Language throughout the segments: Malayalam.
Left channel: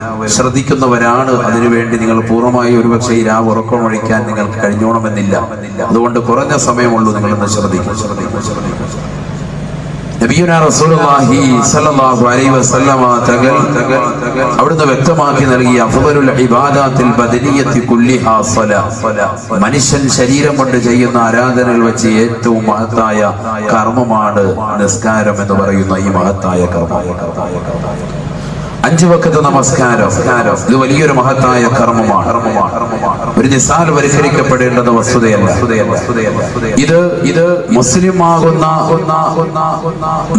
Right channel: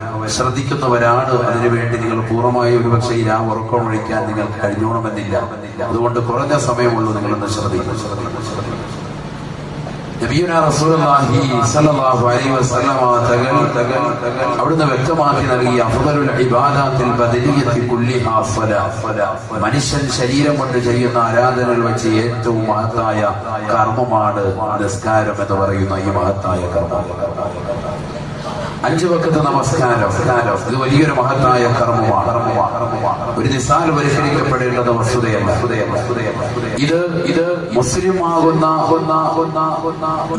ശ്രദ്ധിക്കുന്നവരാണ്. അതിനുവേണ്ടി നിങ്ങൾ പൂർണ്ണമായി ഒരുപക്ഷെ ഈ രാവ് ഉറക്കമൊഴിക്കാൻ നിങ്ങൾക്ക് കഴിഞ്ഞോണമെന്നില്ല. അതുകൊണ്ട് കുറഞ്ഞ സമയമുള്ളൂ, നിങ്ങളൊന്ന് ശ്രദ്ധിക്കും. നബിയുനാ റസൂലുള്ളാഹി സ്വല്ലല്ലാഹു അലൈഹി വസല്ലമ തങ്ങൾ അവിടുന്ന് വ്യക്തമാക്കി നൽകിയ അഫ്ദലുൽ ഇബാദാത്തിൽ ബദനിയത്തി കുല്ലിഹാ സ്വലാത്ത്, മനുഷ്യൻ ശരീരം കൊണ്ട് ചെയ്യുന്ന ആരാധനകൾ വെച്ച് ഏറ്റവും മഹത്തായ കർമ്മമാണ് നിസ്കാരം എന്ന് പറയുന്ന ഈ മഹത്തായ കർമ്മം. 5 വഖത്ത് നമസ്കാരം ഇത് വലിയൊരു മഹത്തായ കർമ്മമാണ്. ഒരു നിസാൽ പരിഹരിക്കപ്പെടേണ്ടുന്ന വസ്തുതയല്ല. ഇത് മുസ്ലിം ആകുന്ന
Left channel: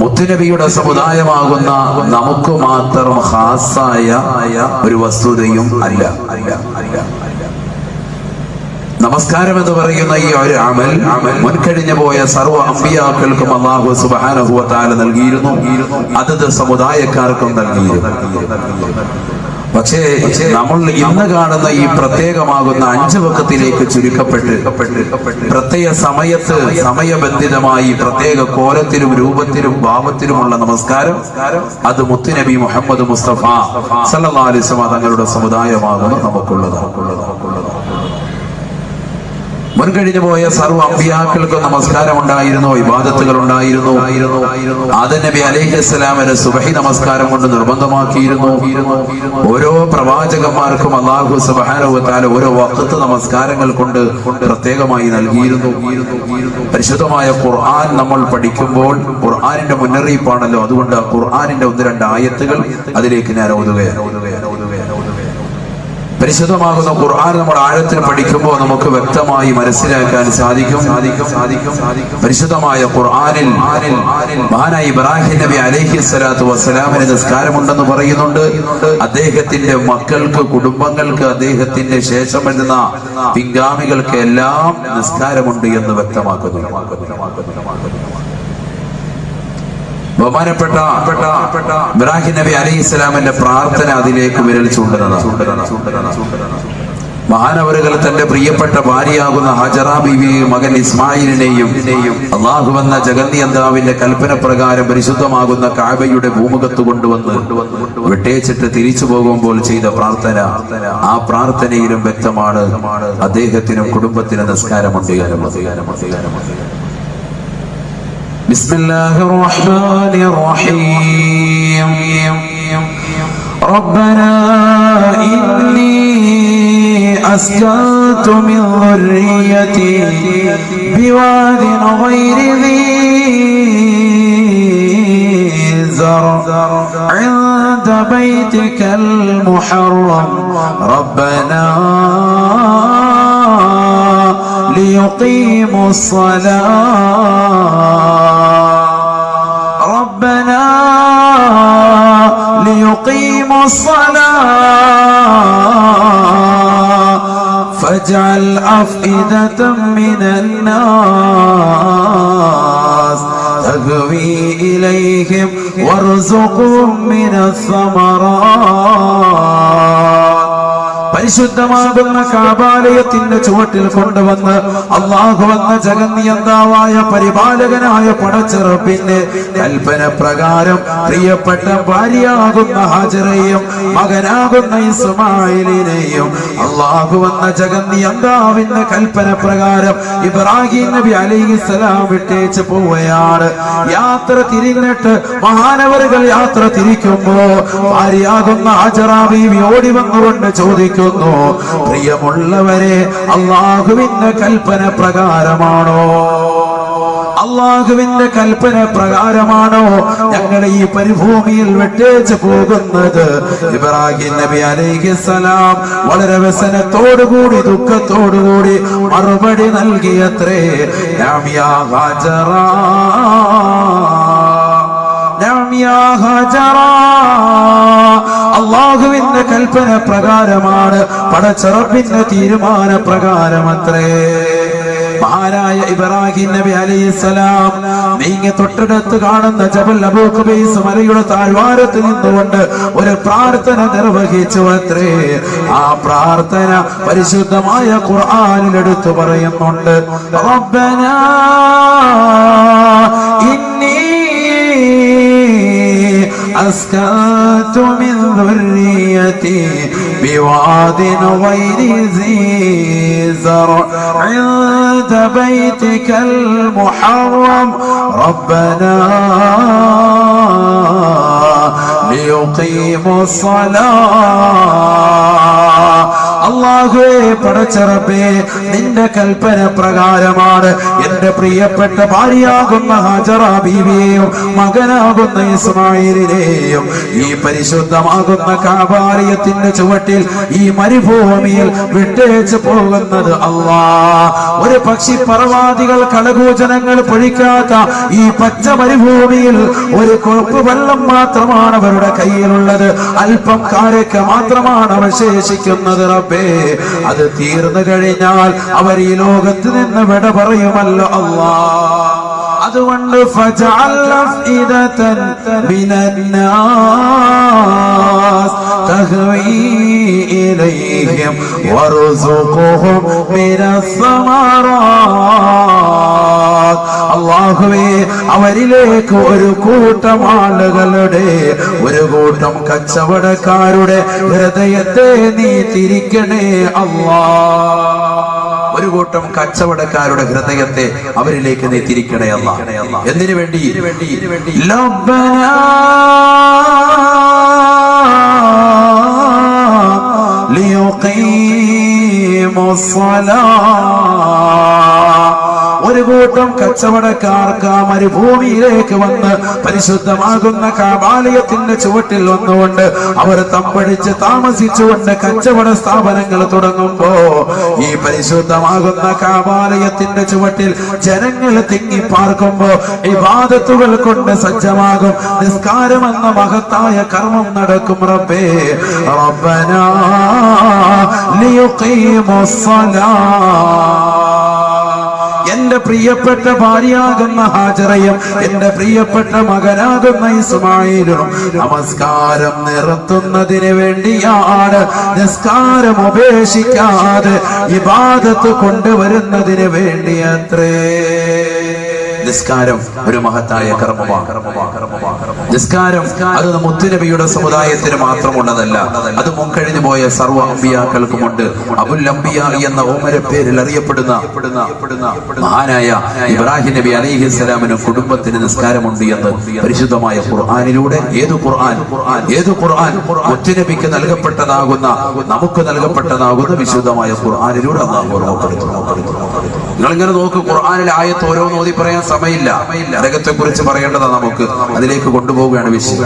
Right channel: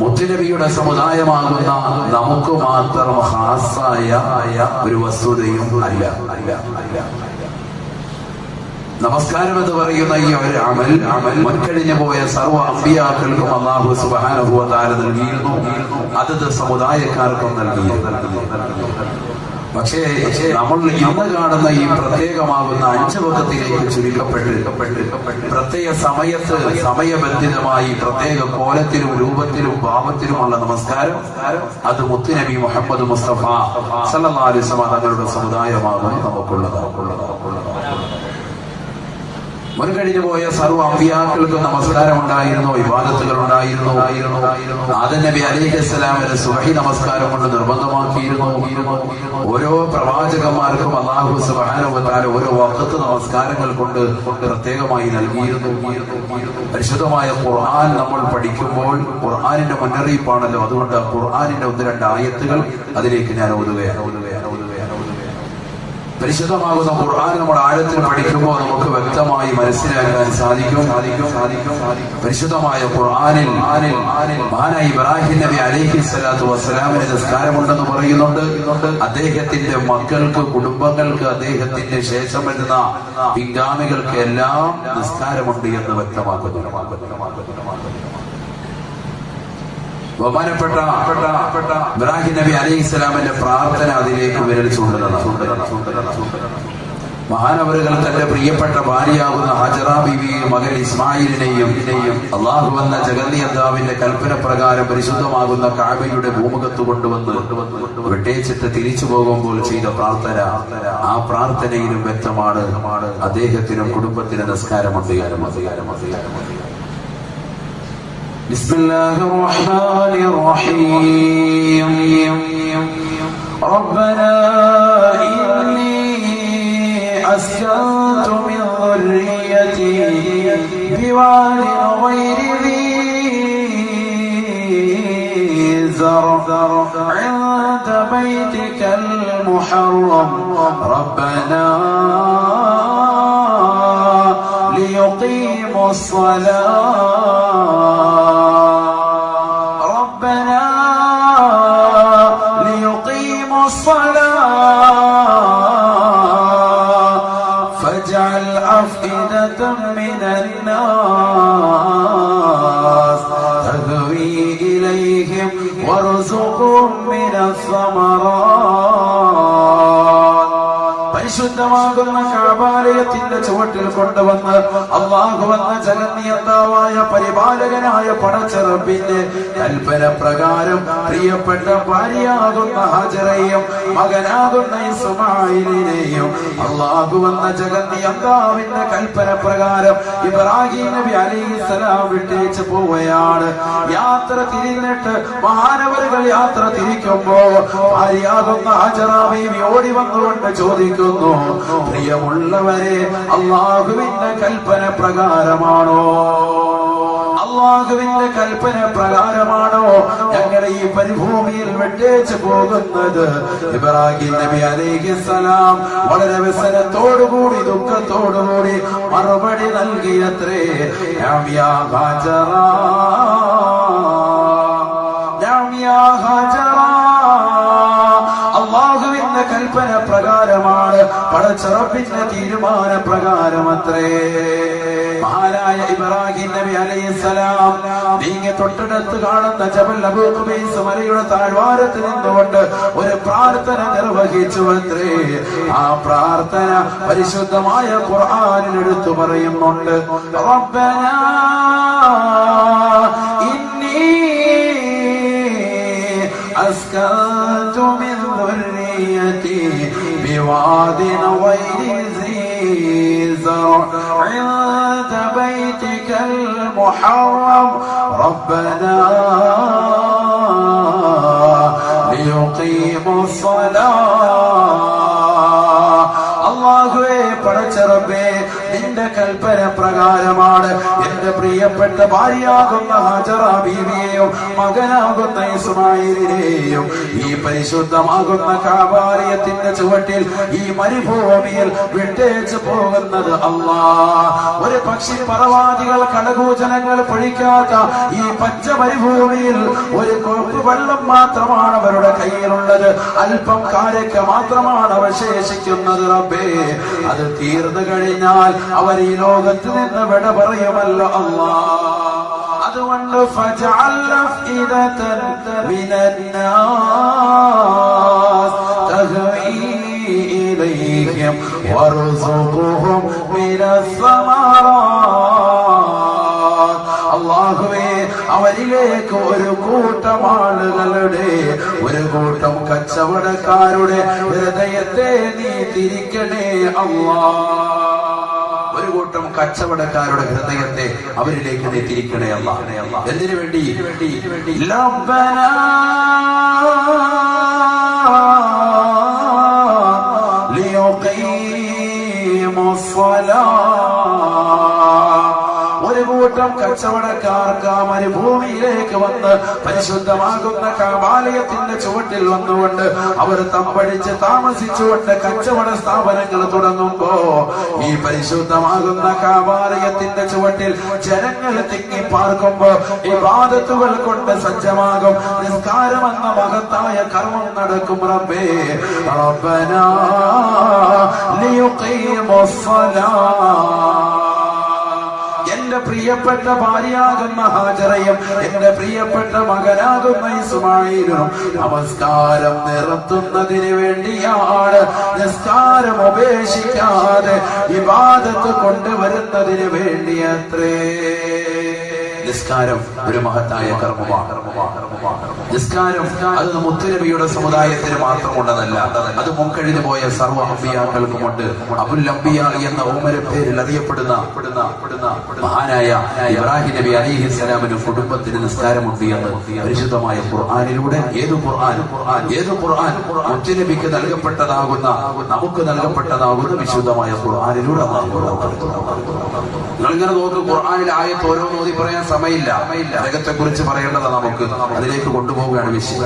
മുത്തുനബിയുടെ സമുദായമാകുന്ന നമുക്ക് മാത്രം ഖാസായ ഒരു വസ്തുതയും അല്ല. നമസ്കാരം എന്ന് പറയുന്ന ഈ ഒരു അമൽ മുൻകഴിഞ്ഞു പോയ സർവ്വ അമ്പിയാക്കൾക്കും അല്ലാഹു സുബ്ഹാനഹു വ തആല നൽകിയിരുന്നു, അതത് സമുദായക്കാർക്കും നൽകിയിരുന്നു. പക്ഷേ നമ്മൾ ഇന്ന് കാണുന്ന ഈ പ്രത്യേകമാകുന്ന 5 വഖത്തിലേക്ക് ചുരുക്കപ്പെട്ട് പ്രത്യേക സമയത്ത് സമയബന്ധിതമായി പ്രത്യേക കോലത്തിലും രൂപത്തിലും ഭാവത്തിലുമുള്ള നമസ്കാരം, അത് മുത്തുനബി മുഹമ്മദ് മുസ്തഫ സല്ലല്ലാഹു അലൈഹി വസല്ലം തങ്ങളുടെ സമുദായമാകുന്നു നമുക്കുള്ളത്. മുൻകഴിഞ്ഞു പോയ സർവ്വ അമ്പിയാക്കൾക്കും നമസ്കാരം ഉണ്ടായിരുന്നു, ഇബാദത്തുകൾ ഉണ്ടായിരുന്നു. ആദം നബി അലൈഹിസ്സലാമിന് സുബ്ഹി നമസ്കാരം കൊണ്ട് നിർബന്ധമാക്കിയിരുന്നു. ഓരോ പ്രവാചകന്മാർക്കും അല്ലാഹു സുബ്ഹാനഹു വ തആല ഓരോ വഖത്ത് നമസ്കാരങ്ങൾ കൊണ്ട് പ്രത്യേകമായി നൽകിയിരുന്നു. പരിശുദ്ധമായ ഖുർആൻ നമ്മൾ പഠിക്കുമ്പോൾ ഖുർആനിന്റെ മുന്നറിയിപ്പാണല്ലോ. അതുകൊണ്ട് ഖുർആനിന്റെ 1-2 ആയത്തുകൾ അതിലേക്ക് ഞാൻ ഓതുകയാണ്. പരിശുദ്ധമാകുന്ന ഖുർആൻ നമ്മൾ ആഴത്തിൽ പഠിക്കുമ്പോൾ നമുക്ക് വ്യക്തമായി മനസ്സിലാക്കാൻ സാധിക്കും. പരിശുദ്ധമായ ഖുർആനിൽ മഹാനായ ഇബ്രാഹിം നബി അലൈഹിസ്സലാത്തു വസ്സലാമിന് നിസ്കാരമുണ്ടെന്ന് പറയുന്നുണ്ട്. അദ്ദേഹത്തിന്റെ മക്കൾക്ക്, കുടുംബങ്ങൾക്ക്, അദ്ദേഹത്തിന്റെ ശേഷം വരുന്ന പിൻഗാമികൾക്ക് എല്ലാം നിസ്കാരമുണ്ട് എന്ന് വ്യക്തമാക്കുന്നു. ബഹുമാനപ്പെട്ട ഇബ്രാഹിം നബി അലൈഹിസ്സലാമിന്റെ പ്രാർത്ഥന അതിലേക്ക് വിരൽ ചൂണ്ടുന്നതാണ്. മഹാനവറുകൾ തന്റെ പ്രിയപ്പെട്ട ഭാര്യയാകുന്ന ഹജറ ബീവിയെയും മകൻ ഇസ്മായിലിനെയും അല്ലാഹു എന്ന ജഗന്നിയന്താവിന്റെ കൽപ്പന പ്രകാരം പരിശുദ്ധമാകുന്ന കഅബയുടെ ഭൂമുഖത്ത് കൊണ്ടുവന്ന് വിട്ടേച്ചിട്ട് തിരിച്ചു പോകുമ്പോൾ ചെയ്ത പ്രാർത്ഥന, ആ പ്രാർത്ഥനയിലും വ്യക്തമാണ് അദ്ദേഹത്തിനും കുടുംബത്തിനും നിസ്കാരമുണ്ട്. بسم الله الرحمن الرحيم ربنا إني أسكنت من ذريتي بواد غير ذي زرع عند بيتك المحرم ربنا ليقيموا الصلاة فاجعل أفئدة من الناس تهوي إليهم وارزقهم من الثمرات. പരിശുദ്ധമാകുന്ന കഅബാലയത്തിന്റെ ചുവട്ടിൽ കൊണ്ടുവന്ന് അല്ലാഹു എന്ന ജഗന്നിയന്താവായ പരിപാലകനായ പടച്ചറപ്പിന്റെ കൽപ്പന പ്രകാരം പ്രിയപ്പെട്ട ഭാര്യയാകുന്ന ഹാജറയെയും മകനാകുന്ന ഇസ്മായിലിനെയും അല്ലാഹു എന്ന ജഗന്നിയന്താവിന്റെ കൽപ്പന പ്രകാരം ഇബ്രാഹിം നബി അലൈഹിസ്സലാം വിട്ടേച്ച് പോവുകയാണ്. യാത്ര തിരിഞ്ഞിട്ട് മഹാനവറുകൾ യാത്ര തിരിക്കുമ്പോ ഭാര്യയാകുന്ന ഹാജറ ബീവി ഓടി വന്നുകൊണ്ട് ചോദിക്കുന്നു, പ്രിയമുള്ളവരെ, അല്ലാഹുവിന്റെ കൽപ്പന പ്രകാരമാണോ ഞങ്ങൾ ഈ പരിഭൂമിയിൽ വിട്ടേച്ച് പോകുന്നത്? ഇബ്രാഹിം നബി അലൈഹിസ്സലാം വളരെ വ്യസനത്തോടുകൂടി ദുഃഖത്തോടുകൂടി മറുപടി നൽകിയത്രേ, നഅം യാ ഹാജറ, നഅം യാ ഹാജറ. അല്ലാഹുവിന്റെ കൽപ്പന പ്രകാരമാണ്, പടച്ചറപ്പിന്റെ തീരുമാന പ്രകാരമത്രേ. മഹാനായ ഇബ്രാഹിം നബി അലൈഹിസ്സലാം നീങ്ങി തൊട്ടടുത്ത് കാണുന്ന ജബൽ അബൂ ഖുബൈസ് മലയുടെ താഴ്വാരത്ത് നിന്നുകൊണ്ട് ഒരു പ്രാർത്ഥന നിർവഹിച്ചു അത്രേ. ആ പ്രാർത്ഥന പരിശുദ്ധമായ ഖുർആനിൽ എടുത്തു പറയുന്നുണ്ട്. റബ്ബനാ ഇന്നി أسكنت من ذريتي جنتي بواد غير ذي زرع عند بيتك المحرم ربنا ليقيموا الصلاة. അല്ലാഹുവേ പടച്ച റബ്ബേ നിന്റെ കൽപ്പന പ്രകാരമാണ് എന്റെ പ്രിയപ്പെട്ട ഭാര്യയാകുന്ന ഹാജറ ബീവിയെയും മകനാകുന്ന ഇസ്മായിലിനെയും ഈ പരിശുദ്ധമാകുന്ന കഅബാലയത്തിന്റെ ചുവട്ടിൽ ഈ മരുഭൂമിയിൽ വിട്ടേച്ച് പോകുന്നത് അല്ലാഹ്. ഒരു പക്ഷി പറവാദികൾ കളകൂചനങ്ങൾ പൊഴിക്കാത്ത ഈ പച്ച മരുഭൂമിയിൽ ഒരു കൊപ്പ് വെള്ളം മാത്രമാണ് അവരുടെ കയ്യിലുള്ളത്. അല്പം കാരക്ക മാത്രമാണ് അവശേഷിക്കുന്നത്. റബ്ബേ അത് തീർന്നു കഴിഞ്ഞാൽ അവർ ഈ ലോകത്ത് നിന്ന് വിട പറയുമല്ലോ അല്ലാഹ്. അതുകൊണ്ട് ഫജഅൽ അഫ്ഇദതൻ മിനന്നാസ് തഹ്വീ ഇലൈഹിം വർസുഖുഹും മിനസ്സമറാത്ത്. അല്ലാഹുവേ അവരിലേക്ക് ഒരു കൂട്ടം ആളുകളുടെ ഒരു കൂട്ടം കച്ചവടക്കാരുടെ ഹൃദയത്തെ നീ തിരിക്കണേ അല്ലാഹ്. ഒരു കൂട്ടം കച്ചവടക്കാരുടെ ഹൃദയത്തെ അവരിലേക്ക് നീ തിരിക്കണേ അല്ലാഹ്. എന്തിനു വേണ്ടി? ലബ്ബനാ ലിയുഖീമുസ്സലാ. ഒരു കൂട്ടം കച്ചവടക്കാർക്ക് ആ മരുഭൂമിയിലേക്ക് വന്ന് പരിശുദ്ധമാകുന്ന കഅബാലയത്തിന്റെ ചുവട്ടിൽ വന്നുകൊണ്ട് അവർ തമ്പടിച്ച് താമസിച്ചുകൊണ്ട് കച്ചവട സ്ഥാപനങ്ങൾ തുടങ്ങുമ്പോ ഈ പരിശുദ്ധമാകുന്ന കഅബാലയത്തിന്റെ ചുവട്ടിൽ ജനങ്ങൾ തിങ്ങി പാർക്കുമ്പോ ഇബാദത്തുകൾ കൊണ്ട് സജ്ജമാകും. നിസ്കാരമെന്ന മഹത്തായ കർമ്മം നടക്കും. റബ്ബേ റബ്ബനാ ലിയുഖീമുസ്സലാ. എന്റെ പ്രിയപ്പെട്ട ഭാര്യയാകുന്ന ഹാജറയും എന്റെ പ്രിയപ്പെട്ട മകനാകുന്ന ഇസ്മായിലും നമസ്കാരം നിർത്തുന്നതിന് വേണ്ടിയാണ്. നിസ്കാരം ഉപേക്ഷിക്കാതെ ഇബാദത്ത് കൊണ്ടുവരുന്നതിന് വേണ്ടിയത്രേ. നിസ്കാരം ഒരു മഹത്തായ കർമ്മമാണ്. നിസ്കാരം അത് മുത്തുനബിയുടെ സമുദായത്തിന് മാത്രമുള്ളതല്ല, അത് മുൻകഴിഞ്ഞു പോയ സർവ്വ അമ്പിയാക്കൾക്കുമുണ്ട്. അബുൽ അംബിയ എന്ന ഉമ്മരെ പേരിൽ അറിയപ്പെടുന്ന മഹാനായ ഇബ്രാഹിം നബി അലൈഹിസ്സലാമിന് കുടുംബത്തിന് നിസ്കാരമുണ്ട് എന്ന് പരിശുദ്ധമായ ഖുർആനിലൂടെ ഏതു ഖുർആൻ മുത്തുനബിക്ക് നൽകപ്പെട്ടതാകുന്ന നമുക്ക് നൽകപ്പെട്ടതാകുന്ന വിശുദ്ധമായ ഖുർആനിലൂടെ അല്ലാഹു ഓർമ്മപ്പെടുത്തുന്നു. നിങ്ങളിങ്ങനെ നോക്ക്, ഖുർആനിലെ ആയത്ത് ഓരോന്ന് ഓതി പറയാൻ സമയമില്ല. നരകത്തെ കുറിച്ച് പറയേണ്ടതാണ് നമുക്ക്, അതിലേക്ക് കൊണ്ടുപോവുകയാണ് വിഷയം.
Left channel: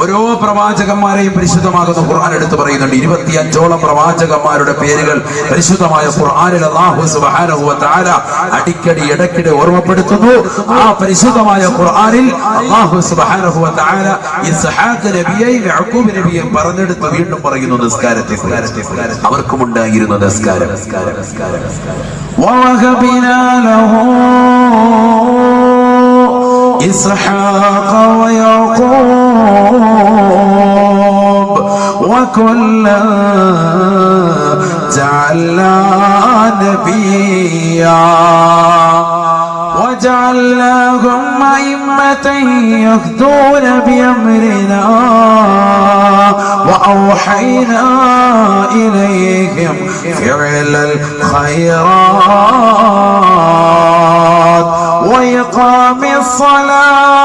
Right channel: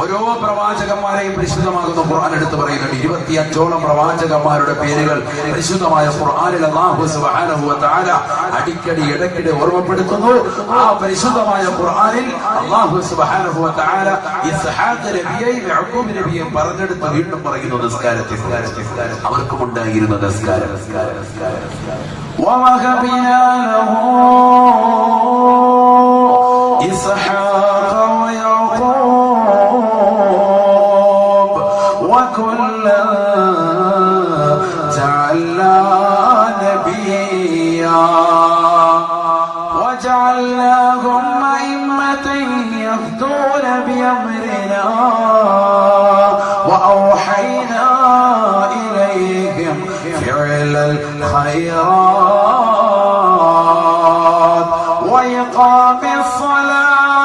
ഓരോ പ്രവാചകന്മാരെയും പരിശുദ്ധമാകുന്ന ഖുർആൻ എടുത്ത് പറയുന്നുണ്ട്. 25ഓളം പ്രവാചകന്മാരുടെ പേരുകൾ പരിശുദ്ധമായ ഖുർആനിൽ അല്ലാഹു സുബ്ഹാനഹു വ തആല അടിക്കടി ഇടയ്ക്കിടെ ഓർമ്മപ്പെടുത്തുന്നു. ആ പരിശുദ്ധമായ ഖുർആനിൽ അല്ലാഹു സുബ്ഹാനഹു വ തആല ഇസ്ഹാഖ് നബിയെയും യാക്കൂബ് നബിയെയും പറഞ്ഞെടുത്ത് വീണ്ടും പറയുന്നു നിസ്കാരത്തെ. അവർക്കുമുണ്ടായിരുന്ന നിസ്കാരം. ووهبنا له إسحاق ويعقوب وكلا جعلنا نبيا وجعلناهم أئمة يهدون بأمرنا وأوحينا إليهم فعل الخيرات وإقام الصلاة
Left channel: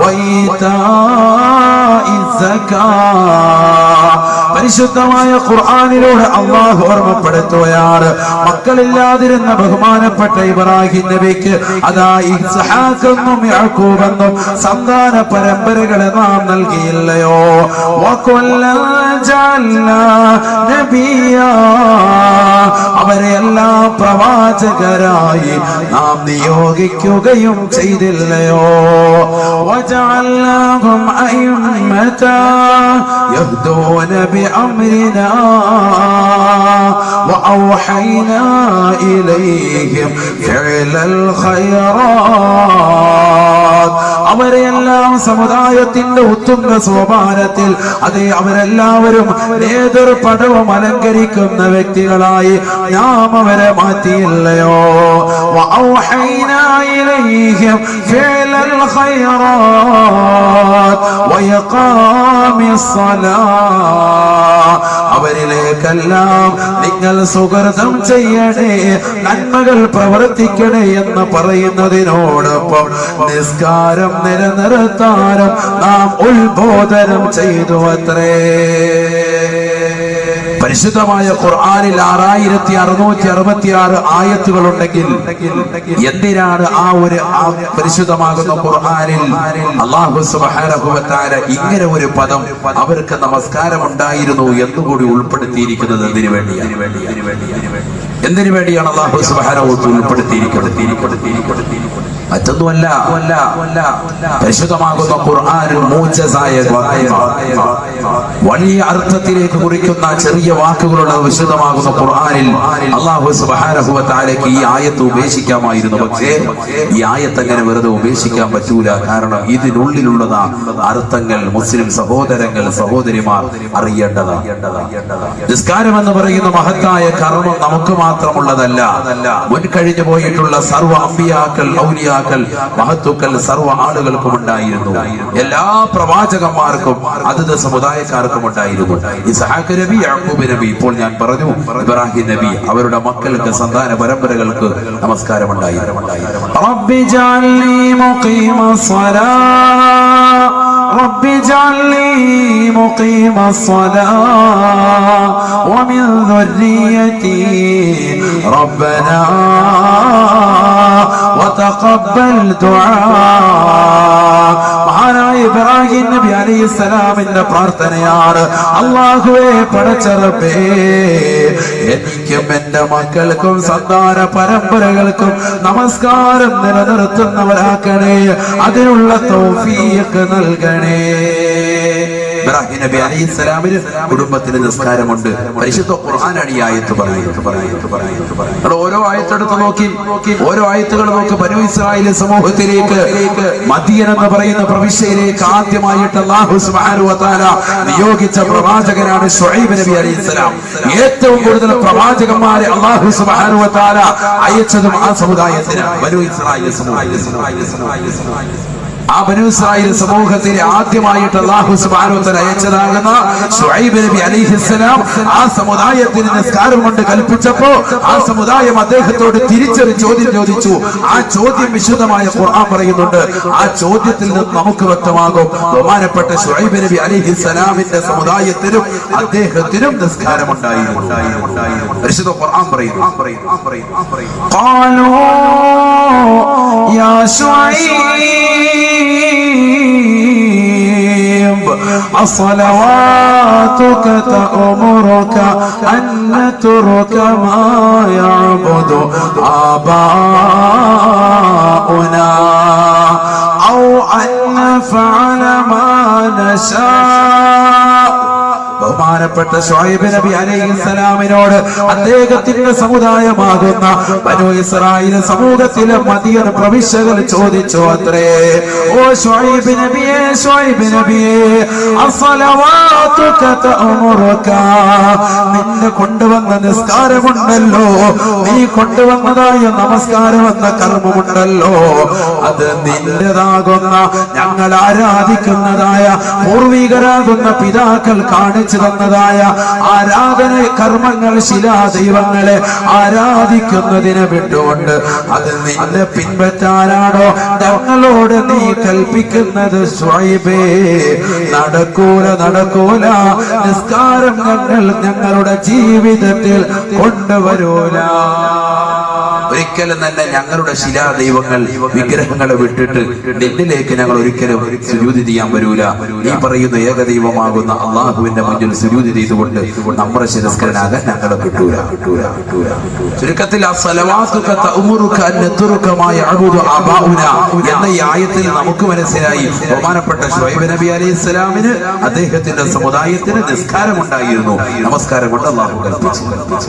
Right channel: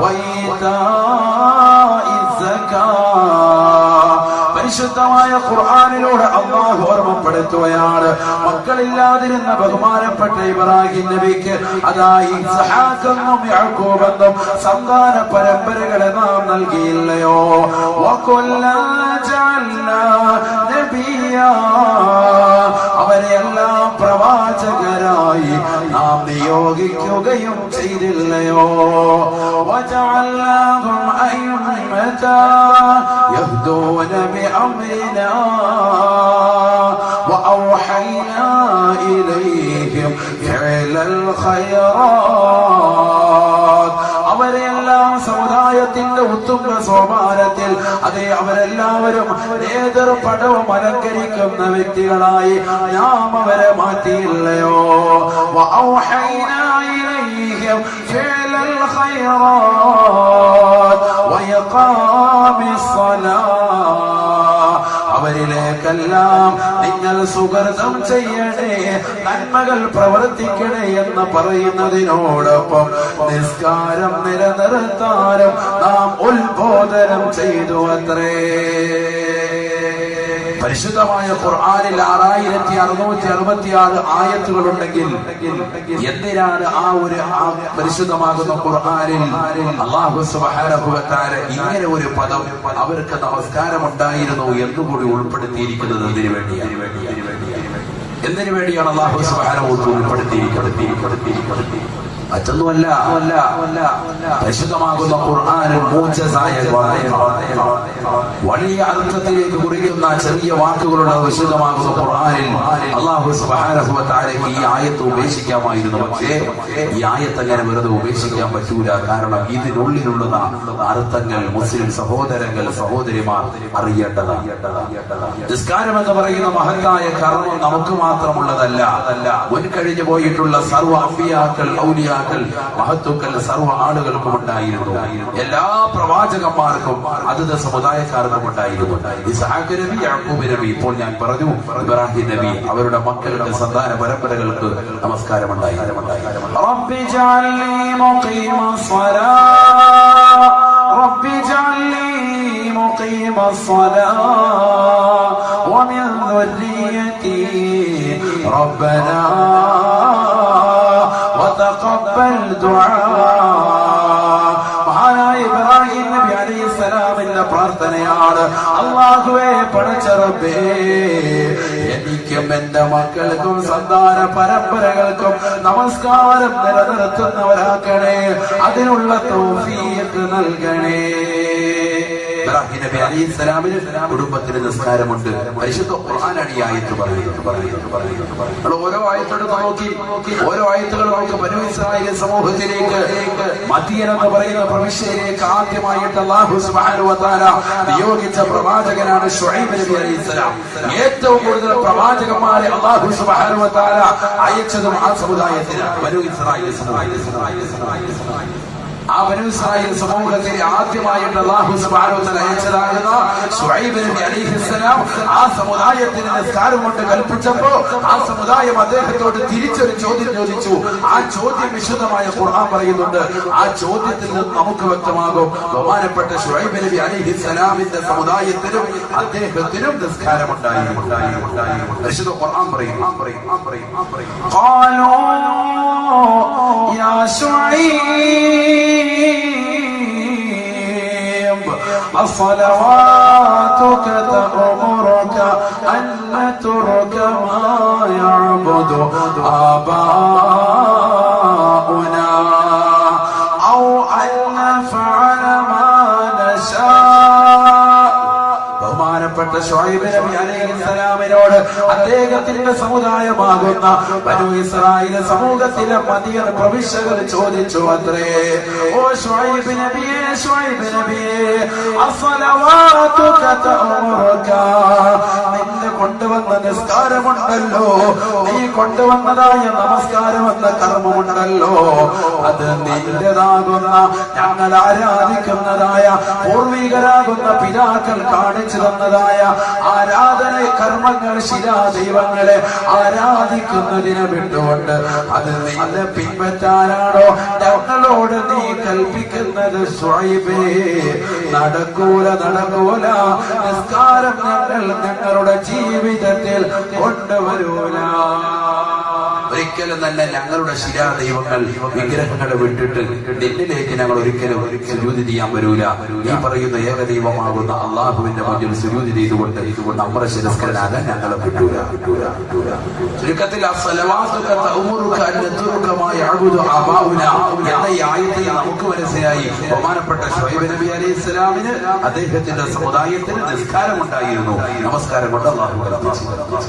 وإيتاء الزكاة. പരിശുദ്ധമായ ഖുർആനിലൂടെ അല്ലാഹു ഓർമ്മപ്പെടുത്തുകയാണ്. മക്കളില്ലാതിരുന്ന ബഹുമാനപ്പെട്ട ഇബ്രാഹിം നബിക്ക് അതാ ഇസ്ഹാഖെന്നും യാക്കൂബെന്നും സന്താന പരമ്പരകളെ നാം നൽകിയില്ലയോ? അവരെല്ലാം പ്രവാചകരായി നാം നിയോഗിക്കുകയും ചെയ്തില്ലയോ? വജഅൽനാഹും അഇമ്മതൻ യഹ്ദൂന ബിഅംരിനാ വഅൗഹൈനാ ഇലൈഹിം ഫിഅലൽ ഖൈറാത്ത്. അവരെല്ലാം സമുദായത്തിന്റെ ഉത്തുംഗ സോപാനത്തിൽ അതേ അവരെല്ലാവരും നേതൃപടവും അലങ്കരിക്കുന്ന വ്യക്തികളായി നാം അവരെ മാറ്റിയില്ലയോ? വഔഹൈനാ ഇലൈഹിം ഫിഅലൽ ഖൈറാത്ത് വയഖാമിസ് സ്വലാത്ത്. അവരിലേക്കെല്ലാം നിങ്ങൾ സുഗർദം ചെയ്യണേ, നന്മകൾ പ്രവർത്തിക്കണേ എന്ന് പറയുന്നതിനോടൊപ്പം നിസ്കാരം നിലനിർത്താനും നാം ഉത്ബോധനം ചെയ്തു അത്രേ. പരിശുദ്ധമായ ഖുർആനിൽ 6666 ആയത്തുകളുണ്ടെങ്കിൽ എന്തിനാണ് ആ പരിശുദ്ധമാകുന്ന ഖുർആനിൽ അല്ലാഹു സുബ്ഹാനഹു വ തആല ഇങ്ങനെ ഒരു പദം അവർക്ക് നമസ്കാരം ഉണ്ടായിരുന്നു എന്നുകൂടി ഉൾപ്പെടുത്തിയിരിക്കുന്നത്? എന്തിനു വേണ്ടിയാണ് അല്ലാഹു സുബ്ഹാനഹു വ തആല ഉൾപ്പെടുത്തിയിരിക്കുന്നത്? മറ്റൊന്നുമല്ല, പരിശുദ്ധമാകുന്ന ഖുർആനിൽ മൂജസായ വലിയ അർത്ഥത്തിലേക്ക് കുറിക്കുന്ന ചെറിയ വാക്കുകളുള്ള വിശുദ്ധമാകുന്ന ഖുർആനിൽ അല്ലാഹു സുബ്ഹാനഹു വ തആലയ്ക്ക് ഈ ആയത്ത് ഉപേക്ഷിക്കാമായിരുന്നു. പക്ഷേ ഈ ആയത്ത് അങ്ങനെ വെറുതെ ഉപേക്ഷിക്കാൻ പറ്റൂല. കാരണം ഇതിനുള്ളിലുള്ളതാ അർത്ഥങ്ങൾ മുസ്ലിം സഹോദരങ്ങൾ സഹോദരിമാർ അറിയേണ്ടതാണ്. നിസ്കാരം എന്ന് പറയുന്ന മഹത്തായ കർമ്മം നമുക്ക് മാത്രമുള്ളതല്ല. മുൻകഴിഞ്ഞു പോയിട്ടുള്ള സർവ്വ അമ്പിയാക്കൾ ഔലിയാക്കൾ മഹത്തുക്കൾ സർവ്വ ആളുകൾക്കും ഉണ്ടായിരുന്നു. എല്ലാ പ്രവാചകന്മാർക്കും അതത് സമുദായക്കാർക്കും ഉണ്ടായിരുന്നു. ഇസ്ഹാഖ് നബി, യാക്കൂബ് നബി, ഇപ്പോൾ ഞാൻ പറഞ്ഞു ഇബ്രാഹിം നബി, അവരുടെ മക്കൾക്ക് സന്താന പരമ്പരകൾക്ക് നമസ്കാരം ഉണ്ടായിരുന്നു. റബ്ബി ജഅൽനി മുഖീമസ്സലാത്ത് റബ്ബി ജഅൽനി മുഖീമസ്സലാത്ത് വമിൻ ദുർരിയതി റബ്ബനാ വതഖബ്ബൽ ദുആ. മഹാനായ ഇബ്രാഹിം നബി അലൈഹിസ്സലാമിന്റെ പ്രാർത്ഥനയാണ്, അല്ലാഹുവേ പടച്ച റബ്ബേ, എനിക്കും എന്റെ മക്കൾക്കും സന്താന പരമ്പരകൾക്കും നമസ്കാരം നിലനിർത്തുന്നവരാക്കണേ, അതിനുള്ള തൗഫീഖ് നൽകണേ. ഇബ്രാഹിം നബി അലൈഹിസ്സലാമിന് കുടുംബത്തിന് നിസ്കാരമുണ്ട്. പരിശുദ്ധ ഖുർആനാണ് ഈ ആയത്ത് പറയുന്നത്. ഓരോ ആയത്തെടുത്ത് നോക്കി, ഓരോ ആയത്തുകൾ നോക്കി. ബനൂ ഇസ്രായേൽ സമൂഹത്തിലേക്ക് മദീന എന്ന് പറയുന്ന പ്രവിശ്യയിലേക്ക് ആദ്യമായിട്ട് അല്ലാഹു സുബ്ഹാനഹു വ തആല നിയോഗിച്ച പ്രവാചകനാണ് ശുഐബ് നബി അലൈഹിസ്സലാം. ഏറ്റവും കൂടുതൽ പ്രവാചകന്മാരെ അല്ലാഹു സുബ്ഹാനഹു വ തആല അയച്ചതും ആ സമുദായത്തിന് ബനൂ ഇസ്രായേൽ സമൂഹം. ആ ബനൂ ഇസ്രായേൽ സമൂഹത്തിലെ ആദ്യമായിട്ട് അല്ലാഹു സുബ്ഹാനഹു വ തആല അയച്ചതാകുന്ന ശുഐബ് നബി അലൈഹിസ്സലാം ആ സമുദായത്തിന് നിസ്കാരം കൊണ്ട് കൽപ്പിച്ചപ്പോ ആ സമുദായം അദ്ദേഹത്തോട് തിരിച്ചൊരു ചോദ്യം ചോദിച്ചു. ആ ചോദ്യം വിശുദ്ധമായ ഖുർആൻ പറയുന്നുണ്ട്. ആ ചോദ്യത്തിൽ നിന്ന് നമുക്ക് വ്യക്തമാകും ബഹുമാനപ്പെട്ട ശുഐബ് നബി അലൈഹിസ്സലാമിന്റെ സമുദായത്തിനും അദ്ദേഹത്തിനും നിസ്കാരമുണ്ടായിരുന്നു. പരിശുദ്ധ ഖുർആൻ പറയുന്നു, ഖാലൂ യാ ശുഐബ് അസ്സലവാതുക തഅമുറുക അൻ നത്റുക മാ യഅബുദു ആബാഉനാ ഔ അൻ നഫഅല മാ നശാ. ബഹുമാനപ്പെട്ട ശുഐബ് നബി അലൈഹിസ്സലാമിനോട് അദ്ദേഹത്തിന്റെ സമുദായമാകുന്ന ബനൂ ഇസ്രായേൽ സമൂഹത്തിലെ മദീന പ്രവിശ്യകൾ ചോദിച്ചു അത്രേ, ഓ ശുഐബ് നബിയേ, ശുഐബ് നബിയേ, അസ്സലവാതുക തഅമുറുക, നിന്നെ കൊണ്ടുവന്ന നിസ്കാരമുണ്ടല്ലോ, നീ കൊണ്ടുവന്നതായ നമസ്കാരം എന്ന കർമ്മമുണ്ടല്ലോ, അത് നിന്റേതാകുന്ന ഞങ്ങൾ ആരാധിക്കുന്നതായ പൂർവികരാകുന്ന പിതാക്കൾ കാണിച്ചു തന്നതായ ആരാധന കർമ്മങ്ങൾ ശിലാദൈവങ്ങളെ ആരാധിക്കുന്നതിന് വിട്ടുകൊണ്ട് അത് നിന്നെ പിൻപറ്റാനാണോ ഞങ്ങളോട് നീ കൽപ്പിക്കുന്നത്? ശുഐബേ, നടക്കൂല. നിസ്കാരം ഞങ്ങളുടെ ജീവിതത്തിൽ കൊണ്ടുവരൂല. ഒരിക്കലും തന്നെ ഞങ്ങളുടെ ശിലാദൈവങ്ങൾ വിഗ്രഹങ്ങളെ വിട്ടിട്ട് നിന്നിലേക്ക് ഞങ്ങൾ ഒരിക്കലും സുജൂദ് ചെയ്യാൻ വരൂല. ഈ പറയുന്ന ഏകദൈവമാകുന്ന അള്ളാഹുവിന്റെ മുന്നിൽ സുജൂദ് ചെയ്തുകൊണ്ട് നമ്മുടെ ശിരസ്കരനാകാൻ ഞങ്ങളെ വിട്ടൂല. ചുരുക്കത്തിൽ എന്ന ഈ ആയത്തിൽ നമുക്ക് മനസ്സിലായി ബഹുമാനപ്പെട്ട ശുഐബ് നബി അലൈഹിസ്സലാമിന് അദ്ദേഹത്തിന്റെ സമുദായത്തിന് നിസ്കാരമുണ്ടായിരുന്നു. നമസ്കാരം കൊണ്ട് അള്ളാഹു കൽപ്പിച്ചു.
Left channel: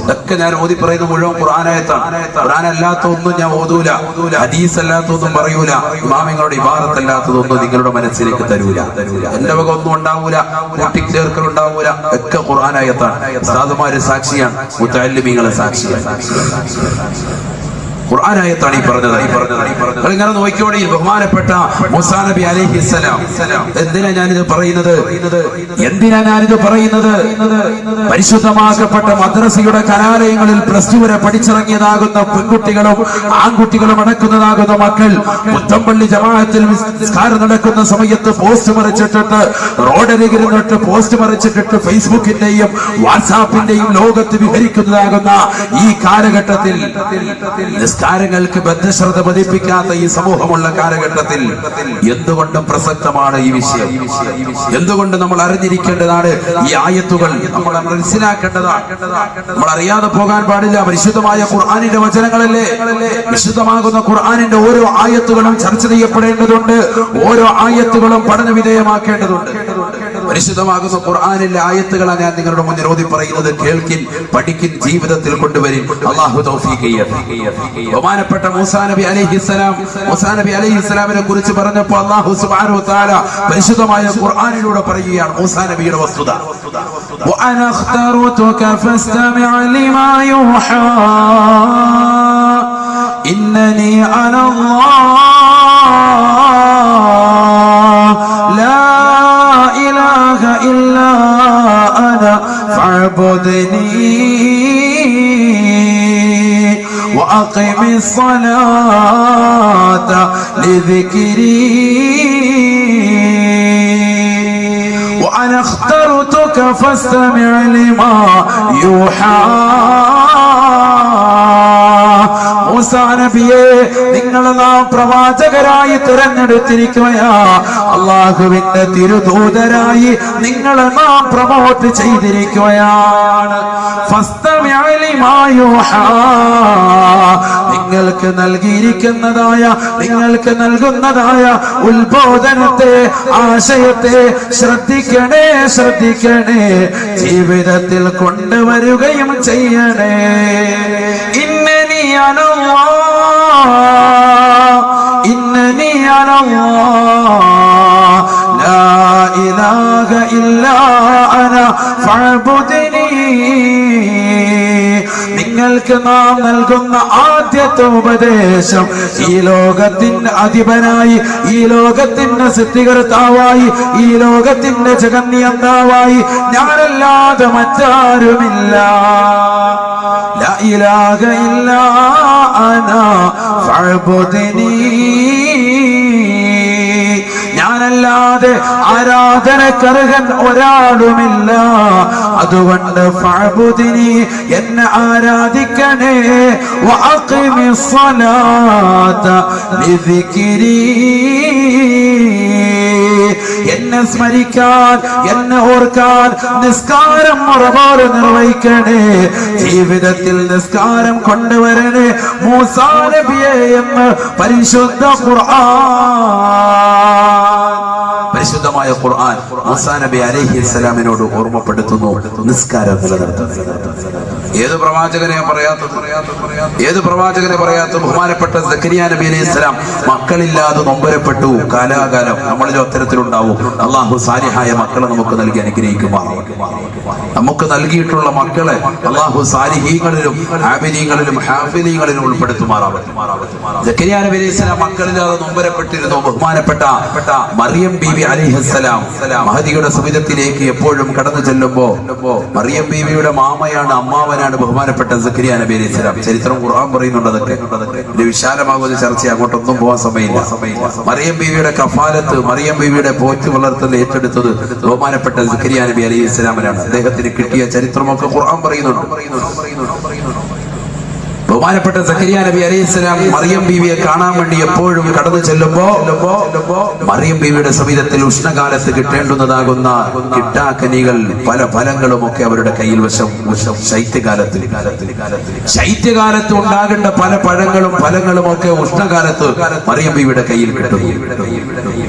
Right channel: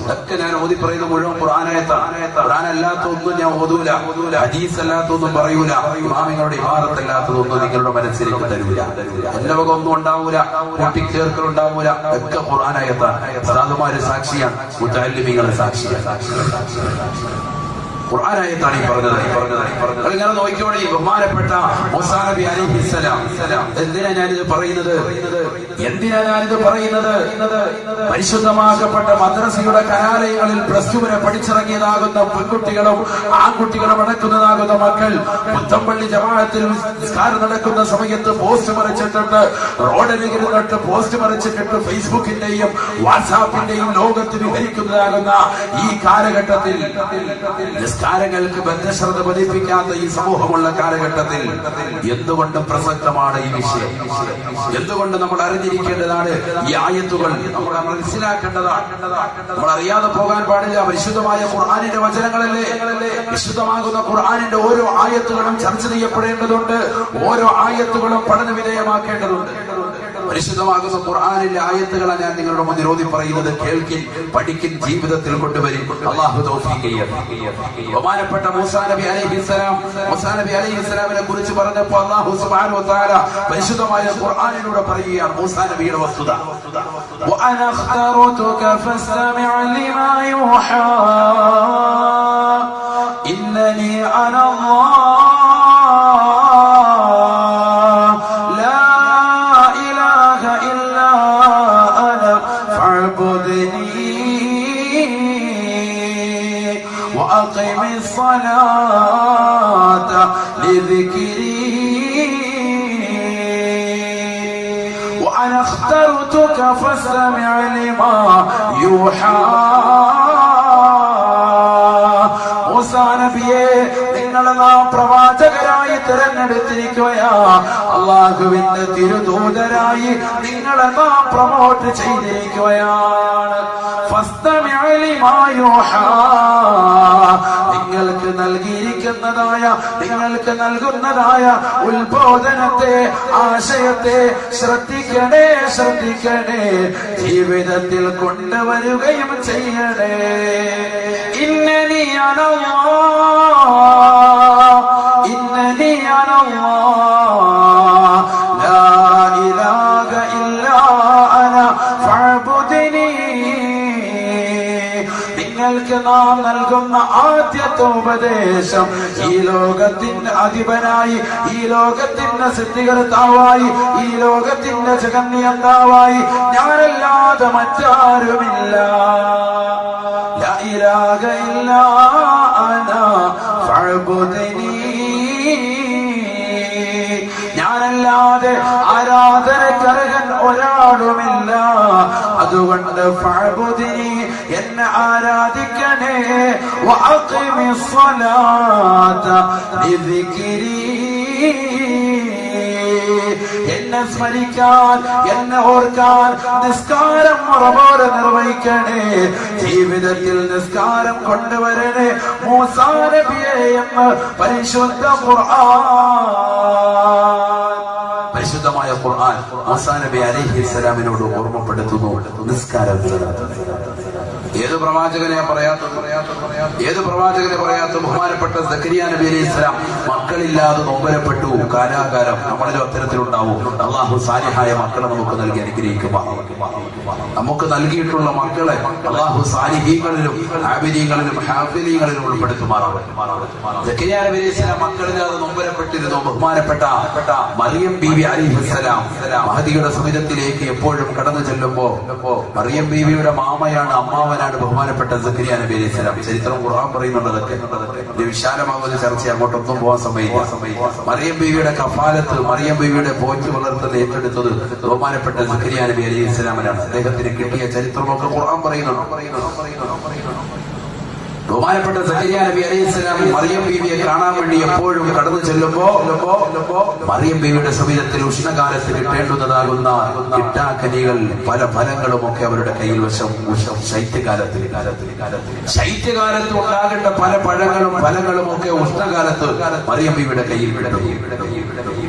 ഇതൊക്കെ ഞാൻ ഓതി പറയുന്ന മുഴുവൻ ഖുർആനായത്താണ്. ഖുർആനല്ല അല്ലാത്തൊന്നും ഞാൻ ഓതൂല, ഹദീസ് അല്ലാത്തൊന്നും പറയൂല, ഇമാമിങ്ങളുടെ ഇബാറത്തല്ലാത്തതൊന്നും നിങ്ങളുടെ മനസ്സിലേക്ക് തരൂല. എന്റെ വക ഒന്നും ഉണ്ടാവൂല, കൂട്ടിച്ചേർക്കൽ ഉണ്ടാവൂല. ഒക്കെ ഖുർആനായത്താണ്. ഉസ്താദുമാര് സാക്ഷിയാണ്, മുതഅല്ലിമീങ്ങളെ സാക്ഷിയാണ്. ഖുർആനായത്താണ് ഈ പറഞ്ഞത്. ഇങ്ങനെ നോക്കിയോടെ ബഹുമാനപ്പെട്ട മൂസാ നബി അലൈഹിസ്സലാം. എന്തിനാ ഞാനിത് പറയുന്നത്? പരിശുദ്ധമാക്കപ്പെട്ട മദ്രസയുടെ കലാലയങ്ങളിൽ +2 വരെ പഠിച്ചിറങ്ങിയതാകുന്ന പെൺകുട്ടികളും ആൺകുട്ടികളും അടക്കുന്നതാകുന്ന മക്കൾ മുത്തമ്പള്ളി ജമാഅത്തിൽ നിസ്കാരം നടക്കുന്ന സമയത്ത് പോസ്റ്റ് മറിച്ചിട്ടിട്ട്, റോഡരികിരുന്നിട്ട് പോസ്റ്റ് മറിച്ചിട്ടിട്ട് ഫേസ്ബുക്കിന്റെയും വാട്സാപ്പിന്റെയും ലോകത്ത് വിഹരിക്കുന്നതാകുന്ന ഈ കാലഘട്ടത്തിൽ, നിസ്കാരങ്ങൾക്ക് ബദ്ധശ്രദ്ധ പതിപ്പിക്കാത്ത ഈ സമൂഹമുള്ള കാലഘട്ടത്തിൽ എന്തുകൊണ്ടും പ്രസക്തമാണ് ഈ വിഷയം. എന്തുകൊണ്ട് നമ്മൾ അറിഞ്ഞിരിക്കേണ്ടതാണ് ഈ ആയത്തുകൾ, നമ്മൾ മനസ്സിലാക്കേണ്ടതാണ്. നമ്മൾ അറിയാതെ പോകാൻ പാടില്ല. പരിശുദ്ധമായ ഖുർആനിന്റെ വചനങ്ങളല്ലേ. വിശുദ്ധമാകുന്ന ഖുർആനിന്റെ ഓരോ ആയത്തുകളും ചർച്ച ചെയ്യപ്പെടേണ്ടതുണ്ട്. ഓരോ ആയത്തുകളും പഠന വിധേയമാക്കേണ്ടതുണ്ട്. പരിശുദ്ധമാകുന്ന ഖുർആനിലെ ആയത്തുകളാണ് ഞാൻ നിങ്ങളുടെ മുന്നിൽ ഓതി പറയുന്നത്. കേൾക്കിൻ, പഠിക്കിൻ, ജീവിതത്തിൽ കൊണ്ടുവരിൻ. അല്ലാഹു തൗഫീഖ് ചെയ്യട്ടെ. ബഹുമാനപ്പെട്ട മൂസാ നബി അലൈഹിസ്സലാമിനെ കുറിച്ച് പറഞ്ഞപ്പോൾ അല്ലാഹു സുബ്ഹാനഹു വ തആല പരിശുദ്ധമായ ഖുർആനിലൂടെ പറയുകയാണ് മൂസാ നബിയുടെ വസ്തുത. وأنا اخترتك فاستمع لما يوحى إنني أنا الله لا إله إلا أنا فاعبدني وأقم الصلاة لذكري وأنا اخترتك فاستمع لما يوحى. മൂസാ നബിയെ, നിങ്ങളെ നാം പ്രവാചകരായി തിരഞ്ഞെടുത്തിരിക്കുകയാ. അള്ളാഹുവിന്റെ തിരുദൂതരായി നിങ്ങളെ നാം പ്രമോട്ട് ചെയ്തിരിക്കുകയാണ്. ഫസ്തമിഅ ലിമാ യൂഹാ, നിങ്ങൾക്ക് നൽകിയിരിക്കുന്നതായ, നിങ്ങൾക്ക് നൽകുന്നതായ ഉത്ബോധനത്തെ, ആശയത്തെ ശ്രദ്ധിക്കണേ, ജീവിതത്തിൽ കൊണ്ടുവരികയും ചെയ്യണേ. ഇന്നനി അനല്ലാഹ് ലാ ഇലാഹ ഇല്ലാ അന ഫഅബ്ദുനി. നിങ്ങൾക്ക് നാം നൽകുന്ന ആദ്യത്തെ ഉപദേശം, ഈ ലോകത്തിന്റെ അധിപനായി, ഈ ലോകത്തിന്റെ സൃഷ്ടികർത്താവായി, ഈ ലോകത്തിന്റെ ജഗന്നിയന്താവായി ഞാനല്ലാതെ മറ്റാരുമില്ല. ലാ ഇലാഹ ഇല്ലാ അന ഫഅബ്ദുനി. ഞാനല്ലാതെ ആരാധനക്കർഹൻ ഒരാളുമില്ല. അതുകൊണ്ട് ഫഅബ്ദുനി, എന്നെ ആരാധിക്കണേ. വഅഖിമിസ് സ്വലാത ലിദിക്രി, എന്നെ സ്മരിക്കാൻ, എന്നെ ഓർക്കാൻ നിസ്കാരം മുറപോലെ നിർവഹിക്കണേ. ജീവിതത്തിൽ നിസ്കാരം കൊണ്ടുവരണേ മൂസാ നബിയെ എന്ന് പരിശുദ്ധ ഖുർആൻ. പരിശുദ്ധമായ ഖുർആൻ മൂസാ നബി അലൈഹിസ്സലാമിനോട് ഓർമ്മപ്പെടുത്തുന്നു നിസ്കാരം നിലനിർത്തുന്നത്. ഏത് പ്രവാചകനെ പറയാത്ത ബഹുമാനപ്പെട്ട സക്കരിയ നബി അലൈഹിസ്സലാം മക്കളില്ലാതെ നൊമ്പരപ്പെട്ടു കാലാകാലം. നമ്മളിൽ അത്തരത്തിലുണ്ടാവും. അള്ളാഹു സാലിഹായ മക്കളെ നമുക്ക് നൽകി അനുഗ്രഹിക്കുമാറാവട്ടെ. നമുക്ക് നൽകിയിട്ടുള്ള മക്കളെ അള്ളാഹു സാലിഹീങ്ങളിലും ആബിദീങ്ങളിലും ഹാഫിദീങ്ങളിലും ഉൾപ്പെടുത്തുമാറാവട്ടെ. സക്കരിയ നബി അലൈഹിസ്സലാം മക്കളില്ലാതെ നൊമ്പരപ്പെട്ടിരുന്നു. ബഹുമാനപ്പെട്ട മറിയം ബീവി അലൈഹിസ്സലാം മഹദിയുടെ സവിധത്തിലേക്ക് എപ്പോഴും കടന്നു ചെല്ലുമ്പോ, മറിയം ബീവിയുടെ മാമയാണ്, അമ്മാവനാണ് ബഹുമാനപ്പെട്ട സക്കരിയ നബി അലൈഹിസ്സലാം. ചരിത്രം ഖുർആൻ പറയുന്നുണ്ട്. അതൊക്കെ ഒരു വിശാലമാകുന്ന ചർച്ച, അങ്ങോട്ടൊന്നും പോകാൻ സമയമില്ല. മറിയം ബീവിയുടെ കഫാലത്ത്, മറിയം ബീവിയുടെ പോറ്റ് വളർത്തൽ ഏറ്റെടുത്തത് ബഹുമാനപ്പെട്ട സക്കരിയ നബി അലൈഹിസ്സലാമിനാണ്. അദ്ദേഹത്തിന് കിട്ടിയ ചരിത്രമൊക്കെ ഖുർആൻ പറയുന്നുണ്ട്. ബഹുമാനപ്പെട്ട സക്കരിയ നബി അലൈഹിസ്സലാം മറിയം ബീവിയെ കാണാൻ വേണ്ടി എപ്പോഴും കടന്നു ചെല്ലുമ്പോ, മറിയം ബീവിയുടെ സവിധത്തിൽ ഉഷ്ണകാലത്ത് കിട്ടേണ്ടുന്നതാകുന്ന കിട്ടാക്കനികൾ, പല ഫലങ്ങളും ഒക്കെ അവരുടെ കയ്യിൽ വശം. ശൈത്യകാലത്ത് ഉണ്ടാകേണ്ട പല പഴങ്ങളും ഫലങ്ങളും ഒക്കെ ഉഷ്ണകാലത്ത് മറിയം ബീവിയുടെ കയ്യിൽ കിട്ടും.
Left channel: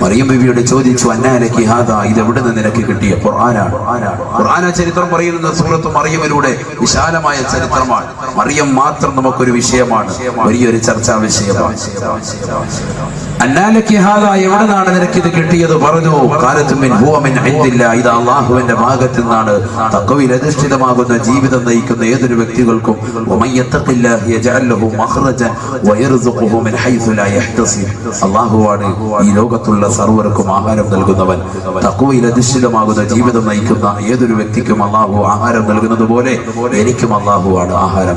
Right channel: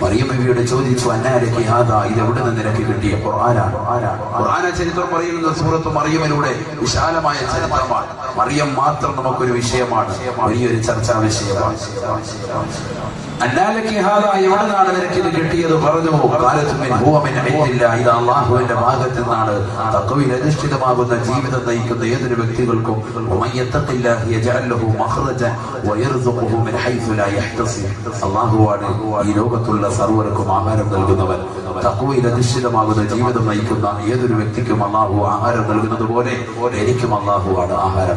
മറിയം ബിബിയോട് ചോദിച്ചു, അന്നാലക്കി ഹാദാ, ഇത് എവിടെ നിന്ന് നിനക്ക് കിട്ടിയ? ഖുർആനാണ്. ഖുർആന ചരിത്രം പറയുന്ന സൂറത്ത് മറിയമിലൂടെ വിശാലമായ ചരിത്രമാണ്. മറിയം മാത്രം നമുക്കൊരു വിഷയമാണ്, വലിയൊരു ചർച്ചാ വിഷയമാണ്. അന്നാലക്കി ഹാദാ, എവിടുന്നാണ് നിനക്ക് ഇത് കിട്ടിയത്? പറഞ്ഞു, ഖാലത്തു മിൻ ഹുവ മിൻ ഇൻദില്ലാ, ഇത് അല്ലാഹുവിന്റെ ഭാഗത്തു നിന്നാണ്. തഖ്വയിൽ അധിഷ്ഠിതമാകുന്ന ജീവിതം നയിക്കുന്ന ഏതൊരു വ്യക്തികൾക്കും വമയ്യത്തഖില്ലാഹ യജഅൽ ലഹു മഖ്റജൻ വയർസുഖുഹു മിൻ ഹൈസു ലാ യഹ്തസിബ്, അല്ലാഹുവാണ് ഈ ലോകത്തുള്ള സർവ്വർക്കും ആഹാരം നൽകുന്നവൻ. തഖ്വയിൽ അധിഷ്ഠിതമാകുന്ന ജീവിതം നയിക്കുന്ന ഏതൊരു വ്യക്തിക്കും അല്ലാഹു ആഹാരം നൽകുന്നത് പോലെ എനിക്കും അല്ലാഹുവാണ് ആഹാരം.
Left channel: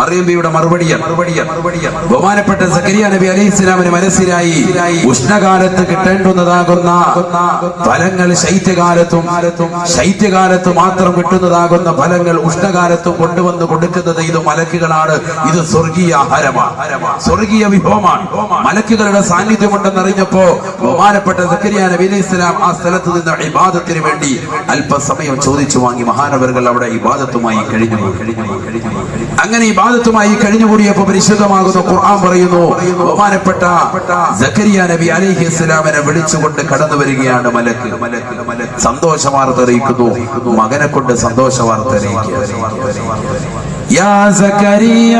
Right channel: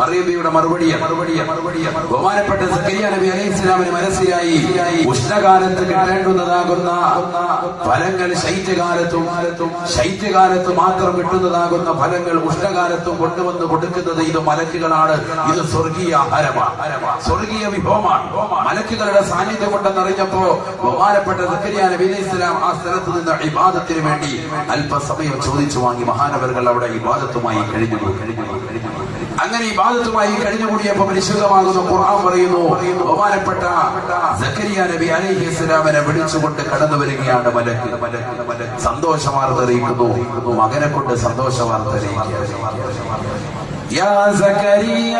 മറിയം ബിയുടെ മറുപടി ബഹുമാനപ്പെട്ട സക്കരിയ നബി അലൈഹിസ്സലാമിന് മനസ്സിലായി, ഉഷ്ണകാലത്ത് കിട്ടേണ്ടുന്നതാകുന്ന ഫലങ്ങൾ ശൈത്യകാലത്ത് മാത്രം കിട്ടുന്നതാകുന്ന ഫലങ്ങൾ ഉഷ്ണകാലത്തും കൊണ്ടുവന്ന് കൊടുക്കുന്നത് ഇത് മലക്കുകളാണ്. ഇത് സ്വർഗീയ ആഹാരമാണ്, സ്വർഗീയ വിഭവമാണ്. മലക്കുകളുടെ സാന്നിധ്യം ഉണ്ടെന്നറിഞ്ഞപ്പോ ബഹുമാനപ്പെട്ട സക്കരിയ നബി അലൈഹിസ്സലാം ആ സ്ഥലത്ത് നിന്ന് ഇബാദത്തിന് വേണ്ടി അല്പസമയം ചോദിച്ചു വാങ്ങി. മഹാനവറുകൾ അവിടെ ഇബാദത്തുമായി കഴിഞ്ഞു. അങ്ങനെ ഇബാദത്തുമായി കഴിഞ്ഞുകൂടിയപ്പോ പരിശുദ്ധമാകുന്ന ഖുർആൻ പറയുന്നു, ബഹുമാനപ്പെട്ട സക്കരിയ നബി അലൈഹിസ്സലാമിനെ വിളിച്ചുകൊണ്ട് കടന്നു വരികയാണ് മലക്ക്. സന്തോഷ വാർത്ത അറിയിക്കുന്നു, മകനെ കൊണ്ട് സന്തോഷ വാർത്ത അറിയിക്കുക. യാ സക്കരിയ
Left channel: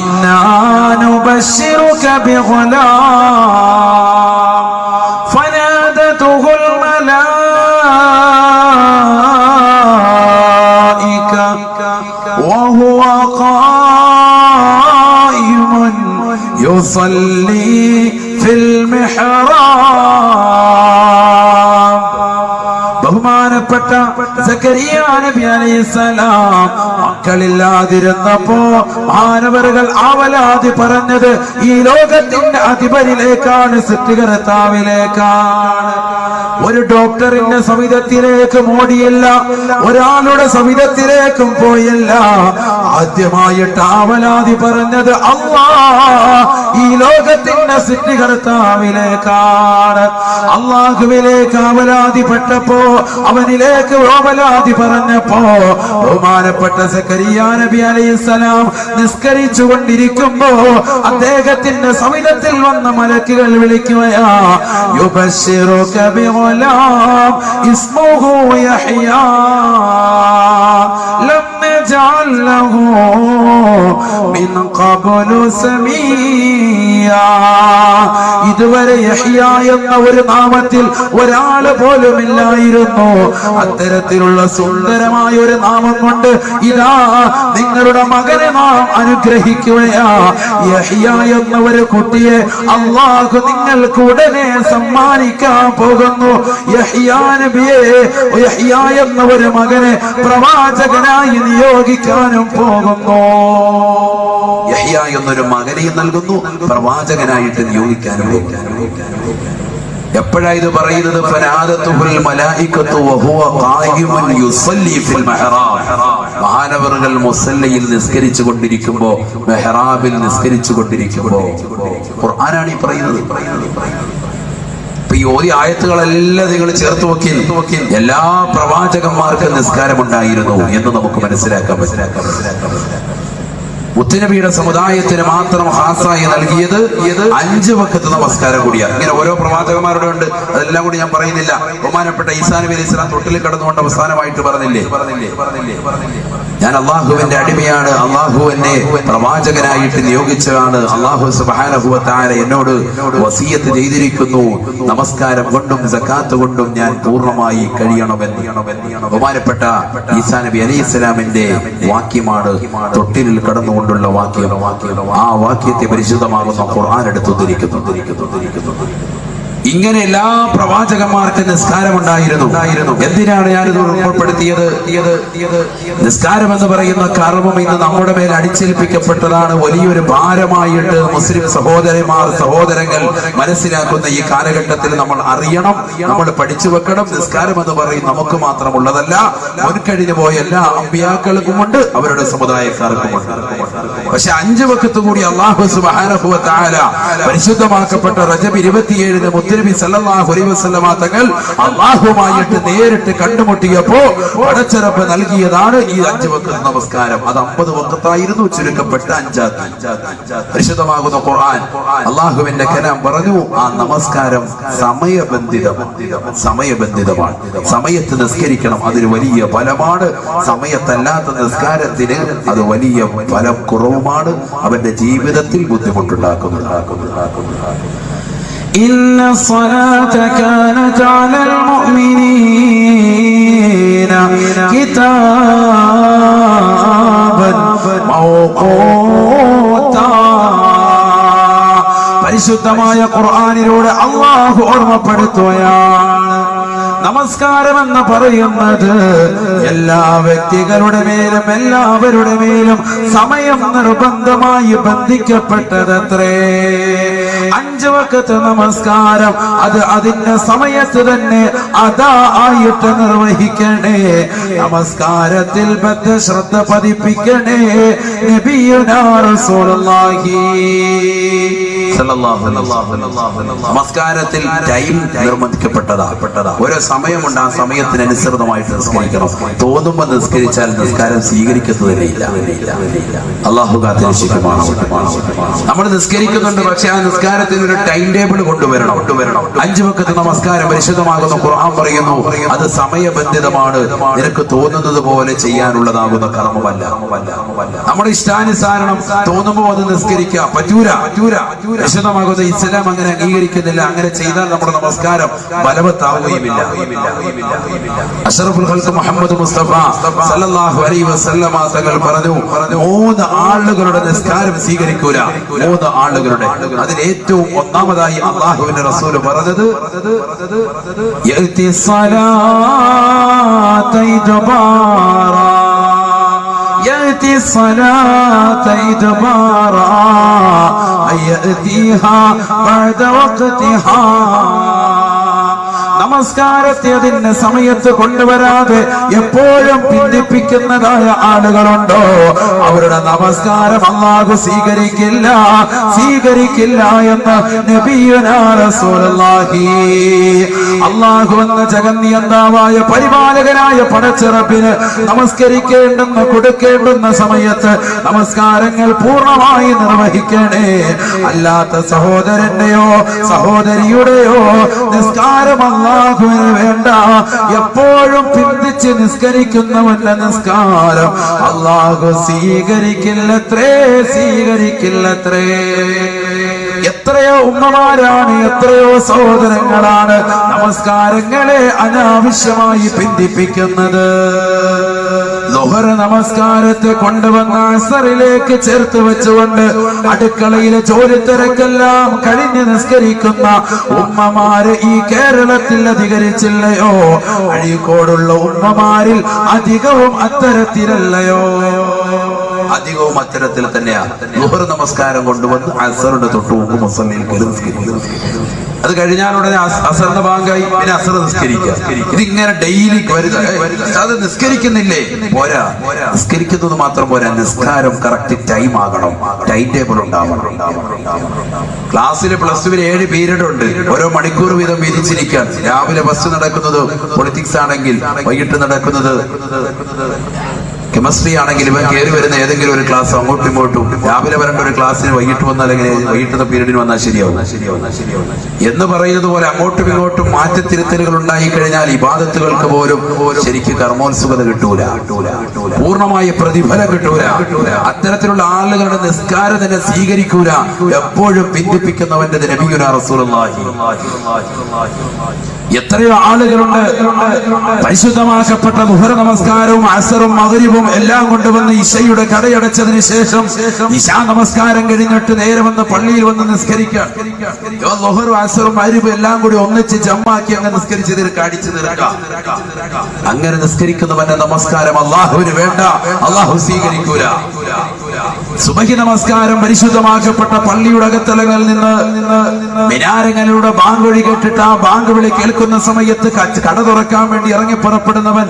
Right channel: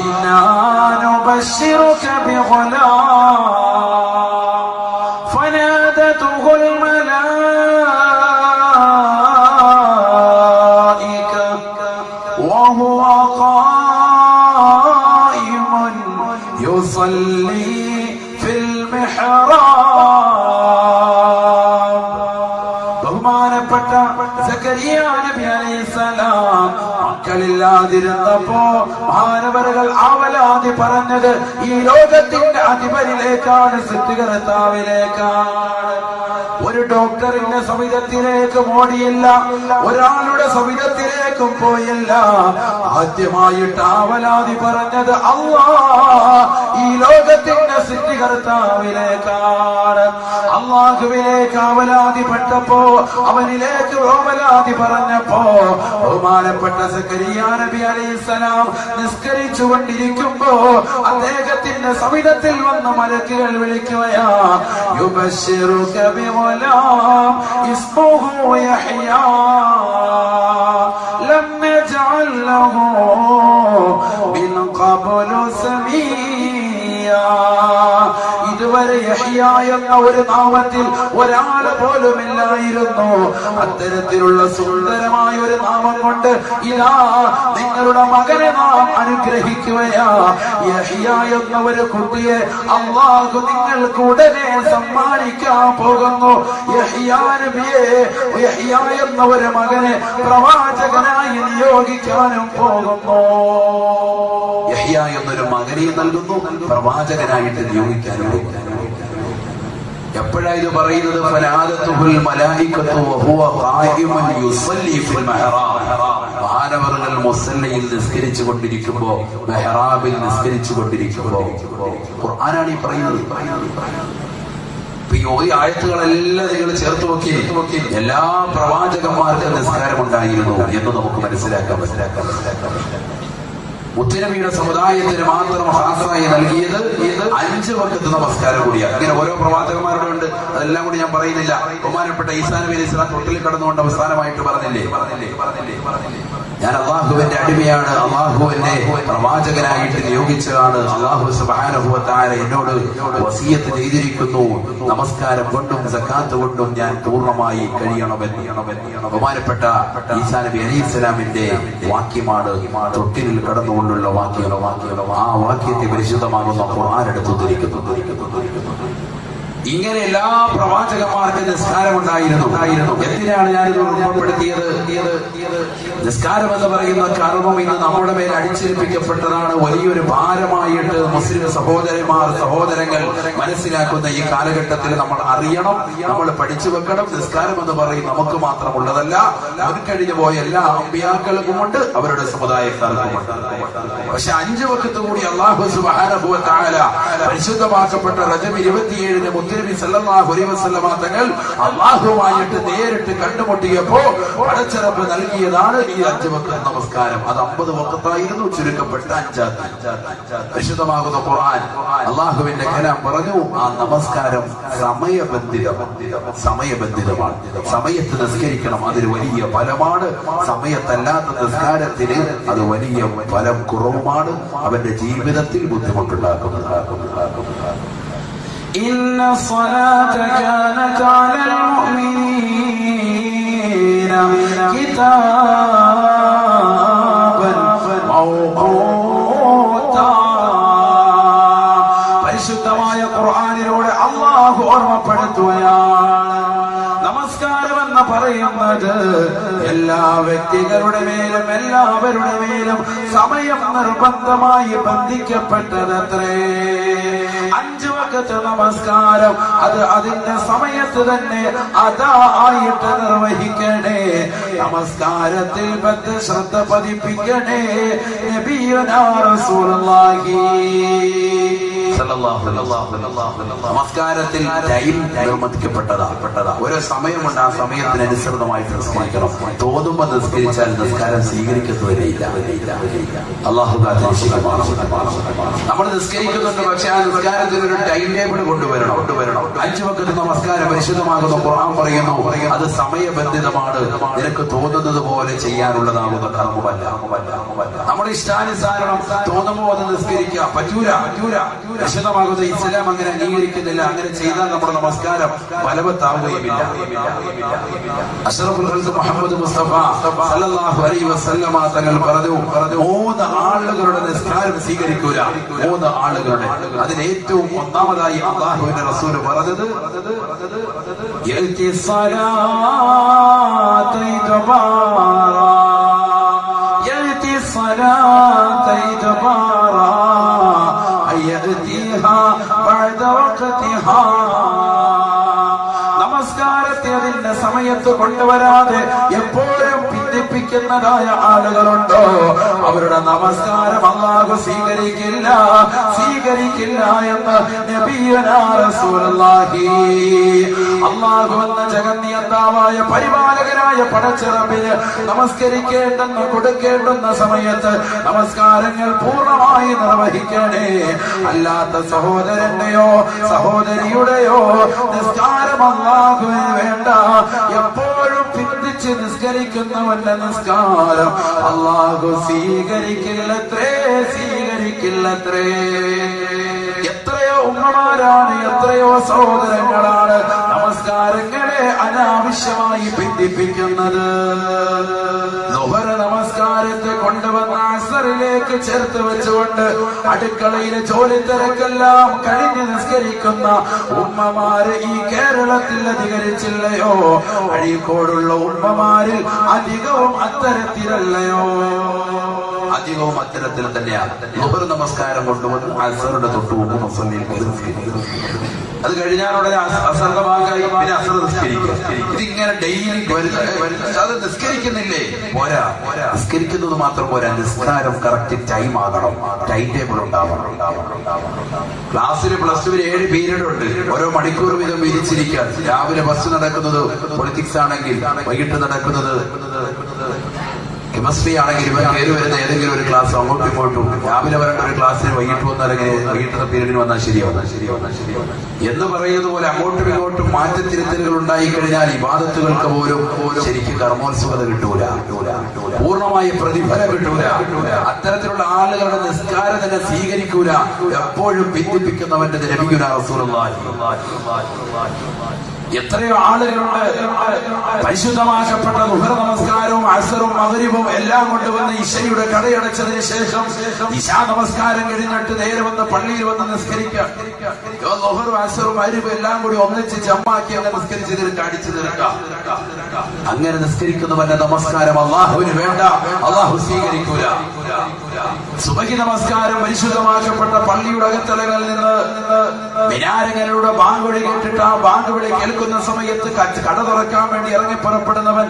ഇന്നാ നുബശ്ശിറുക ബിഗുലാം ഫനാദതുഹുൽ മലായിക വഹുവ ഖായിമുൻ യുസല്ലി ഫിൽ മിഹ്റാബ്. ബഹുമാനപ്പെട്ട സക്കരിയ നബി അലൈഹിസ്സലാം മക്കളില്ലാതിരുന്നപ്പോ മാനവറുകൾ ആവലാതി പറഞ്ഞത് ഈ ലോകത്തിന്റെ അധിപതിയിലേക്കാണ്, സൃഷ്ടികർത്താവിലേക്കാണ്. ഒരു ഡോക്ടറിന്റെ സവിധത്തിലേക്ക് ഓടിയില്ല, ഒരാളുടെ സവിധത്തിലേക്കും പോയില്ല. ആദ്യമായിട്ട് ആവലാതി പറഞ്ഞത് ഈ ലോകത്തിന്റെ സൃഷ്ടികർത്താവിലേക്കാണ്. അള്ളാഹുവിലേക്ക് ആവലാതിപ്പെട്ടപ്പോ, അവനിലേക്ക് ആവലാതി പറഞ്ഞപ്പോ ബഹുമാനപ്പെട്ട സക്കരിയ നബി അലൈഹിസ്സലാം നിസ്കരിച്ചു കൊണ്ടിരിക്കുമ്പോ അദ്ദേഹത്തിന്റെ സവിധത്തിൽ വന്ന മലക്കുകൾ വിളിക്കുകയാ, യുബശ്ശിറുക ബിഗുലാം ഇസ്മുഹു യഹ്യാ ലം നജഅൽ ലഹു മിൻ ഖബ്ലു സമീയാ. ഇതുവരെ യഹ്യ എന്ന ഒരു നാമത്തിൽ ഒരാൾ പോലും ഇല്ലായിരുന്നു. അത്തരത്തിലുള്ള സുന്ദരമായ ഒരു നാമം കൊണ്ട് ഇതാ നിങ്ങളുടെ മകനെ നാം അനുഗ്രഹിക്കുകയാ. യഹ്യ എന്ന ഒരു കുട്ടിയെ അല്ലാഹു നിങ്ങൾക്ക് ഉടനെ സമ്മാനിക്കാൻ പോകുന്നു. യഹ്യ നബിയെ, യഹ്യ എന്ന ഒരു മകനെ പ്രവാചകനായി നിയോഗിക്കാനും പോകുന്നു. യഹ്യ എന്നൊരു മകനെ നൽകുന്നു, പ്രവാചകനായിട്ട് നിയോഗിക്കാനും. എപ്പോഴാ ഇത് പറയുന്നത്? ഫനാദതുഹുൽ മലായികത്തു വഹുവ ഖായിമുൻ യുസല്ലി ഫിൽ മിഹ്റാബ്. മഹാനവറുകൾ മുസല്ലയിൽ നിസ്കരിച്ചു കൊണ്ടിരിക്കുമ്പോ, മെഹ്റാബിൽ നിസ്കരിച്ചു കൊണ്ടിരിക്കുമ്പോ. ഖുർആനാണ് ഈ പറയുന്നത്. ഈ ഓതി ആയത്തുകളെല്ലാം നിങ്ങൾ ചേർത്ത് നോക്കി, എല്ലാ പ്രവാചകന്മാർക്കും നിസ്കാരമുണ്ടായിരുന്നു എന്ന് നമുക്ക് മനസ്സിലാക്കാൻ പറ്റും. മുത്തുനബിയുടെ സമുദായത്തിന് മാത്രം ഹാസായി നൽകിയത് 5 വഖത്ത് നമസ്കാരം കൂടിയാണ്. ഇങ്ങനെ ഓരോ പ്രവാചകന്മാരുടെ ഉണ്ട്, അതെല്ലാം കൂടി ഞാൻ പറയുന്നില്ല. ബഹുമാനപ്പെട്ട ഈസാ നബി അലൈഹി സ്വലാം തൊട്ടിൽ കടന്നുകൊണ്ട് അവസാനമായിട്ട് പറഞ്ഞില്ലേ, ഞാൻ അള്ളാഹുവിന്റെ അടിമയാണ്, അള്ളാഹു എന്നെ പ്രവാചകനായിട്ട് നിയോഗിച്ചതാണ്, അള്ളാഹു സുബ്ഹാനഹു വ തആല എന്നോട് വസിയത്ത് ചെയ്തിരിക്കുന്നു, നമസ്കാരം കൊണ്ടും സകാത്ത് കൊണ്ടും ഞാൻ പൂർണ്ണമായി കഴിയണമെന്ന്. ബഹുമാനപ്പെട്ട ഈസാ നബി അലൈഹി സ്വലാമിന്റെ വാക്യമാണ് തൊട്ടിലിൽ കടന്നു കൊണ്ടുള്ള വാക്യം. ആ വാക്യത്തെ പരിശുദ്ധമാകുന്ന ഖുർആൻ എടുത്തുദ്ധരിക്കുന്നു. ഇങ്ങനെ എല്ലാ പ്രവാചകന്മാർക്കും നിസ്കാരമുണ്ടായിരുന്നു. എന്തിനാണ് ഞാനിത് ഉൾപ്പെടുത്തിയത്? നിസ്കാരം എന്ന് പറയുന്ന കർമ്മം ഇന്ന് നമ്മുടെ മേൽ അടിച്ചേൽപ്പിക്കപ്പെട്ടതാണ്. വലിയൊരു ഭാരമായിട്ട് മുസ്ലിം സഹോദരങ്ങൾ മനസ്സിലാക്കുന്ന ഈ കാലഘട്ടത്തിൽ നമ്മൾ അറിയണം, നമ്മൾ പഠിച്ചു വെക്കണം. നിസ്കാരം എന്ന് പറയും നമുക്ക് മാത്രമുള്ളതല്ല, മുൻകഴിഞ്ഞു പോയ എല്ലാ അമ്പിയാക്കൾക്കുമുണ്ട്, അവരുടെ സമുദായക്കാർക്കുമുണ്ട്. പക്ഷെ 5 വഖത്ത് കൂടി അല്ലാഹു സുബ്ഹാനഹു വ തആല പരിശുദ്ധമാക്കപ്പെട്ട റജബ് 27 മുത്തനബി സല്ലല്ലാഹു അലൈഹി വസല്ലമ തങ്ങൾ അല്ലാഹുവുമായിട്ട് നേരിട്ട് കണ്ടുമുട്ടിയപ്പോ പടച്ച റബ്ബ് നൽകിയതാണ് ഈ 5 വഖത്ത് നമസ്കാരം. അത് 50 വഖത്തായിരുന്നു, ചുരുക്കപ്പെട്ട 5. പരിശുദ്ധമാകുന്ന ഖുർആൻ അല്ലാഹുവിന്റെ കലാം പറഞ്ഞു, ആ നമസ്കാരം സമയബന്ധിതമാണ്. സമയത്ത് നിസ്കരിക്കണം, അതിന് വലിയ ഫലമാണ്. സമയത്തല്ലാത്ത നിസ്കാരത്തിന് അത് വലിയ ഫലം കുറവുമാണ്, അവന്റെ ജീവിതത്തിൽ ബുദ്ധിമുട്ടുണ്ടാക്കുന്നതാകുന്നു. إن الصلاة كانت على المؤمنين كتابا موقوتا. പരിശുദ്ധമായ ഖുർആനിലൂടെ അല്ലാഹു ഓർമ്മപ്പെടുത്തുകയാണ്, നമസ്കാരം എന്ന് പറയുന്നത് എല്ലാ വ്യക്തികളുടെ മേലും എല്ലാവരുടെ മേലും സമയം നിർബന്ധമായി ബന്ധിക്കപ്പെട്ടതത്രേ. 5 വഖത്ത് നമസ്കാരം അത് അതിന്റെ സമയത്ത് തന്നെ അതാ ആയിട്ട് നിർവഹിക്കണേ. നമസ്കാരത്തിൽ ശ്രദ്ധ പതിപ്പിക്കണേ. നബിയുനാ റസൂലുള്ളാഹി നമസ്കാരത്തിൽ ടൈം നിർബന്ധിക്കപ്പെട്ടതാ. ഓരോ സമയമുണ്ട്, ആ സമയത്തിനനുസൃതമായിട്ട് നിസ്കരിക്കണം. തോന്നുമ്പോ നിസ്കരിച്ചാൽ നിസ്കാരം സ്വീകരിക്കുന്നതിനില്ല. അല്ലാഹു കാത്തിരക്ഷിക്കുമാണ്. നമ്മൾ നിസ്കരിക്കുന്നുണ്ട്, പക്ഷെ ആ നിസ്കാരത്തിന് ഒരു ടൈം ടേബിൾ കൊണ്ടുവരണം. 5 വഖത്ത് നമസ്കാരം പരിശുദ്ധമാകുന്ന ഖുർആൻ പറയുന്നു, അത് സമയബന്ധിതമാണ്. നിനക്ക് തോന്നുന്നത് പോലെ ചെയ്യാനുള്ളതാകുന്ന കർമ്മമല്ല. നമ്മുടെ ഇഷ്ടാനുസാരണം തോന്നുമ്പോ അത് നിസ്കരിക്കാം, പറ്റൂല. പരിശുദ്ധമാകുന്ന ഇസ്ലാം അങ്ങനെ അംഗീകരിക്കുന്നില്ല. അങ്ങനെ ചെയ്താൽ നമ്മുടെ നമസ്കാരം ബലവത്താവുകയുമില്ല. അഷ്റഫുൽ ഖൽഖ് മുഹമ്മദ് മുസ്തഫ സല്ലല്ലാഹു അലൈഹി വസല്ലമ തങ്ങൾ പറഞ്ഞു, 3 ആളുകളുടെ നിസ്കാരം സ്വീകരിക്കൂല. 3 ആളുകളുടെ, അതിൽ ഏറ്റവും ഒന്നാമതായി അല്ലാഹുവിന്റെ റസൂൽ പറഞ്ഞത്, യഅതി സ്വലാത ഇദ്ബാറാ يأتي الصلاة إدبارا يأتيها بعد وقتها. നമസ്കാരത്തെ അതിന്റെ സമയത്ത് കൊണ്ടുവരാതെ എപ്പോഴും ഭിന്നിപ്പിക്കുന്നതായ ആളുകളുണ്ടോ, അവരുടെ നമസ്കാരം അല്ലാഹു സ്വീകരിക്കില്ല എന്ന് നബിയുനാ റസൂലുള്ളാഹി. അല്ലാഹു എന്ന ജഗന്നിയന്താവായ പരിപാലകനായ പടച്ച റബ്ബിന് നമസ്കരിക്കേണ്ടുന്ന കൊടുക്കേണ്ടുന്ന സമയത്ത് നമസ്കാരങ്ങൾ പൂർണ്ണമായി നിർവഹിക്കണേ. അല്ലാത്ത സഹോദരന്റെയോ സഹോദരിയുടെയോ നിസ്കാരം അല്ലാഹുവിന് വേണ്ട. എപ്പോഴും പിന്തിച്ച് നിസ്കരിക്കുന്നവന്റെ നിസ്കാരം അല്ലാഹു സ്വീകരിക്കില്ലത്രേ. എത്രയോ ഉമ്മമാരാണ്, എത്രയോ സഹോദരങ്ങളാണ് നമസ്കാരങ്ങളെ അനാവശ്യമായി പിന്തിപ്പിക്കുന്നത്. ളുഹർ നമസ്കാരത്തെ കൊണ്ടുവന്ന അസറിലേക്ക് ചേർത്ത് വെച്ചുകൊണ്ട് അടുക്കളയിലെ ജോലി തിരക്കെല്ലാം കഴിഞ്ഞ് നിസ്കരിക്കുന്ന ഉമ്മമാര് ഈ കേരളത്തിൽ അധികരിച്ചില്ലയോ? അഴീക്കോടുള്ള ഉമ്മമാരിൽ അധികവും അത്തരത്തിലല്ലയോ? അധികവും അത്തരത്തിൽ തന്നെയാണ്. ളുഹർ നമസ്കാരം കൊണ്ടുവന്ന് അസറിന്റെ തൊട്ട് മുമ്പ് മുസല്ലയിൽ നിസ്കരിക്കും. അത് കഴിഞ്ഞാലുടനെ അസറിന്റെ ഭാഗമായി പിന്നെ അസർ നിസ്കരിക്കുക. ഇതിങ്ങനെ ഡെയിലി അത് നിസ്കരിക്കുന്നില്ലേ? പോരാ, നിസ്കരിക്കുന്നത് മാത്രം പോരാ, നിസ്കാരം കറക്റ്റ് ടൈം ആകണം, ടൈം ടേബിൾ ഉണ്ടാവണം. ക്ലാസ്സിൽ +2 7 പീരീഡ് ഉണ്ട്, ഓരോ മണിക്കൂർ വീതം വിധിച്ചിരിക്കാൻ. രാവിലെ ബസ് നടക്കുന്നത് പൊളിറ്റിക്സ് ആണെങ്കിൽ, വൈകിട്ട് നടക്കുന്നത് കെമിസ്ട്രി ആണെങ്കിൽ ഇവൻ കയറി വരുന്ന ഏതെങ്കിലും ഒരു ക്ലാസ് അങ്ങോട്ടും ഇങ്ങോട്ടും. രാവിലെ വരേണ്ട ഒരു ക്ലാസ്സിന് വൈകിട്ട് വന്നാൽ എങ്ങനെ, വൈകിട്ടുന്ന പീരീഡിന് വന്നാൽ ശരിയാവും എന്ന് പറയുന്നത് പോലെ അങ്ങോട്ടും ഇങ്ങോട്ടും മാറ്റത്തിരുത്തലുകൾ ഉണ്ടായി കഴിഞ്ഞാൽ ഇബാദത്തുകൾക്ക് പോലും ശരിക്കും കർമ്മോത്സുകത കിട്ടൂല, പൂർണ്ണമായ പ്രതിഫലം കിട്ടൂല. അത്തരത്തിലുള്ള ആളുകളുടെ നിസ്കാരം തന്നെ സ്വീകരിക്കൂല. എപ്പോഴും ഭിന്നിപ്പിക്കുന്നവന്റെ നബിയുനാ റസൂലുള്ളാഹി. എത്രയോ ആളുകളുണ്ട് പരിശുദ്ധമാക്കപ്പെട്ട ളുഹർ നമസ്കാരവും അസറും മഗ്രിബും എല്ലാം കൊണ്ടുവന്ന് ഇശയുടെ കടയടച്ചതിന് ശേഷം ഇശാ നമസ്കാരം കഴിഞ്ഞിട്ട് നേരെ വന്ന് പള്ളിയിൽ വന്ന് നിസ്കരിക്കാം. ളുഹറും അസറും മഗ്രിബും എല്ലാം കൂടി ഒന്നിച്ച് ജമ്മാക്കി അങ്ങ് നിസ്കരിച്ച് അടിച്ചു തീർക്കാം. അങ്ങനെ നിസ്കരിക്കുന്നവന്റെ നമസ്കാരം അല്ലാഹുവിന് വേണ്ട, അല്ലാഹു സ്വീകരിക്കൂല. സുബഹി നമസ്കാരം പരിശുദ്ധമാക്കപ്പെട്ട പള്ളിയുടെ അകത്തളങ്ങളിൽ നിന്ന് മിനാരങ്ങളുടെ ബാങ്ക് വിളി കേട്ടിട്ട് ആ ബാങ്ക് വിളി കേൾക്കുന്ന സമയത്ത് കട തുറക്കാൻ വേണ്ടി ഇറങ്ങി പുറപ്പെടുന്നവൻ,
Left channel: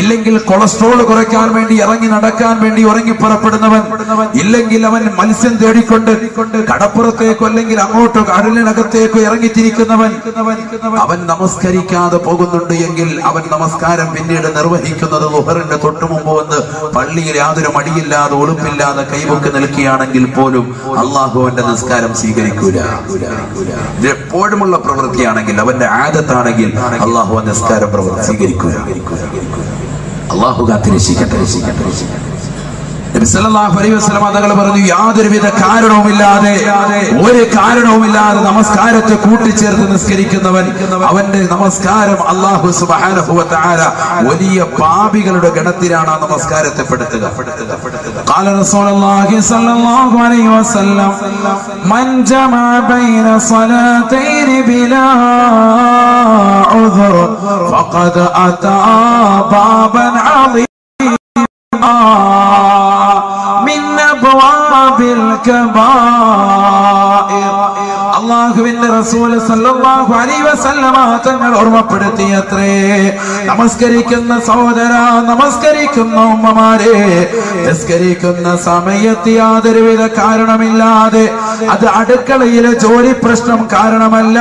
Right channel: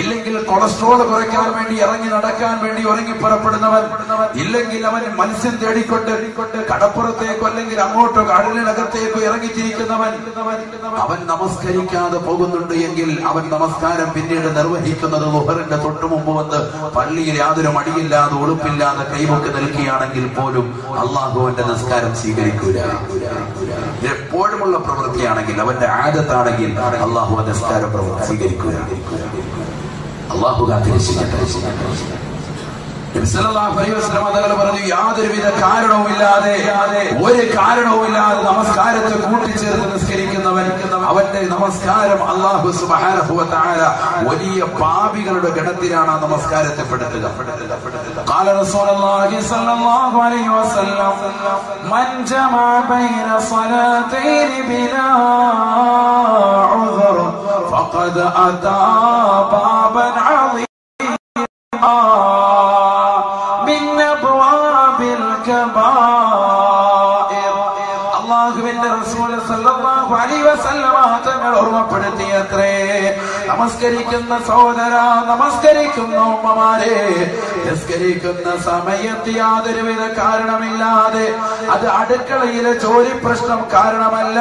ഇല്ലെങ്കിൽ കൊളസ്ട്രോൾ കുറയ്ക്കാൻ വേണ്ടി ഇറങ്ങി നടക്കാൻ വേണ്ടി ഇറങ്ങി പുറപ്പെടുന്നവൻ, ഇല്ലെങ്കിൽ അവൻ മത്സ്യം തേടിക്കൊണ്ട് കടപ്പുറത്തേക്കോ അല്ലെങ്കിൽ അങ്ങോട്ടോ കടലിനകത്തേക്കോ ഇറങ്ങിത്തിരിക്കുന്നവൻ, അവൻ നമസ്കരിക്കാതെ പോകുന്നുണ്ട് എങ്കിൽ അവൻ നമസ്കാരം പിന്നീട് നിർവഹിക്കുന്നത് ളുഹറിന്റെ തൊട്ടു മുമ്പ് വന്ന് പള്ളിയിൽ യാതൊരു മടിയില്ലാതെ ഉടുപ്പില്ലാതെ കൈവക്ക് നിൽക്കുകയാണെങ്കിൽ പോലും അള്ളാഹു അവന്റെ നിസ്കാരം സ്വീകരിക്കൂല. ഇത് എപ്പോഴുമുള്ള പ്രവൃത്തിയാണെങ്കിൽ, അവന്റെ ആദത്താണെങ്കിൽ അള്ളാഹു ആ നിസ്കാരം സ്വീകരിക്കൂല. അള്ളാഹു കാത്തിരക്ഷിക്കട്ടെ. നബി സല്ലല്ലാഹു അലൈഹി വസല്ലം തങ്ങൾ പറഞ്ഞു, യാതൊരുവിധ കാരണവുമില്ലാതെ ഒരു കാരണവുമില്ലാതെ നമസ്കാരത്തെ കൂട്ടിച്ചേർത്ത് നിസ്കരിക്കുന്നവൻ, അവന്റെ നമസ്കാരം അല്ലാഹു സുബ്ഹാനഹു വ തആല വലിയ പാപികളുടെ ഗണത്തിലാണ് ആ നമസ്കാരത്തെ പെടുത്തുക. ഖാല റസൂലുള്ളാഹി സ്വല്ലല്ലാഹു അലൈഹി വസല്ലം, മൻ ജമഅ ബൈന സ്വലാത്തൈനി ബിലാ ഉദ്ർ ഫഖദ് അതാ ബാബൻ അളീം അല്ലാഹുവിന്റെ റസൂൽ സല്ലല്ലാഹു അലൈഹി വസല്ലമ തങ്ങൾ ഓർമ്മപ്പെടുത്തിയത്രേ, നമസ്കരിക്കുന്ന സഹോദര, നമസ്കരിക്കുന്ന ഉമ്മമാരെ, നിസ്കരിക്കുന്ന സമയത്ത് യാതൊരുവിധ കാരണമില്ലാതെ, അത് അടുക്കളയിലെ ജോലി പ്രശ്നം കാരണമല്ല,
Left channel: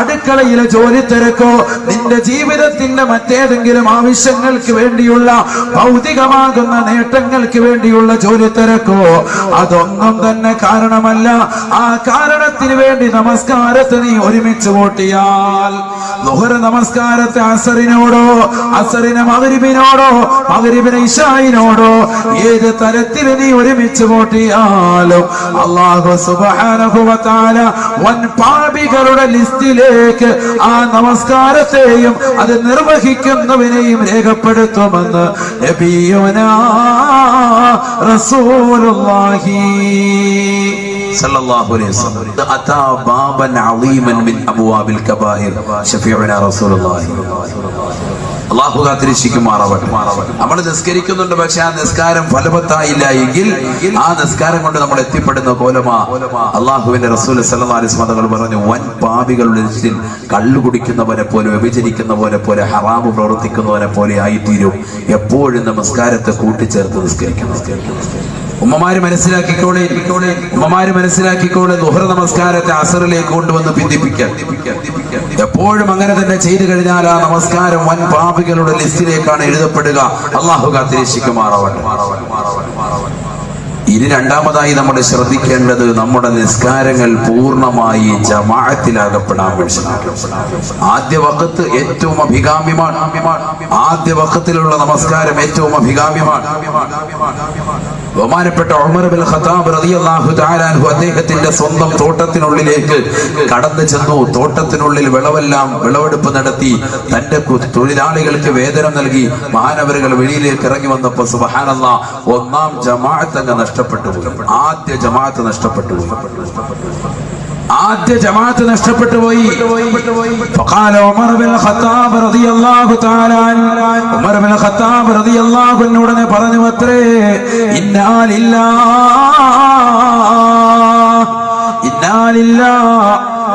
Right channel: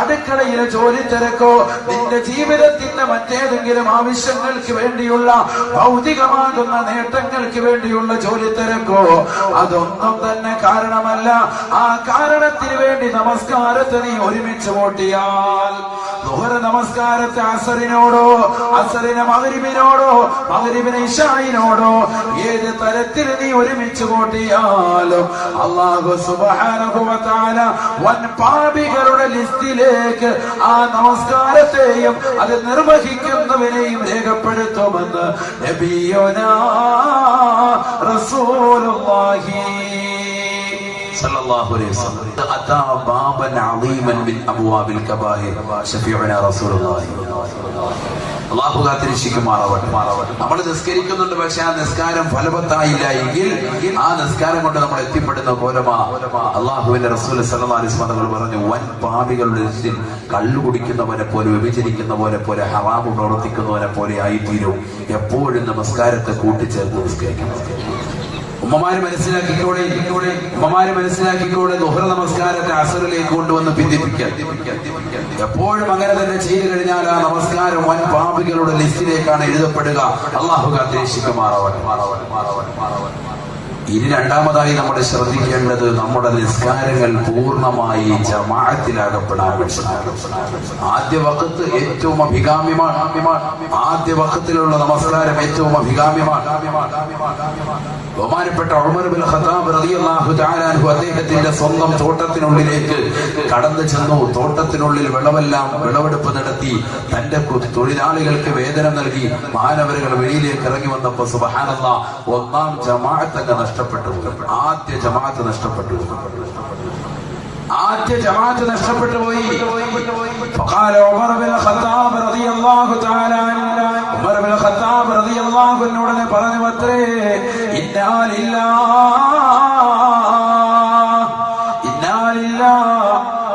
അടുക്കളയിലെ ജോലി തിരക്കോ നിന്റെ ജീവിതത്തിന്റെ മറ്റേതെങ്കിലും ആവശ്യങ്ങൾക്ക് വേണ്ടിയുള്ള ഭൗതികമാകുന്ന നേട്ടങ്ങൾക്ക് വേണ്ടിയുള്ള ജോലി തിരക്കോ, അതൊന്നും തന്നെ കാരണമല്ല. ആ കാരണത്തിന് വേണ്ടി നമസ്കാരത്തെ നീ ഒരുമിച്ച് കൂട്ടിയാൽ, ളുഹർ നമസ്കാരത്തെ അസറിനോടോ, അസറിനെ മഗ്രിബിനോടോ, മഗ്രിബിനെ ഇശായിനോടോ ഏത് തരത്തിൽ നീ ഒരുമിച്ച് കൂട്ടിയാലും അല്ലാഹു സുബ്ഹാനഹു വ തആല വൻ പാപികളുടെ ലിസ്റ്റിലേക്ക് ആ നമസ്കാരത്തെയും അത് നിർവഹിക്കുന്നവനെയും രേഖപ്പെടുത്തുമെന്ന് നബിയുനാ റസൂലുള്ളാഹി സല്ലല്ലാഹു അലൈഹി വസല്ലം. അതാ ബാബൻ അളീമൻ മിൻ അബ്വാബിൽ കബായിർ ശഫീഉനാ റസൂലുള്ളാഹി. അല്ലാഹു കാത്തിരക്ഷിക്കുമാറാവട്ടെ. നമ്മൾ നിസ്കരിക്കുന്നുണ്ട്, പക്ഷെ ആ നിസ്കാരം ഫലവത്തായില്ല എങ്കിൽ ആ നിസ്കാരം കൊണ്ട് നമ്മൾ എത്തിപ്പെടുന്ന കോലമാ അല്ലാഹുവിന്റെ റസൂൽ സല്ലല്ലാഹു അലൈഹി വസല്ലം തങ്ങൾ പറഞ്ഞു, വൻ പാപികളുടെ ലിസ്റ്റിൽ കള്ളു കുടിക്കുന്നവനെ പോലെ, വ്യഭിചരിക്കുന്നവനെ പോലെ, ഹറാമ് പ്രവർത്തിക്കുന്നവനെ പോലെ ആയിത്തീരും എപ്പോഴും നമസ്കാരത്തെ കൂട്ടിച്ചേർത്ത് നിസ്കരിക്കണം. ഉമ്മമാര് മനസ്സിലാക്കിക്കോളെ, ളുഹർ നമസ്കാരത്തെ അസറിലേക്ക് കൊണ്ടുവന്ന് ഭിന്നിപ്പിക്കാൻ. എപ്പോഴും അങ്ങനെ തന്നെ ചെയ്തു കഴിഞ്ഞാൽ ആ നമസ്കാരം വൻ പാപികളുടെ ലിസ്റ്റിലേക്കാണ് എഴുതപ്പെടുക. അല്ലാഹു കാത്തിരക്ഷിക്കുമാറാവട്ടെ. ഇനി രണ്ടാമതായി നമ്മൾ ശ്രദ്ധിക്കേണ്ടത്, നമ്മുടെ നിസ്കാരങ്ങൾ പൂർണ്ണമായി ജമാഅത്തിലാകപ്പെടാൻ മനസ്സിലാക്കണം. ആദ്യ വഖത്ത് ഏറ്റവും അഭികാമ്യമാണ്. ആദ്യ വഖത്തിലുള്ള നമസ്കാരം ഏറ്റവും അഭികാമ്യമാണ്. ബഹുമാനപ്പെട്ട ഉമർ ഇബ്നുൽ ഖത്താബ് റളിയല്ലാഹു തആല അൻഹു അദ്ദേഹത്തിന്റെ സ്വന്തം തോട്ടത്തിനുള്ളിലേക്ക് കടന്നു ചെന്നു. തോട്ടത്തിനുള്ളിൽ വിളവെടുപ്പ് നടത്തി തന്റെ തൊഴിലാളികൾക്ക് വേതനം നൽകി മഹാനവറുകൾ വെളിയിലേക്ക് ഇറങ്ങി വന്നപ്പോൾ സുബ്ഹാനല്ലാഹ്, ഒന്നാം ജമാഅത്ത് അങ്ങ് നഷ്ടപ്പെട്ടു. ആദ്യ ജമാഅത്ത് നഷ്ടപ്പെട്ടു. പോയി. فقال عمر بن الخطاب رضي الله تعالى عنه, ഉമർ ബിൻ ഖത്താബ് റളിയല്ലാഹു അൻഹു ഉടനെ പറഞ്ഞു അത്രേ, ഇന്നാ ലില്ലാഹി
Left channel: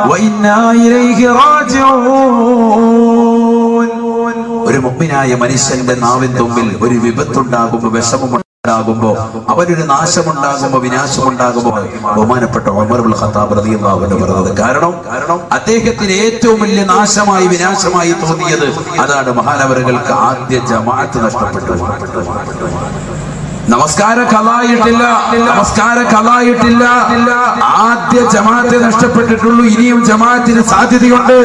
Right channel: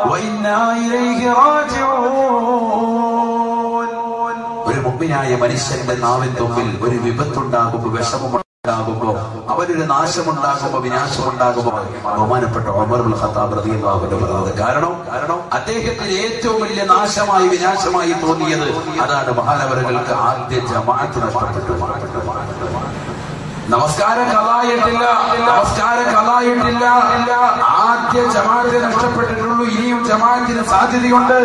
വ ഇന്നാ ഇലൈഹി റാജിഊൻ. ഒരു മുഅ്മിനായ മനുഷ്യന്റെ നാവിൻ തുമ്പിൽ ഒരു വിപത്തുണ്ടാകുമ്പോൾ, വിഷമമുണ്ടാകുമ്പോ, അവനൊരു നാശമുണ്ടാകുമ്പോ, വിനാശമുണ്ടാകുമ്പോ ബഹുമാനപ്പെട്ട ഉമർ ഇബ്നുൽ ഖത്താബ് റളിയല്ലാഹു അൻഹു പറഞ്ഞത്. കാരണം അദ്ദേഹത്തിന് ഏറ്റവും വലിയ നാശമായി, വിനാശമായി തോന്നിയത് അതാണ്. മഹാനവറുകൾക്ക് ആദ്യ ജമാഅത്ത് നഷ്ടപ്പെട്ടു. നമസ്കാര കളായിട്ടില്ല, ആദ്യ ജമാഅത്തെ നഷ്ടപ്പെട്ടിട്ടുള്ളൂ. ഇനിയും ജമാഅത്തിന് സാധ്യതയുണ്ട്.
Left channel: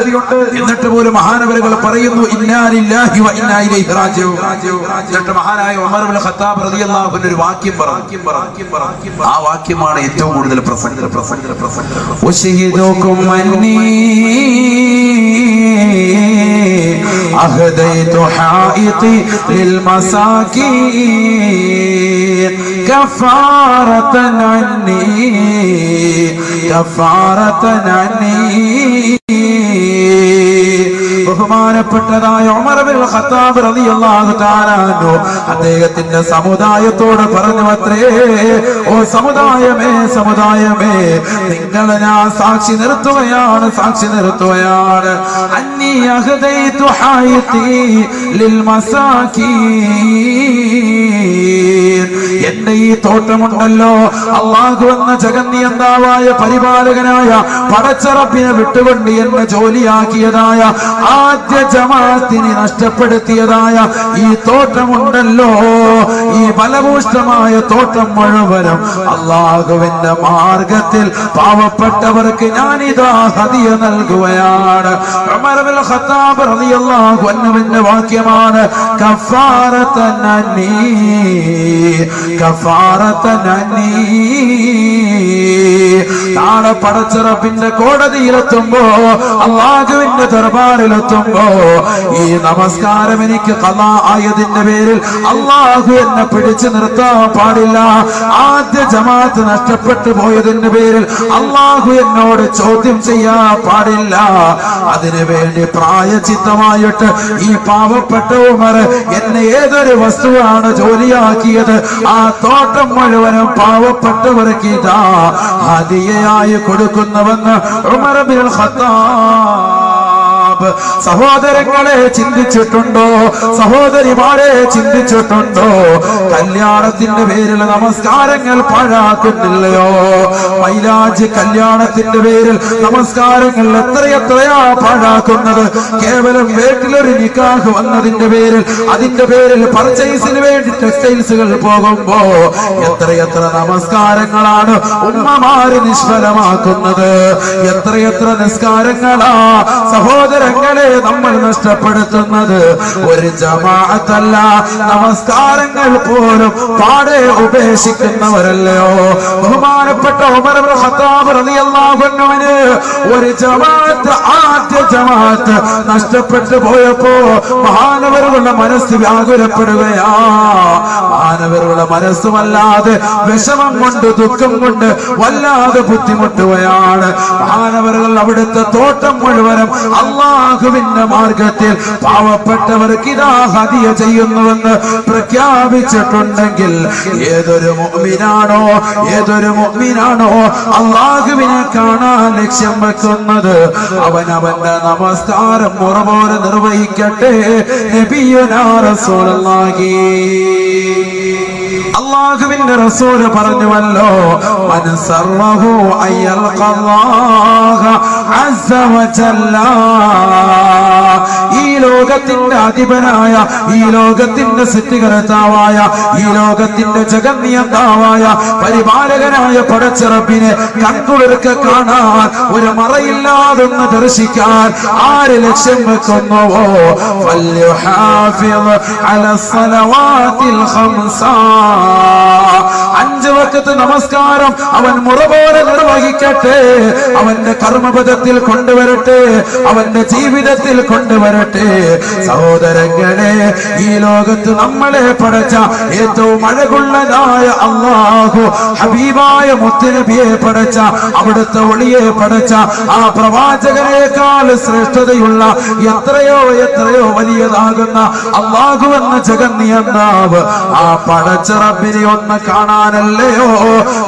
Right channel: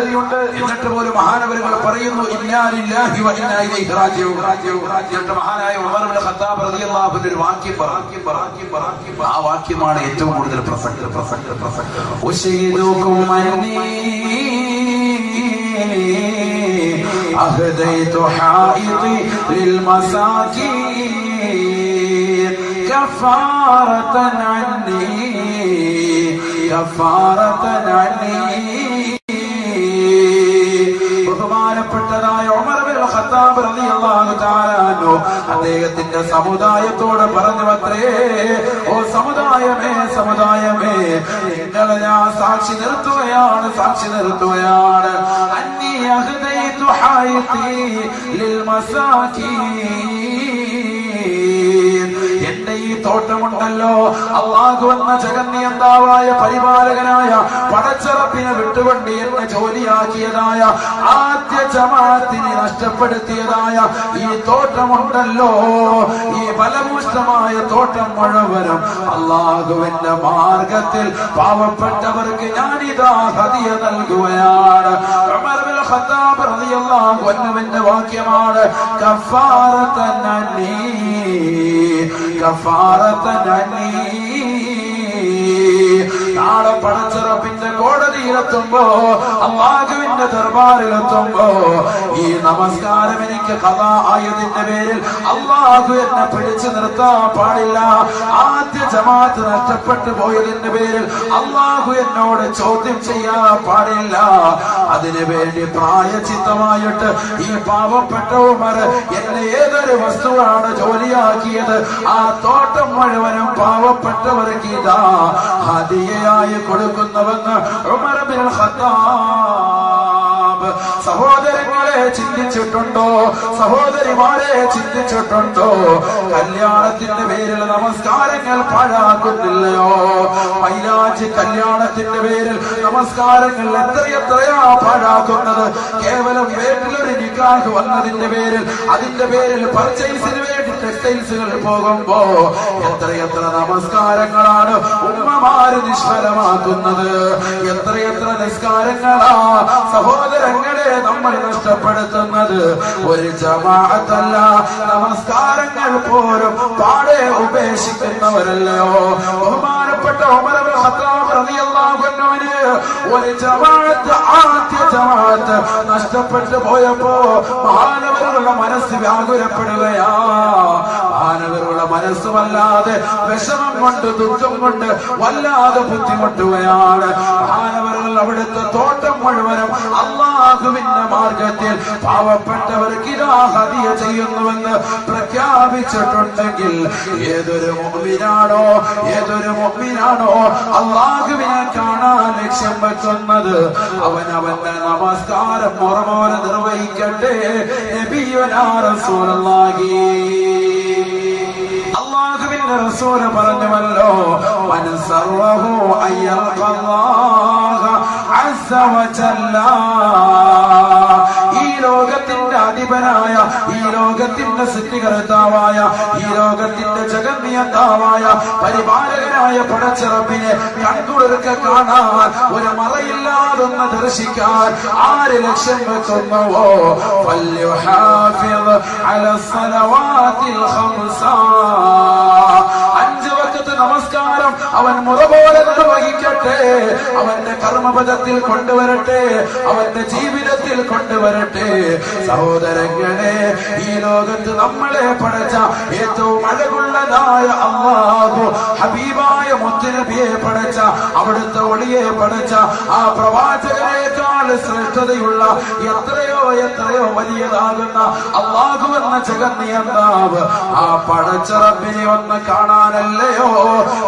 എന്നിട്ട് പോലും മഹാനവറുകൾ പറയുന്നു, ഇന്നാ ലില്ലാഹി വ ഇന്നാ ഇലൈഹി റാജിഊൻ. എന്നിട്ട് മഹാനായ ഉമർ ഇബ്നുൽ ഖത്താബ് റളിയല്ലാഹു അൻഹു ഒരു വാക്യം പറഞ്ഞു. ആ വാക്യമാണ് ഏറ്റവും കൂടുതൽ പ്രസംഗം. ഉശഹിദുകും അന്നീ أهديت حائطي للمساكين كفارة عني. ബഹുമാനപ്പെട്ട ബഹുമാനപ്പെട്ടതായ ഉമർ ഇബ്നുൽ ഖത്താബ് റളിയല്ലാഹു തആല അൻഹു അദ്ദേഹത്തിന്റെ സമുദായത്തോട് പറഞ്ഞു അത്രേ, ഓ സമുദായമേ സമുദായമേ, നിങ്ങളെ ഞാൻ സാക്ഷി നിർത്തുകയാണ് അന്നീ അഹദൈതു ഹായിതി ലിൽ മസാകീൻ. എന്റെ ഈ തോട്ടമുണ്ടല്ലോ, അല്ലാഹു എന്ന ജഗന്നിയന്താവായ പരിപാലകനായ പടച്ചറപ്പിനെ വിട്ടുകൊണ്ട് എന്നെ ജോലിയാക്കിയതായ ആദ്യ ജമാഅത്തിനെ നഷ്ടപ്പെടുത്തിയതായ ഈ തോട്ടമുണ്ടല്ലോ, ഈ ബലഭൂഷ്ടമായ തോട്ടം മുഴുവനും അല്ലാഹുവിന്റെ മാർഗത്തിൽ പാവപ്പെട്ടവർക്ക് ഞാനിതാ ഹദിയ നൽകുകയാണ്. ഉമർ ഇബ്നുൽ ഖത്താബ് റളിയല്ലാഹു അൻഹുവിന്റെ വാക്യമാണ്, കഫാറതൻ അന്നീ നാളെ പടച്ചറപ്പിന്റെ കോടതിയിലെത്തുമ്പോ, അല്ലാഹുവിന്റെ ദർബാറിലെത്തുമ്പോ, ഈ നമസ്കാരം എനിക്ക് ഖളാ ആയതിന്റെ പേരിൽ അല്ലാഹു എന്നെ പിടിച്ചു നിർത്താൻ പാടില്ല. ആദ്യ ജമാഅത്ത് നഷ്ടപ്പെട്ടു പോയതിന്റെ പേരിൽ അല്ലാഹു എന്നോട് ചോദ്യം ചെയ്യാൻ പാടില്ല. അതിനു വേണ്ടി പ്രായച്ചിത്തമായിട്ട് ഈ പാവപ്പെട്ട ഉമർ എന്നെ ഏതൊരു വസ്തുവാണ് ജോലിയാക്കിയത്, ആ തോട്ടം മുഴുവനും പാവപ്പെട്ടവർക്ക് ഇതാ ഹദിയയായി കൊടുക്കുന്നുവെന്ന് ഉമർ ഇബ്നുൽ ഖത്താബ്. സഹോദരങ്ങളെ ചിന്തിച്ചിട്ടുണ്ടോ? സഹോദരിമാരെ ചിന്തിച്ചിട്ടുണ്ടോ? കല്യാണത്തിന്റെ പേരിൽ നമസ്കാരങ്ങൾ പാഴാക്കുന്നില്ലയോ? മൈലാജി കല്യാണത്തിന്റെ പേരിൽ നമസ്കാരങ്ങൾ എത്രയെത്രയാ പാഴാക്കുന്നത്. കേവലം വീട്ടിലൊരു നിക്കാഹ് വന്നതിന്റെ പേരിൽ, അതിന്റെ പേരിൽ പർച്ചേസിന് വേണ്ടി ടെക്സ്റ്റൈൽസുകൾ പോകുമ്പോ എത്രയെത്ര നമസ്കാരങ്ങളാണ് ഉമ്മമാര് നിഷ്ഫലമാക്കുന്നത്. എത്രയെത്ര നിസ്കാരങ്ങളാ സഹോദരങ്ങളെ നമ്മൾ നഷ്ടപ്പെടുത്തുന്നത്. ഒരു ജമാഅത്തല്ല, നമസ്കാരങ്ങൾ പോലും പാടെ ഉപേക്ഷിക്കുന്നവരല്ലയോ? ബഹുമാനപ്പെട്ട ഉമർ ഇബ്നുൽ ഖത്താബ് റളിയല്ലാഹു അൻഹുവിന് ഒരു ജമാഅത്ത്, ആദ്യ ജമാഅത്ത് നഷ്ടപ്പെട്ടു പോയപ്പോ മഹാനവരുടെ മനസ്സ് വ്യാകുലപ്പെടുകയാ. മഹാനവരുടെ മനസ്സുമല്ലാതെ വിഷമം കൊണ്ട്, ദുഃഖം കൊണ്ട് വല്ലാതെ ബുദ്ധിമുട്ടുകയാണ്. മഹാനവറുകൾ അവിടുത്തെ തോട്ടം മുഴുവനും അല്ലാഹുവിന്റെ മാർഗത്തിൽ പാവപ്പെട്ടവർക്ക് ഇതാ ഹദിയ ചെയ്യുന്നുവെന്ന് പ്രഖ്യാപിച്ചിട്ടുണ്ടെങ്കിൽ, ഏതൊരു മുഅ്മിനാണോ അല്ലാഹുവിനെ കാണാൻ ലക്ഷ്യം വെക്കുന്നത്, അവനവന്റെ നമസ്കാരം മുറ പോലെ നിർവഹിക്കട്ടെ. നബിയുനാ റസൂലുള്ളാഹി, അല്ലാഹുവിന്റെ റസൂല് പറഞ്ഞുവല്ലോ, മൻ സർവഹു അയ്യൽഖല്ലാഹ അസ്സ വജല്ല. ഈ ലോകത്തിന്റെ അധിപനായ, ഈ ലോകത്തിന്റെ സൃഷ്ടികർത്താവായ, ഈ ലോകത്തിന്റെ ജഗന്നിയന്താവായ പരിപാലകനായ പടച്ചറപ്പിനെ കൺകുളിർക്ക് കാണാൻ, ഒരു മറയില്ലാതൊന്ന് ദർശിക്കാൻ ആര് ലക്ഷ്യം വെക്കുന്നുവോ, ഫൽയുഹാഫിദ് അലസ്സലവാതിൽ ഖംസ. 5 വഖത്ത് നമസ്കാരം അവൻ മുറ പോലെ നിർവഹിക്കട്ടെ. അവന്റെ കർമ്മപദത്തിൽ കൊണ്ടുവരട്ടെ, അവന്റെ ജീവിതത്തിൽ കൊണ്ടുവരട്ടെ. സഹോദരങ്ങളെ, ഈ ലോകത്ത് നമ്മളെ പടച്ച ഏറ്റവും അഴകുള്ളതായ അല്ലാഹു ഹബീബായ മുത്തുനബിയെ പടച്ച, അവിടുത്തെ ഒളിയെ പടച്ച ആ പ്രവാചകനേക്കാൾ ശ്രേഷ്ഠതയുള്ള എത്രയോ എത്രയോ വലിയതാകുന്ന അല്ലാഹു എന്ന ജഗന്നിയന്താവ്, ആ പടച്ച റബ്ബിനെ ഒന്ന് കാണാനല്ലയോ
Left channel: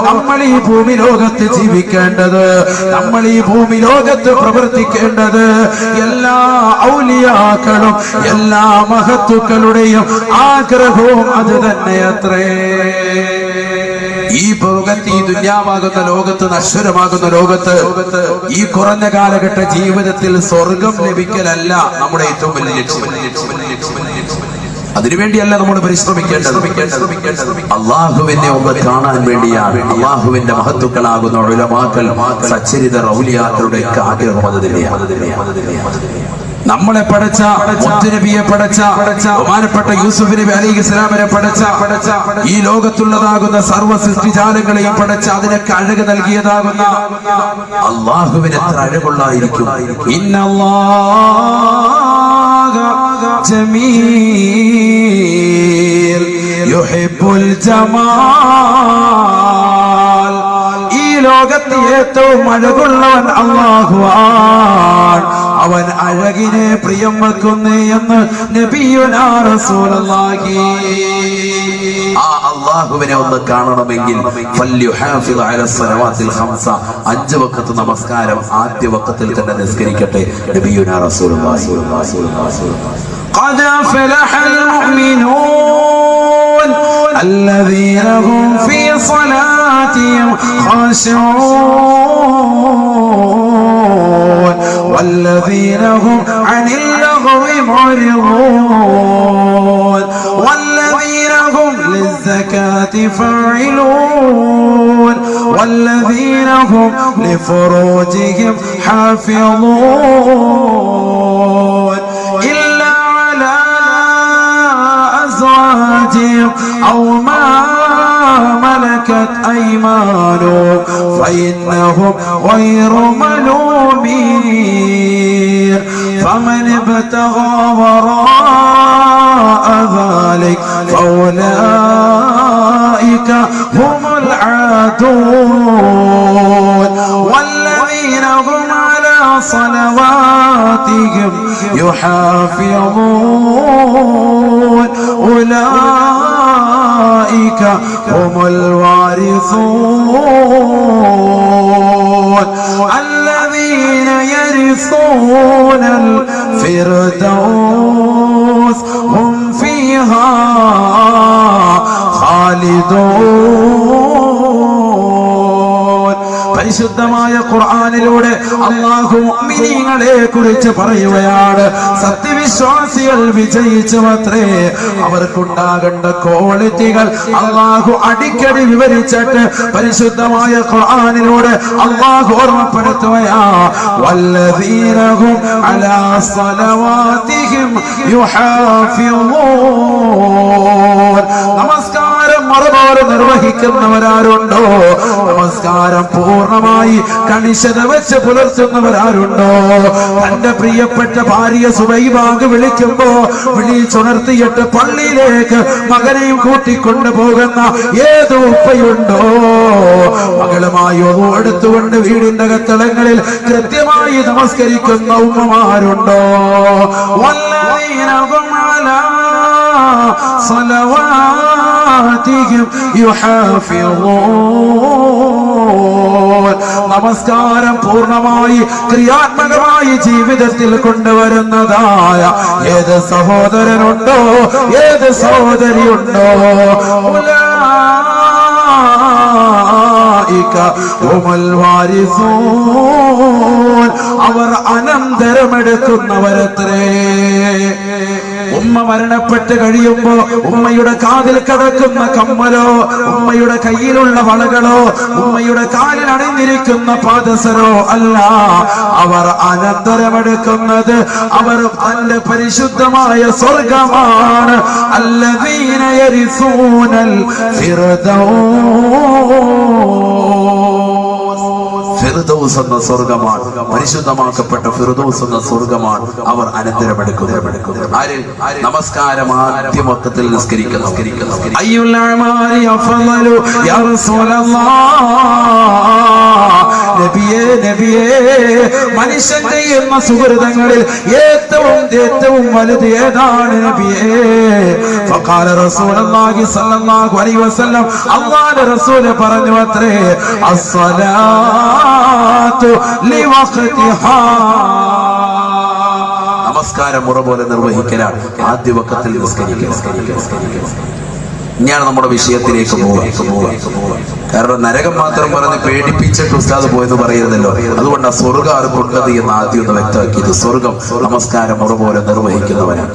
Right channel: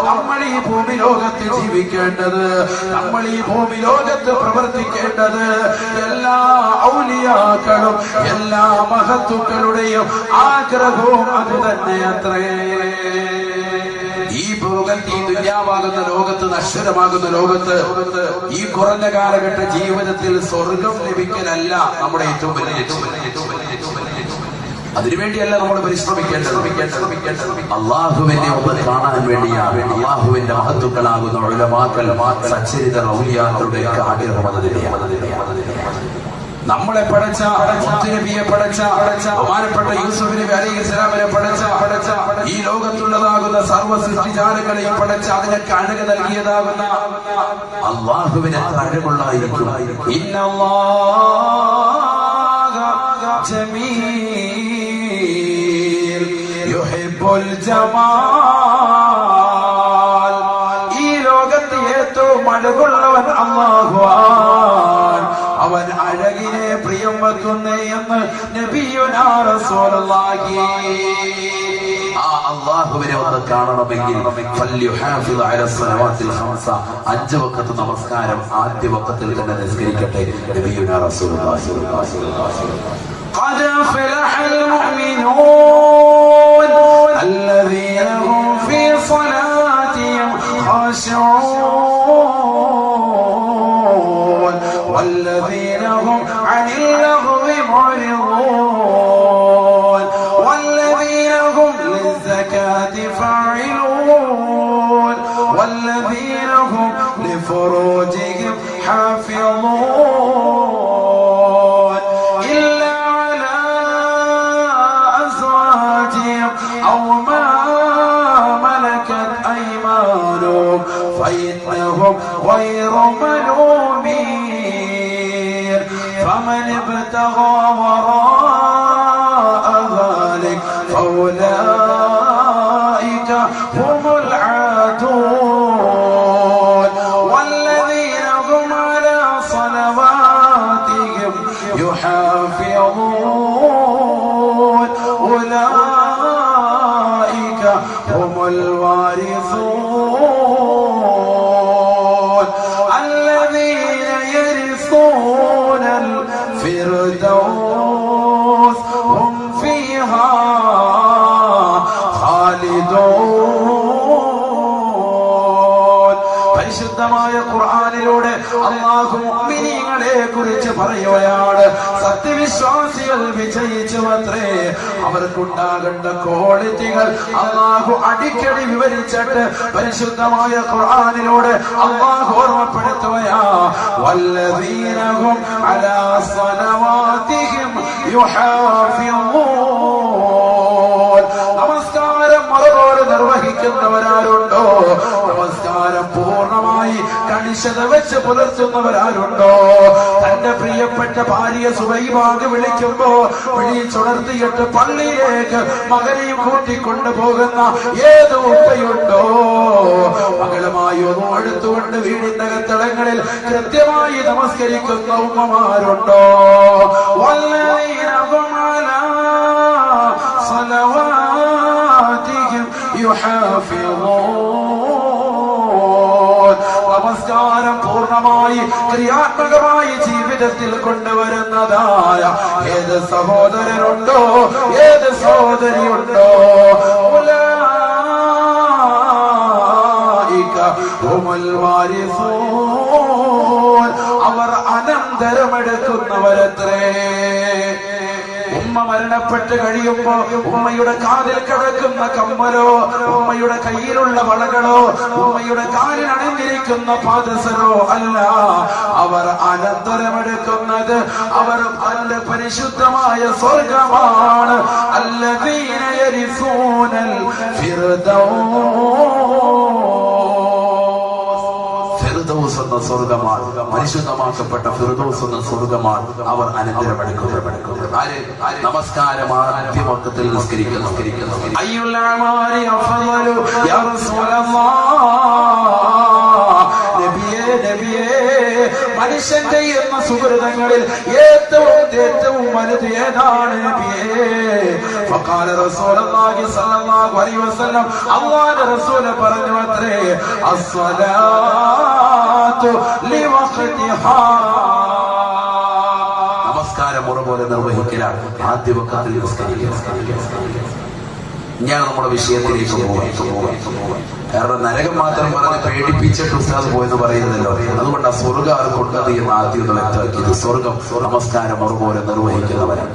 നമ്മൾ ഈ ഭൂമി ലോകത്ത് ജീവിക്കേണ്ടത്, നമ്മൾ ഈ ഭൂമി ലോകത്ത് പ്രവർത്തിക്കേണ്ടത്. എല്ലാ ഔലിയാക്കളും എല്ലാ മഹത്തുക്കളുടെയും ആഗ്രഹവും അത് തന്നെയത്രേ. ഈ ദുന്യാവാകുന്ന ലോകത്ത്, നശ്വരമാകുന്ന ലോകത്ത്, ഈ കുറഞ്ഞ കാലഘട്ട ജീവിതത്തിൽ സ്വർഗം ലഭിക്കലല്ല നമ്മുടെ ഏറ്റവും വലിയ ലക്ഷ്യം. അതിനുവേണ്ടിയല്ല നമ്മൾ പരിശ്രമിക്കേണ്ടത്. അള്ളാഹുവിനെ ഒന്ന് കാണാൻ വേണ്ടിയാണ്. അള്ളാഹുവിന്റെ മഹത്തുക്കളാകുന്ന ഉലമാക്കൾ, സച്ചരിത ഔലിയാക്കളുടെ ആഗ്രഹം അത് തന്നെയാണ്. നമ്മളെ പടച്ച മുത്തുനബിയെ പടച്ച ബഹുമാനപ്പെട്ട യൂസുഫ് നബി അലൈഹിസ്സലാമിനെ പടച്ച ഈ ലോകത്തുള്ളതാകുന്ന സർവ്വ സൃഷ്ടിജാലങ്ങളെയും പടച്ച അതിനൊക്കെ അഴക് നൽകിയതാകുന്ന അള്ളാഹുവിന് എത്ര അഴകുള്ളായിരിക്കും. ഇന്നല്ലാഹ ജമീൽ യുഹിബ്ബുൽ ജമാൽ. ഈ ലോകത്ത് ഏറ്റവും അഴകുള്ളവൻ അല്ലാഹുവാൻ. അവൻ അവൻ അഴകിനെ പ്രിയം വെക്കുന്നേ എന്ന് നബിയുനാ റസൂലുള്ളാഹി. ആ അല്ലാഹുവിനെ ഒന്ന് കാണണമെങ്കിൽ ഫല്യുഹാഫിദ് അലാ സ്വലവാത്തിൽ ഖംസ, 5 വഖത്ത് നമസ്കാരം ആദ്യ വഖത്തിൽ തന്നെ നിസ്കരിക്കട്ടെ. നബിയുനാ റസൂലുള്ളാഹി. ഖദ ഫലഹൽ മുഅ്മിനൂൻ الذين هم في صلاتهم خاشعون والذين هم عن اللغو معرضون والذين هم للزكاة فاعلون والذين هم لفروجهم حافظون إلا على أزواجهم أو ما ملكت أيمانهم فإنهم غير ملومين فمن ابتغى وراء ذلك فأولئك هم العادون والذين هم على صلواتهم يحافظون أولئك هم الوارثون الذين يرثون الفردوس هم فيها خالدون. പരിശുദ്ധമായ ഖുർആനിലൂടെ അല്ലാഹു മുഅ്മിനീങ്ങളെ കുറിച്ച് പറയുകയാണ്. സത്യവിശ്വാസികൾ വിജയിച്ചുവത്രേ. അവർക്കുണ്ടാകേണ്ട ക്വാളിറ്റികൾ അല്ലാഹു അടിക്കടി വിവരിച്ചിട്ട് പരിശുദ്ധമായ ഖുർആനിലൂടെ അല്ലാഹു ഓർമ്മപ്പെടുത്തുകയാ. വല്ലദീന ഹും അലാ സ്വലവാതിഹിം യുഹാഫിളൂൻ. നമസ്കാരം മറുപോലെ നിർവഹിക്കുന്നവരാരുണ്ടോ? നമസ്കാരം പൂർണ്ണമായി കണിശത വെച്ച് പുലർത്തുന്നവരാരുണ്ടോ? തന്റെ പ്രിയപ്പെട്ട ഭാര്യ സുബൈബാഗ് വിളിക്കുമ്പോ വിളിച്ചുണർത്തിയിട്ട് പള്ളിയിലേക്ക് മകനെയും കൂട്ടിക്കൊണ്ടു പോകുന്ന ഏത് ഉപ്പയുണ്ടോ? മകളുമായി ഒന്നു എടുത്തുകൊണ്ട് വീടിന്റെ അകത്തളങ്ങളിൽ കൃത്യമായി നമസ്കരിക്കുന്ന ഉമ്മമാരുണ്ടോ? വല്ലദീന ഹും അലാ സ്വലവാതിഹിം യുഹാഫിളൂൻ. നമസ്കാരം പൂർണ്ണമായി ക്രിയാത്മകമായി ജീവിതത്തിൽ കൊണ്ടുവരുന്നതായ ഏത് സഹോദരനുണ്ടോ, ഏത് സഹോദരിയുണ്ടോ? ഉലൈക ഹുമുൽ വാരിസൂൻ. അവർ അനന്തരമെടുക്കുന്നവരത്രേ. ഉമ്മ മരണപ്പെട്ട് കഴിയുമ്പോ ഉമ്മയുടെ കാതിൽ കിടക്കുന്ന കമ്മലോ, ഉമ്മയുടെ കയ്യിലുള്ള വളകളോ, ഉമ്മയുടെ കാലിൽ അണിഞ്ഞിരിക്കുന്ന പാദസരോ അല്ല. അവർ അനന്തരമെടുക്കുന്നത് അവർ തന്റെ പരിശുദ്ധമായ സ്വർഗമാണ്. അല്ലദീന യരിസൂനൽ ഫിർദൗസ് എന്ന സ്വർഗമാണ്, പരിശുദ്ധമാക്കപ്പെട്ട ഫിർദൗസ് എന്ന സ്വർഗമാണ് അവർ അനന്തരമെടുക്കുന്നത്. ആര്? നമസ്കാരം ആദ്യ മൊത്തത്തിൽ നിസ്കരിക്കുന്നു. അയ്യുൽ അഅമാലി അഫ്ളലു യാ റസൂലല്ലാഹ്. നബിയേ നബിയേ, മനുഷ്യൻ ചെയ്യുന്ന സുഹൃതങ്ങളിൽ ഏറ്റവും വലുത് ഏതാണ് നബിയേ? ഫഖാല റസൂലുള്ളാഹി സ്വല്ലല്ലാഹു അലൈഹി വസല്ലം, അല്ലാഹുവിന്റെ റസൂൽ പറഞ്ഞു അത്രേ, അസ്സലാത്തു ലിവഖ്തിഹാ. നമസ്കാരം മുറ പോലെ നിർവഹിക്കലാണ്. ആദ്യ വഖത്തിൽ നിസ്കരിക്കുക. ഞാൻ നമ്മുടെ വിഷയത്തിലേക്ക് പോകാം. കാരണം നരകം മാത്രം പറഞ്ഞ് പേടിപ്പിച്ചിട്ട് ഉസ്താദ് പോയെന്ന് പറയുന്നല്ലോ. അതുകൊണ്ട് ആ സ്വർഗം ആർക്കുള്ളത് എന്ന് ആദ്യം ഒന്ന് വ്യക്തമാക്കിയത്. സ്വർഗം നമസ്കാരം മുറ പോലെ നിർവഹിക്കുന്നവരാണ്.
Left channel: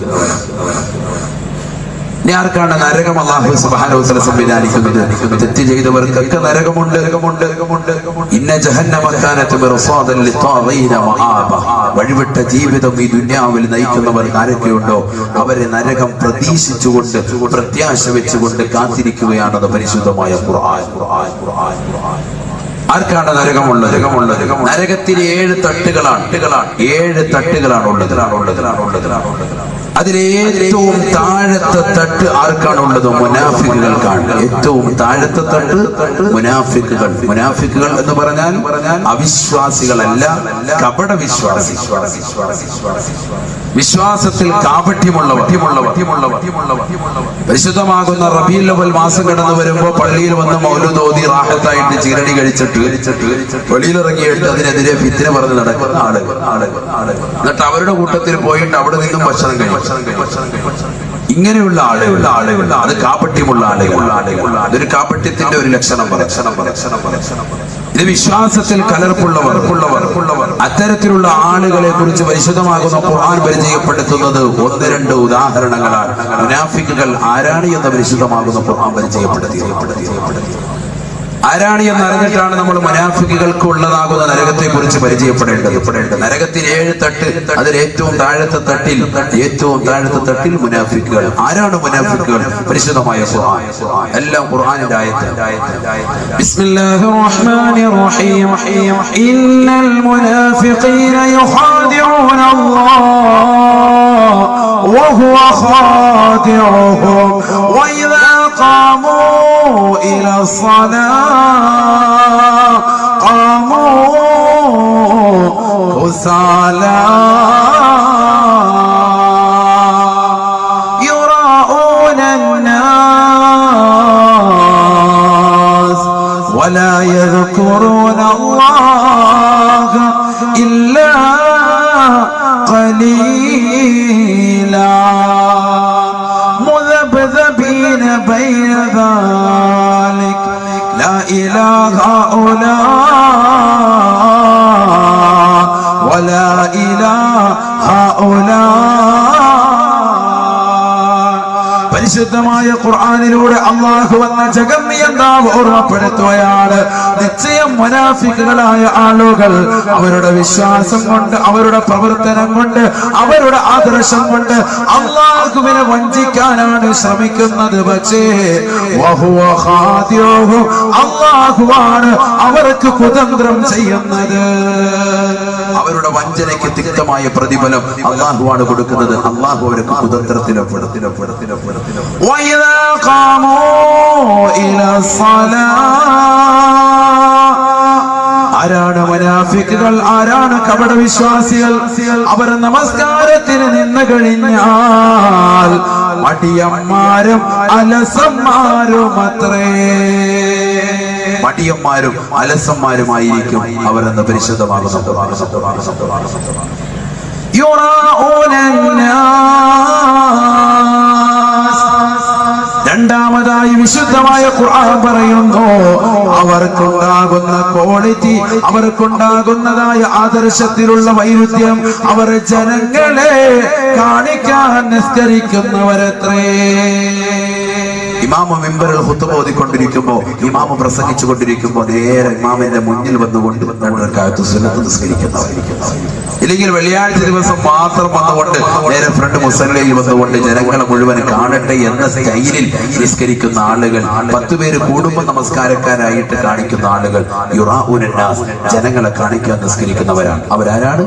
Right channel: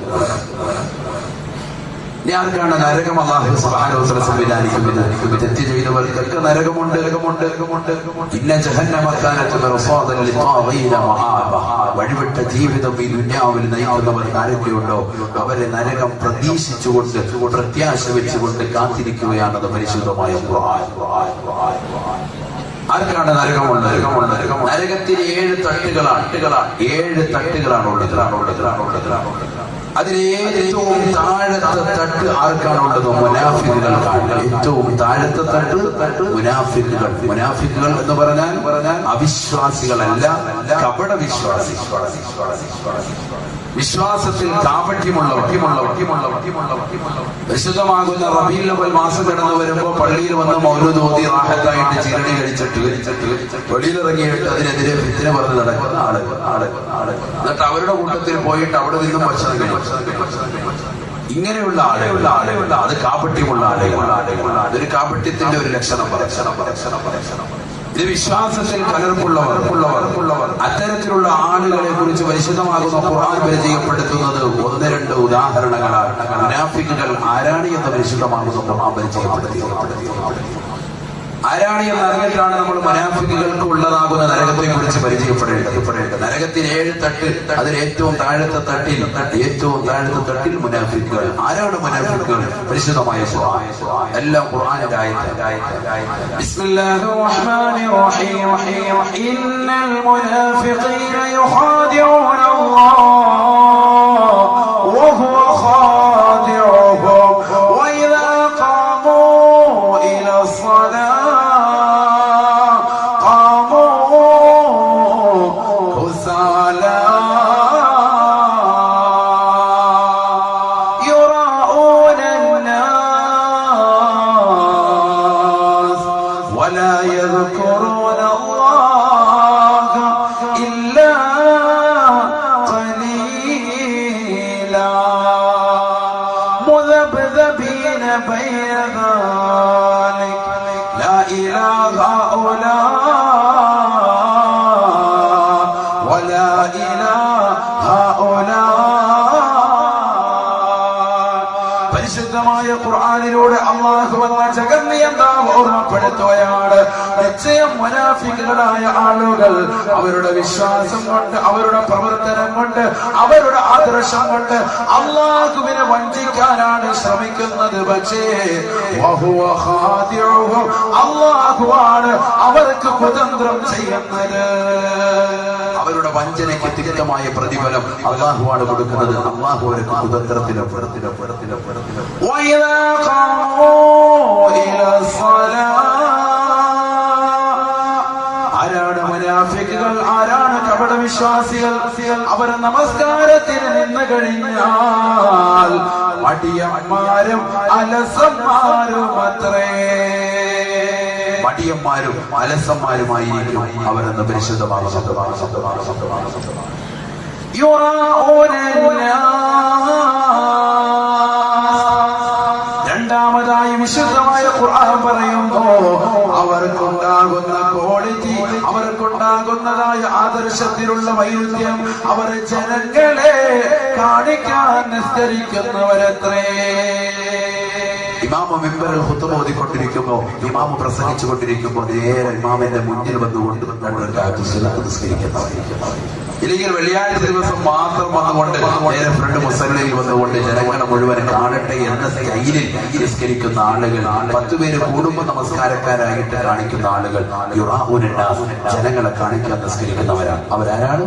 ഇനി ആർക്കാണ് നരകം അല്ലാഹു സുബ്ഹാനഹു വ തആല സംവിധാനിക്കുന്നത്? തെറ്റ് ചെയ്തവർക്കൊക്കെ നരകമുണ്ട്. ഇന്ന ജഹന്നമ കാനത് മിർസാദൻ ലിത്വാഗീന മആബ. വഴിവിട്ട ജീവിതം ഈ ദുനിയാവിൽ നയിക്കുന്നവർ ആരൊക്കെയുണ്ടോ അവരെ നരകം പ്രതീക്ഷിച്ചുകൊണ്ട്, പ്രത്യാശ വെച്ചുകൊണ്ട് കാത്തിരിക്കുകയാണെന്ന് പരിശുദ്ധമായ ഖുർആൻ. ആർക്കാണ് നരകമുള്ളത്? നരകത്തിന് 7 തട്ടുകളാണ്. 7 തട്ടുകളാണ് ഉള്ളത്. അതിലേറ്റവും താഴത്തെ തട്ട് ആർക്കാണുള്ളത്? മുനാഫിക്കുകൾക്കാണ്. ഏറ്റവും താഴത്തെ തട്ട് മുനാഫിക്കുകൾ. മുനാഫിക്കുകൾ എന്ന് പറഞ്ഞാൽ അവിശ്വാസികളല്ല, കപട വിശ്വാസി. വിശ്വാസത്തിൽ കാപട്യമുള്ളവർ. പരിശുദ്ധമാകുന്ന റബീഉൽ അവ്വൽ മാസം കടന്നു വരുമ്പോൾ പള്ളിയിൽ വന്ന് മൗലൂദ് ഓതി റാഹത്തായിട്ട് ചീരടി കഴിച്ചിട്ട് വെളിയിലിറങ്ങിയിട്ട് അതിനെതിരെ ഫിത്ന പറഞ്ഞ് നടക്കുന്ന ആളുകൾ. എന്നിട്ട് അവരുടെ കൂട്ടത്തിൽ പോയിട്ട് അവിടെ നിന്നും ഭക്ഷണം കഴിക്കും. ഇങ്ങനെയുള്ള ആളുകൾ അത് കാപട്യമുള്ള ആളുകൾ. അതൊരു കാപട്യത്തിന്റെ ഒരു ലക്ഷണം. ഇത് വിശ്വാസത്തിൽ കലർപ്പുള്ളവർ. അത്തരത്തിലുള്ള ആളുകളെ കുറിച്ച് പരിശുദ്ധമാകുന്ന ഖുർആൻ പരിചയപ്പെടുത്തുന്നത് 1-2 ഉദാഹരണങ്ങളാണ്. മുനാഫിക്കുകൾ ആരാണ് എന്ന് പരിശുദ്ധമാകുന്ന ഖുർആൻ പരിചയപ്പെടുത്തി. ആരാണ് എന്ന് അറിഞ്ഞിട്ടാണ് നമ്മൾ മുനാഫിക്കുകൾക്ക് ഉള്ളതാകുന്ന നരകത്തെ കുറിച്ച് പരിചയപ്പെടേണ്ടത്. നരകത്തിന് 7 തട്ട്. അതിൽ ഏറ്റവും താഴത്തെ തട്ടിൽ മുനാഫിക്കുകൾ. ആരാണ് മുനാഫിക്കുകൾ? പരിശുദ്ധമായ ഖുർആൻ. എല്ലാം ഖുർആനിന്റെ ആയത്ത്. ബിസ്മില്ലാഹിർ റഹ്മാനിർ റഹീം. ഇന്നൽ മുനാഫിഖീന യുഖാദിഊന അല്ലാഹ് വഹുവ ഖാദിഉഹും വഇദാ ഖാമൂ ഇലാ الصلاة كسالى يراءون الناس ولا يذكرون الله إلا قليلا مذبذبين بين ذلك لا إله هؤلاء ولا إله هؤلاء. പരിശുദ്ധമായ ഖുർആനിലൂടെ അല്ലാഹു വന്ന ജഗന്നിയന്താവ് ഓർമ്മപ്പെടുത്തുകയാണ്. നിശ്ചയം മുനാഫിക്കുകളായ ആളുകൾ അവരുടെ വിശ്വാസം കൊണ്ട്, അവരുടെ പ്രവർത്തനം കൊണ്ട്, അവരുടെ ആദർശം കൊണ്ട് അല്ലാഹുവിനെ വഞ്ചിക്കാനാണ് ശ്രമിക്കുന്നത്. പക്ഷേ വഹുവ ഖാദിഉഹും, അല്ലാഹുവാണ് അവർക്ക് കുതന്ത്രം ചെയ്യുന്നത്. അവരുടെ വഞ്ചനയ്ക്ക് തിക്തമായ പ്രതിഫലം അല്ലാഹുവാണ് കൊടുക്കുന്നത്. അല്ലാഹു അവർക്ക് കുതന്ത്രത്തിലും وإذا قاموا إلى الصلاة. ആരാണ് മുനാഫിക്കുകൾ? ആരാണ് കപട വിശ്വാസികൾ? അവർ നമസ്കാരത്തിന് നിന്ന് കഴിഞ്ഞാൽ മടിയന്മാരും അലസന്മാരുമത്രേ. മടിയന്മാരും അലസന്മാരുമായിരിക്കും അവരെന്ന് പരിശുദ്ധമാകുന്നു. രണ്ടാമതായി വിശുദ്ധമായ ഖുർആൻ പറയുന്നു, അവർക്കുണ്ടാകുന്ന ക്വാളിറ്റി, അവർക്കുണ്ടാകുന്നതായ ആദർശത്തിലുള്ള വൈരുദ്ധ്യം, അവർ ജനങ്ങളെ കാണിക്കാൻ നിസ്കരിക്കുന്നവരത്രേ. ഇമാമ മിമ്പറിൽ ഖുത്ബ ഓതിക്കൊണ്ടിരിക്കുമ്പോ, ഇമാമ പ്രസംഗിച്ചു കൊണ്ടിരിക്കുമ്പോ നേരെ ഇമാമിന്റെ മുന്നിൽ വന്നുകൊണ്ട് 2 റക്അത്ത് സുന്നത്ത് നിസ്കരിക്കുന്നവർ. ഇല്ലെങ്കിൽ വെള്ളിയാഴ്ച ദിവസം മാത്രം വന്നുകൊണ്ട് നേരെ ഫ്രണ്ട് മുസല്ലയിൽ വന്നുകൊണ്ട് ജനങ്ങളെ മുഴുവൻ കാണട്ടെ എന്ന സ്റ്റൈലിൽ നിസ്കരിക്കുന്ന ആളുകൾ, 10 പേര് കൂടുമ്പോൾ നമസ്കാരക്കാരായിട്ട് കാണിക്കുന്ന ആളുകൾ, യുറാഉനന്നാസ്, ജനങ്ങളെ കാണിക്കാൻ നിസ്കരിക്കുന്നവരാണ്. അവരാരാണ്?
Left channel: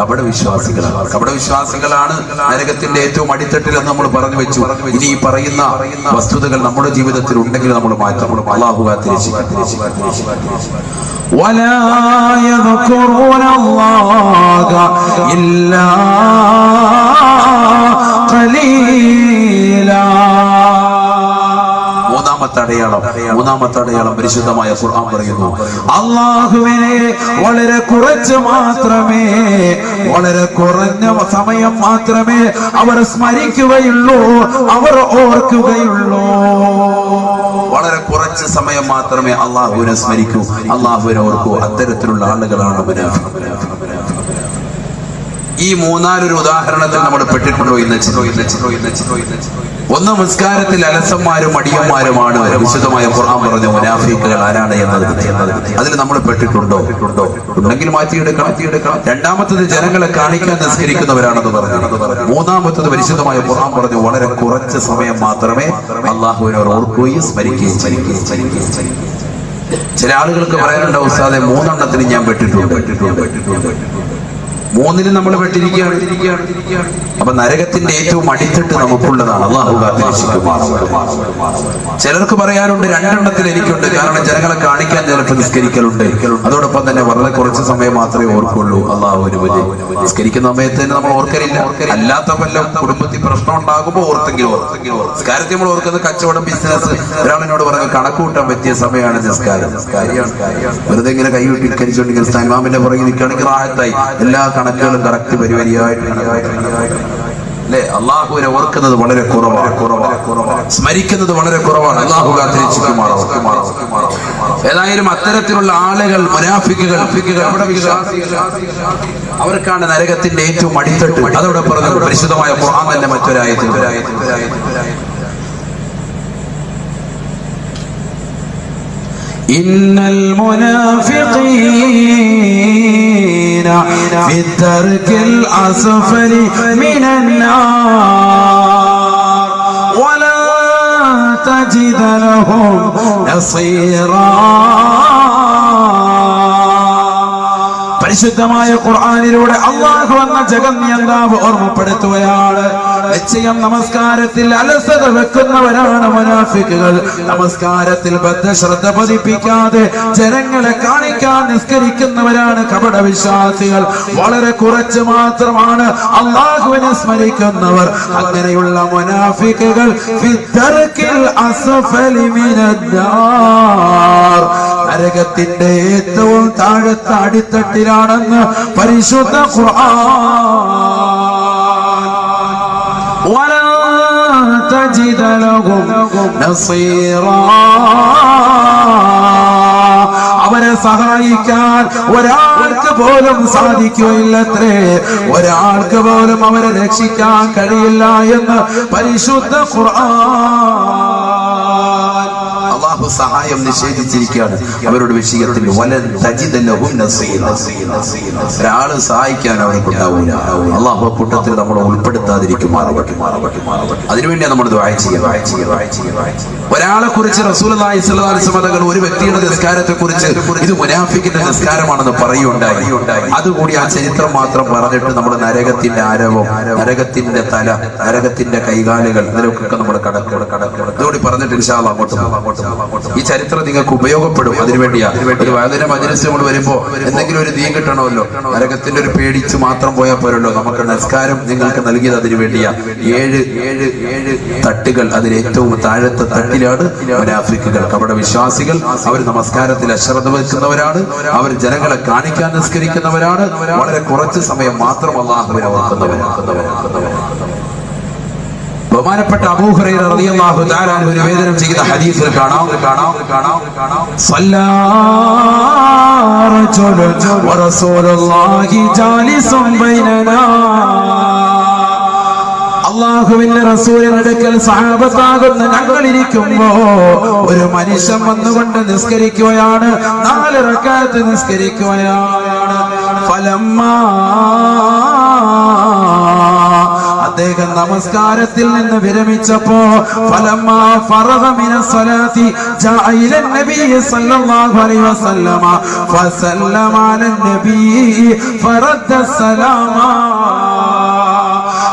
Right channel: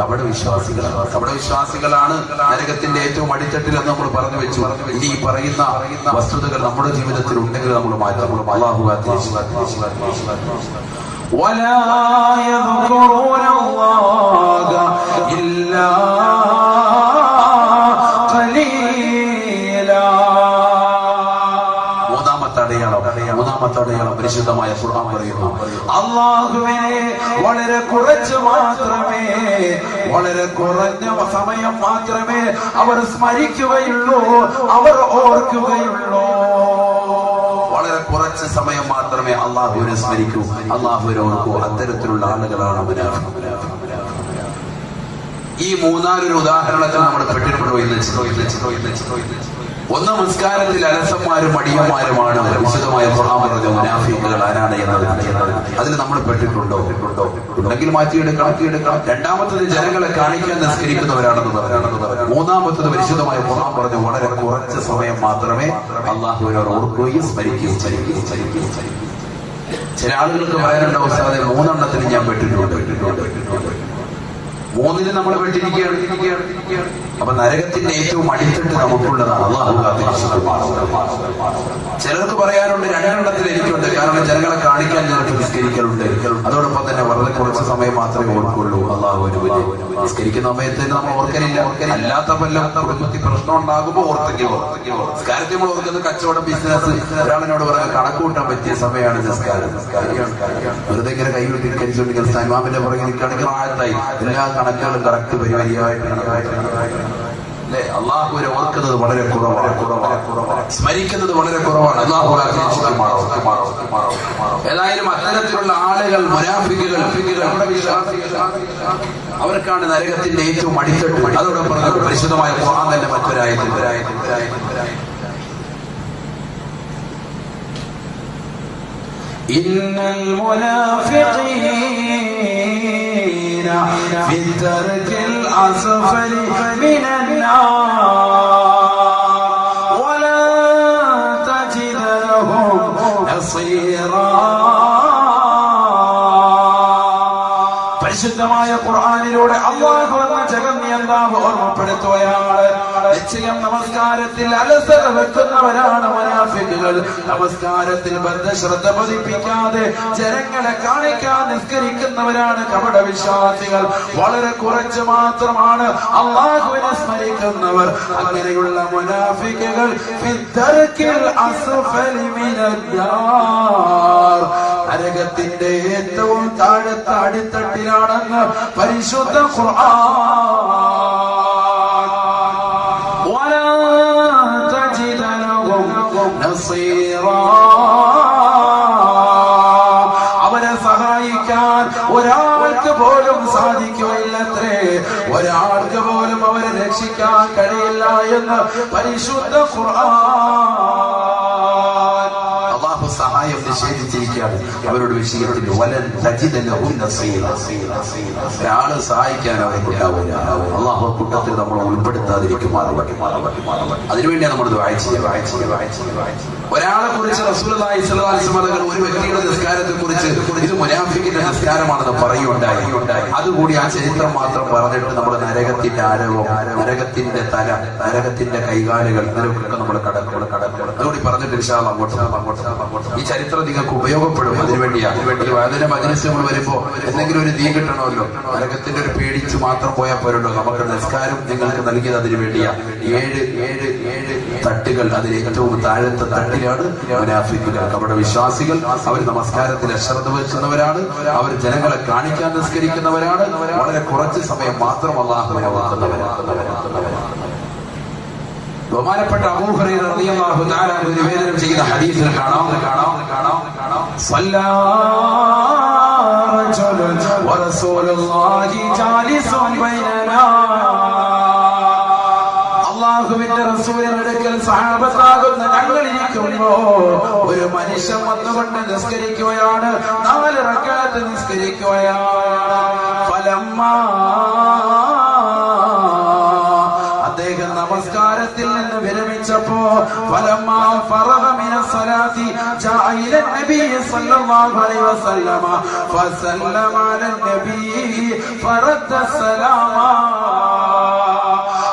കപട വിശ്വാസികളാണ്. കപട വിശ്വാസികളാണ് നരകത്തിന്റെ ഏറ്റവും അടിത്തട്ടിൽ എന്ന് നമ്മൾ പറഞ്ഞു വെച്ചു. ഇനി ഈ പറയുന്ന വസ്തുതകൾ നമ്മുടെ ജീവിതത്തിൽ ഉണ്ടെങ്കിൽ നമ്മൾ മാറ്റാം. അല്ലാഹു കാത്തിരിച്ചു. ولا يذكرون الله إلا قليلا. മൂന്നാമത്തെ അടയാളം പരിശുദ്ധമായ ഖുർആൻ പറയുന്നു, അല്ലാഹുവിനെ വളരെ കുറച്ച് മാത്രമേ, വളരെ കുറഞ്ഞ സമയം മാത്രമേ അവർ സ്മരിക്കുകയുള്ളൂ, അവർ ഓർക്കുകയുള്ളൂ. വളരെ കുറച്ച് സമയം മാത്രമേ അല്ലാഹുവിനെ സ്മരിക്കൂ, അല്ലാഹുവിനെ ഓർക്കൂ. അത്തരത്തിലുള്ള ആളുകളാണ് മുനാഫിഖുകൾ. ഈ 3-4 ഉദാഹരണത്തിൽ നമ്മൾ പെട്ടിട്ടുണ്ടോ ഇന്ന്? ഒന്ന്, നിസ്കാരത്തിൽ അലസന്മാരും മടിയന്മാരുമാണ് വിശുദ്ധമായ ഖുർആൻ പറഞ്ഞ മുനാഫിക്കുകൾ ആരാണ് എന്നത്. അതിൽ നമ്മൾ പെട്ടിട്ടുണ്ടോ? ഉണ്ടെങ്കിൽ മാറ്റിയെടുക്കണം. രണ്ടാമത്തത് ജനങ്ങളെ കാണിക്കാൻ നിസ്കരിക്കുന്നവരാണെന്ന് പറഞ്ഞു. മൂന്നാമത്തത് പരിശുദ്ധമായ ഖുർആൻ പറഞ്ഞു വളരെ കുറച്ച് സമയം മാത്രമേ അല്ലാഹുവിനെ ഓർക്കുകയും സ്മരിക്കുകയും. ചില ആളുകൾക്ക് പറയാനുണ്ട്, ഉസ്താദെ 3 എണ്ണത്തിന് ഞാൻ പെട്ടിട്ടുണ്ട്. 3-ന് നമ്മൾ പെട്ടിരിക്കുകയാണ്. അപ്പൊ നരകത്തിന്റെ ഏറ്റവും അടിത്തട്ട് നമുക്കുള്ളതാണ്. അല്ലാഹു കാത്തിരക്ഷിക്കുമാറാകട്ടെ. ചിലർക്ക് പറയാനുണ്ട് 2 എണ്ണത്തിൽ എനിക്കുണ്ട്. കാരണം ജനങ്ങളെ കാണിക്കാൻ ചിലപ്പോൾ നിസ്കരിക്കലുണ്ട്. അതോടൊപ്പം തന്നെ വളരെ കുറച്ച് സമയം മാത്രമേ ഓർക്കുള്ളൂ. അല്ലാഹു അനുവദി. നിസ്കരിക്കുന്ന സമയത്ത് തന്നെ നമ്മൾ ഓർക്കലില്ല. അല്ലാത്ത വല്ല കുടുംബത്തിൽ പ്രശ്നം ഉണ്ടാകുമ്പോൾ ഓർത്തെങ്കിലും നിസ്കാരത്തിൽ നമ്മൾ ഓർക്കുന്നത് കച്ചവടം, ബിസിനസ്. ഒരാളിനോട് പറഞ്ഞ കണക്ക് കൂട്ടാൻ പറ്റിയ സമയമാണ് നിസ്കാരം. വെറുതെ ഇങ്ങനെ കൈവിട്ടിരിച്ചുകൊണ്ടിരിക്കുന്ന ഇമാമിന്റെ പുറകെ നിൽക്കുകയാണെങ്കിൽ റാഹത്തായി എല്ലാ കണക്കുകളും കറക്റ്റ് പരിപാടിയായിട്ട് അല്ലെ. അള്ളാഹുവിനെ ഓർക്കുന്നത് വളരെ കുറവാണ്, സ്മരിക്കുന്നത് വളരെ കുറവാണ്. അള്ളാഹു കാത്തിരക്ഷിക്കുമാറാകട്ടെ. ഏതായാലും അത്തരത്തിലുള്ള ആളുകൾ, മുനാഫിക്കുകൾ, അവർക്കാണ് നരകത്തിന്റെ ഏറ്റവും അടിത്തട്ട്. അതോടെ പറഞ്ഞത് പരിശുദ്ധമായ ഖുർആൻ തന്നെ മറ്റൊരായത്തിൽ ഇന്നൽ മുനാഫിഖീന ഫി ദർകിൽ അസ്ഫലി മിനൻ നാർ വലാ തജിദ ലഹും നസീറാ. പരിശുദ്ധമായ ഖുർആനിലൂടെ അല്ലാഹു എന്ന ജഗന്യന്താവ് ഓർമ്മപ്പെടുത്തുകയാണ്. നിശ്ചയം നമസ്കാരത്തിൽ അലസത വെക്കുന്നവരാണ് മുനാഫിക്കുകൾ. നമസ്കാരത്തിൽ ബദ്ധശ്രദ്ധ പതിപ്പിക്കാതെ ജനങ്ങളെ കാണിക്കാൻ നിസ്കരിക്കുന്നവരാണ് കപടവിശ്വാസികൾ. വളരെ കുറച്ച് മാത്രമാണ് അല്ലാഹുവിനെ സ്മരിക്കുന്നവർ. അങ്ങനെയുള്ള മുനാഫിക്കുകൾ ഫിദ്ദർകിൽ അസ്ഫലി മിനന്നാർ, നരകത്തിന്റെ ഏറ്റവും താഴത്തെ അടിത്തട്ടിലാണെന്ന് പരിശുദ്ധ ഖുർആൻ. വലാ തജിദ ലഹും നസീറാ, അവരെ സഹായിക്കാൻ ഒരാൾക്ക് പോലും സാധിക്കുകയില്ലത്രേ. ഒരാൾക്ക് പോലും അവരെ രക്ഷിക്കാൻ കഴിയില്ല എന്ന് പരിശുദ്ധ ഖുർആൻ. അല്ലാഹു സഹായം നിഷേധിച്ചിരിക്കുകയാണ് അവരുടെ വിഷയത്തിൽ. വലൻ തജിദ ലഹും നസീറാ, ഒരാള് സഹായിക്കാൻ അവർക്ക് ഉണ്ടാവില്ല. അല്ലാഹു കൂട്ടത്തിൽ നമ്മൾ ഉൾപ്പെടുത്താതിരിക്കുമാറാകട്ടെ. അതിനുവേണ്ടിയാണ് നമ്മൾ ദുആ ചെയ്യുക. ഒരാളെ കുറിച്ച് റസൂലുള്ളാഹി സ്വല്ലല്ലാഹു അലൈഹി വസല്ലം ഒരു വ്യക്തിയുടെ നിസ്കാരത്തെ കുറിച്ച് ഇത് മുനാഫിക്കിന്റെ നിസ്കാരമാണെന്ന് പറയുകയുണ്ടായി. അതുകൂടി ആ ചരിത്രം മാത്രം പറഞ്ഞിട്ട് നമ്മൾ നരകത്തിന്റെ ആരവം, നരകത്തിന്റെ തല, നരകത്തിന്റെ കൈകാലുകൾ, ഇതിലൊക്കെ നമ്മൾ ഇതോടി പറഞ്ഞിട്ട് ഇൻഷാ അല്ലാഹ് അങ്ങോട്ട് ഈ ചരിത്രം നിങ്ങൾക്ക് ഉപയോഗപ്പെടും. അതിനുവേണ്ടിയാണ് ഒരു വായന മജ്‌ലിസ് നമ്മൾ വരുമ്പോ എന്തെങ്കിലും ഒരു ദീ കിട്ടണമല്ലോ. നരകത്തിന്റെ ഒരു പേടിച്ച് മാത്രം പോയാൽ പോരല്ലോ. നമുക്ക് നിസ്കാരം നിങ്ങൾക്ക് നൽകിയത് അതിനു വേണ്ടിയാ. 7 തട്ടുകൾ. അതിൽ ഏറ്റവും താഴത്തെ തട്ടിലാണ് മുനാഫിക്കുകൾ, കപട വിശ്വാസികൾ. അവർ നമസ്കാരത്തിൽ അശ്രദ്ധ വെക്കുന്നവരാണ്. അവർ ജനങ്ങളെ കാണിക്കാൻ നിസ്കരിക്കുന്നവരാണ്. വളരെ കുറച്ച് സമയം മാത്രം അല്ലാഹുവിനെ ഓർക്കുന്നവരാണ്. ബഹുമാനപ്പെട്ട അബൂ ഹുറൈറ റളിയല്ലാഹു തആല അൻഹു നിവേദനം ചെയ്ത ഹദീസിൽ കാണാം സല്ലല്ലാ റജുലുൻ വറസൂലുള്ളാഹി ജാലിസുൻ ബൈനനാ, അല്ലാഹുവിന്റെ റസൂലിന്റെ അടുക്കൽ സഹാബത്താകുന്ന ഞങ്ങൾ ഇരിക്കുമ്പോ ഒരു മനുഷ്യൻ വന്നുകൊണ്ട് നിസ്കരിക്കുകയാണ്. 4 റക്അത്ത് നിസ്കരിക്കുകയാണ്. ഫലമ്മാ, അദ്ദേഹം നമസ്കാരത്തിൽ നിന്ന് വിരമിച്ചപ്പോ ഫലമ്മാ ഫറഗ മിനസ് സ്വലാത്തി ജാഅ ഇലൻ നബി സല്ലല്ലാഹു അലൈഹി വസല്ലമ ഫസല്ലമ അലൻ നബി ഫറദ്ദ സലാമ.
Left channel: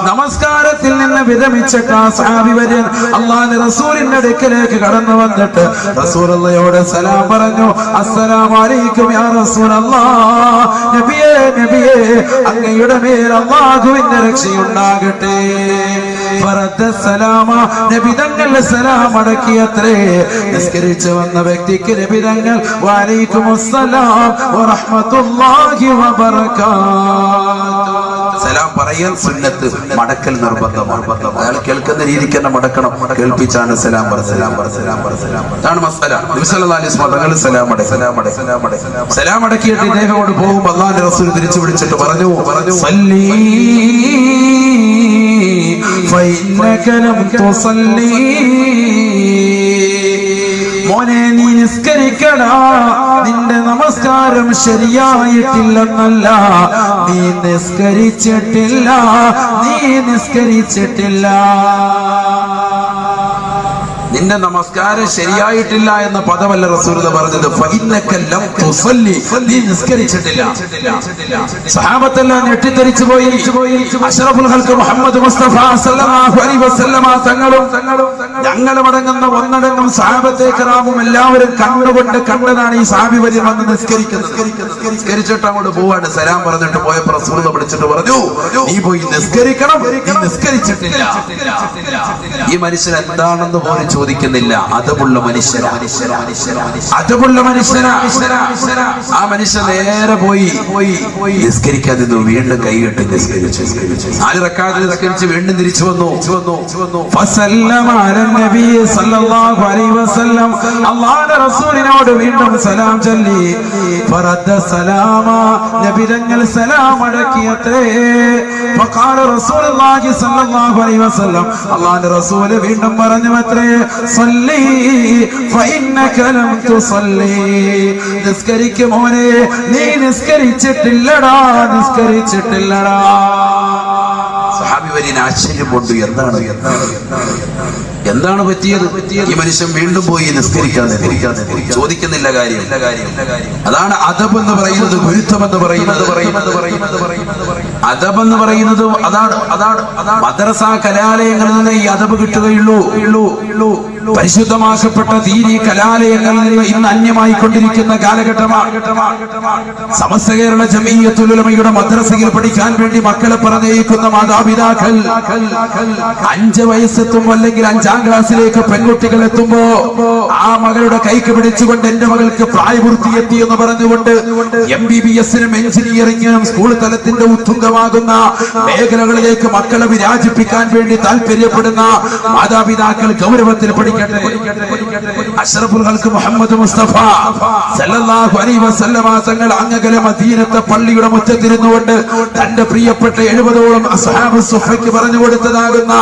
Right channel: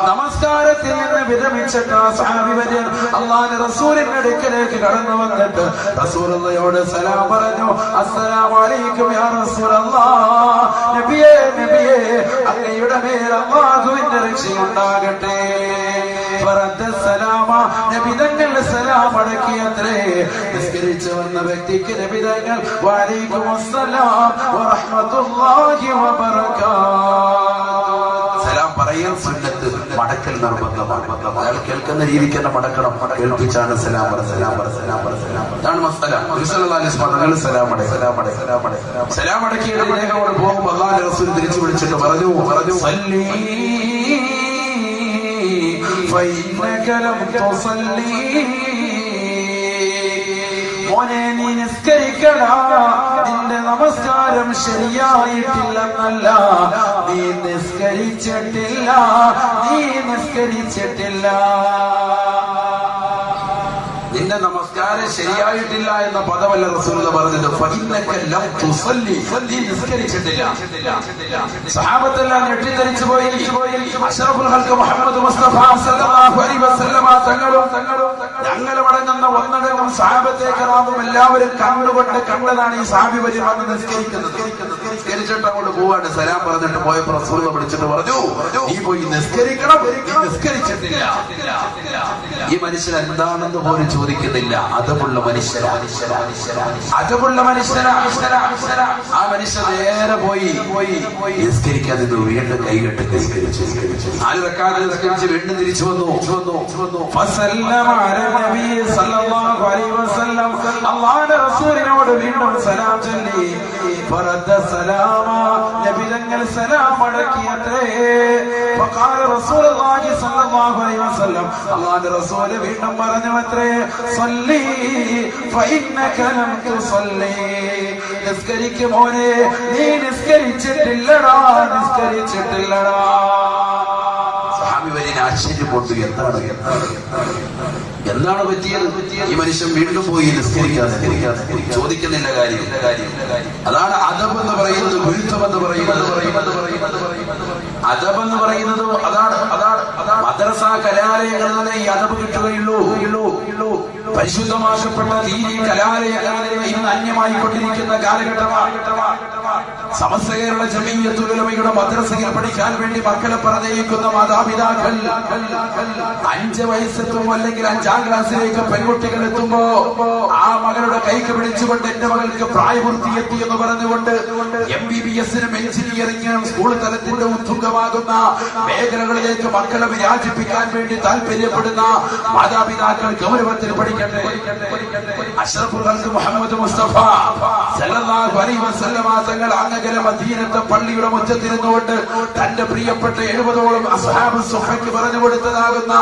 നമസ്കാരത്തിൽ നിന്ന് വിരമിച്ചിട്ട് ആ സഹാബി വര്യൻ അല്ലാഹുവിന്റെ റസൂലിന്റെ അടുക്കലേക്ക് കടന്നു വന്നിട്ട് റസൂലുള്ളാഹിയോട് സലാം പറഞ്ഞു. അസ്സലാമു അലൈക്കും യാ റസൂലല്ലാഹ്, നബിയേ നബിയേ, അങ്ങയുടെ മേൽ അല്ലാഹുവിന്റെ രക്ഷയുണ്ടാകട്ടെ. ഫറദ്ദ സലാമ, നബി തങ്ങൾ സലാം അടക്കിയത്രേ. നിസ്കരിച്ചു വന്ന വ്യക്തിക്ക് നബി തങ്ങൾ വഅലൈക്കുമുസ്സലാം വറഹ്മത്തുള്ളാഹി വബറകാതുഹു സലാം പറയൽ സുന്നത്ത്, മടക്കൽ നിർബന്ധമാണ്. അയാൾ കേൾക്കുന്ന രീതിക്ക് തന്നെ മടക്കണം. കേൾപ്പിച്ചാണ് സലാം പറ. അതാണ് മസ്അല. നബി സല്ലല്ലാഹു അലൈഹി വസല്ലം സലാം അടക്കിയിട്ട് ഇദ്ദേഹത്തോട് പോകുമ്പോൾ അല്ലാഹുവിന്റെ റസൂൽ തിരിച്ചു വിളിച്ചിട്ട് പറഞ്ഞു സല്ലി ഫഇന്നക ലം തുസല്ലി, മോനെ നീ നിസ്കരിക്കടാ, നിന്റെ നമസ്കാരം ശരിയായിട്ടില്ലെന്നല്ല, നീ നിസ്കരിച്ചിട്ടില്ല. നിന്റെ നമസ്കാരം ശരിയായിട്ടില്ല എന്ന പദമല്ല റസൂലുള്ളാഹി പറഞ്ഞത്. ഫഇന്നക ലം തുസല്ലി, നീ നിസ്കരിച്ചിട്ടില്ല. സഹാബത്തെല്ലാം ഞെട്ടിത്തെറിച്ചു പോയി. അഷ്റഫുൽ ഖൽഖ് മുഹമ്മദ് മുസ്തഫ സല്ലല്ലാഹു അലൈഹി വസല്ലമ തങ്ങളും ഞങ്ങളുമടങ്ങുന്ന ഒന്നടങ്കം സഹാബത്തെ കിറാമും എല്ലാവരും കണ്ടുകൊണ്ട് കണ്ടതാണ് ഈ സഹാബി വരി വന്ന് നിസ്കരിക്കുന്നത്. നിസ്കരിച്ചിട്ട് അങ്ങോട്ട് പോവാണ്. സലാം പറഞ്ഞിട്ട് പോയപ്പോൾ റസൂലുള്ളാഹി വിളിച്ചിട്ട് പറഞ്ഞു, നീ പോയി നിസ്കരിക്കണം, നീ നിസ്കരിച്ചിട്ടില്ല. ഈ മനുഷ്യൻ എന്താണെന്ന് പോലും ചോദിക്കുന്നില്ല. അതമുള്ള മനുഷ്യനാ, അതമുള്ള മനുഷ്യനാ. ആ മനുഷ്യൻ നേരെ പോയി നിസ്കരിക്കാൻ നിന്നു. വീണ്ടും കൈകെട്ട് നിസ്കരിച്ചു. 4 റക്അത്ത് നിസ്കരിച്ച് വീണ്ടും തിരിച്ചു വന്നു. ഫസല്ലമ അലൻ നബി സല്ലല്ലാഹു അലൈഹി വസല്ലം, അല്ലാഹുവിന്റെ റസൂലിനോട് വീണ്ടും സലാം ചൊല്ലി. ഫറദ്ദ സലാമ, നബി തങ്ങൾ സലാം മടക്കിയത്രേ. ഫഖാല റസൂലുള്ളാഹി സല്ലല്ലാഹു അലൈഹി വസല്ലം, അല്ലാഹുവിന്റെ റസൂൽ വീണ്ടും പറഞ്ഞു അത്രേ, സല്ലി ഫഇന്നക ലം തുസല്ലി, നിസ്കരിക്ക് മോനെ, നീ നിസ്കരിച്ചിട്ടില്ലടാ, നിസ്കരിച്ചിട്ടില്ലടാ. സഹാബി വരിന് ആശ്ചര്യം കൊണ്ട് എന്താണ് പറ്റിയത്? ഈ മനുഷ്യൻ വീണ്ടും പോയി നിസ്കരിക്കാതെ ചോദിക്കുന്നില്ല കാര്യം. അതാണ് അദബ് എന്ന് പറയുന്നത്, ഗുരുത്വം എന്ന് പറയുന്നത്. അദബ് എന്ന് പറയുന്നത് അതാണ് മദ്രസ കലാലയങ്ങളിൽ നിന്ന് ഈ അദബ് കിട്ടുകയുള്ളൂ. പരിശുദ്ധമാക്കപ്പെട്ട ദീനി കലാലയങ്ങളിൽ നിന്ന് ഇന്ന് അന്യമായിക്കൊണ്ടിരിക്കുന്ന കാലഘട്ടമാണ്. സമസ്ത കേരള ജമീയത്തുൽ ഉലമയുടെ മദ്രസയിൽ പഠിക്കാൻ വേണ്ടി മക്കളെ പറഞ്ഞയക്കുന്ന മാതാപിതാക്കൾ 5 വയസ്സെത്തും അല്ലെങ്കിൽ 5ാം ക്ലാസ്സിലേക്ക് പെൺകുട്ടികൾ എത്തുമ്പോ ആ മകളുടെ കൈക്ക് പിടിച്ചുകൊണ്ട് എന്റെ മകൾക്ക് പ്രായപൂർത്തിയെത്തി എന്ന് പറഞ്ഞുകൊണ്ട് MBBS-നും എഞ്ചിനീയറിംഗിനും സ്കൂൾ തലത്തിന്റെ ഉത്തുംഗമാകുന്ന മേഖലകളിലേക്ക് മക്കളെ വിരാജിപ്പിക്കാൻ വേണ്ടി താല്പര്യപ്പെടുന്ന മാതാപിതാക്കൾ ഗൗരവത്തിൽ പഠിക്കട്ടെ. അഷ്റഫുൽ ഖൽഖ് മുഹമ്മദ് മുസ്തഫ സല്ലല്ലാഹു അലൈഹി വസല്ലമ തങ്ങൾ അങ്ങകലെ മദീനത്തെ പള്ളിയുടെ മുറ്റത്തിരുന്നുകൊണ്ട് തന്റെ പ്രിയപ്പെട്ട 70ഓളം അസ്ഹാബ് സുഹയ്ക്ക് പറഞ്ഞു കൊടുത്തതാകുന്ന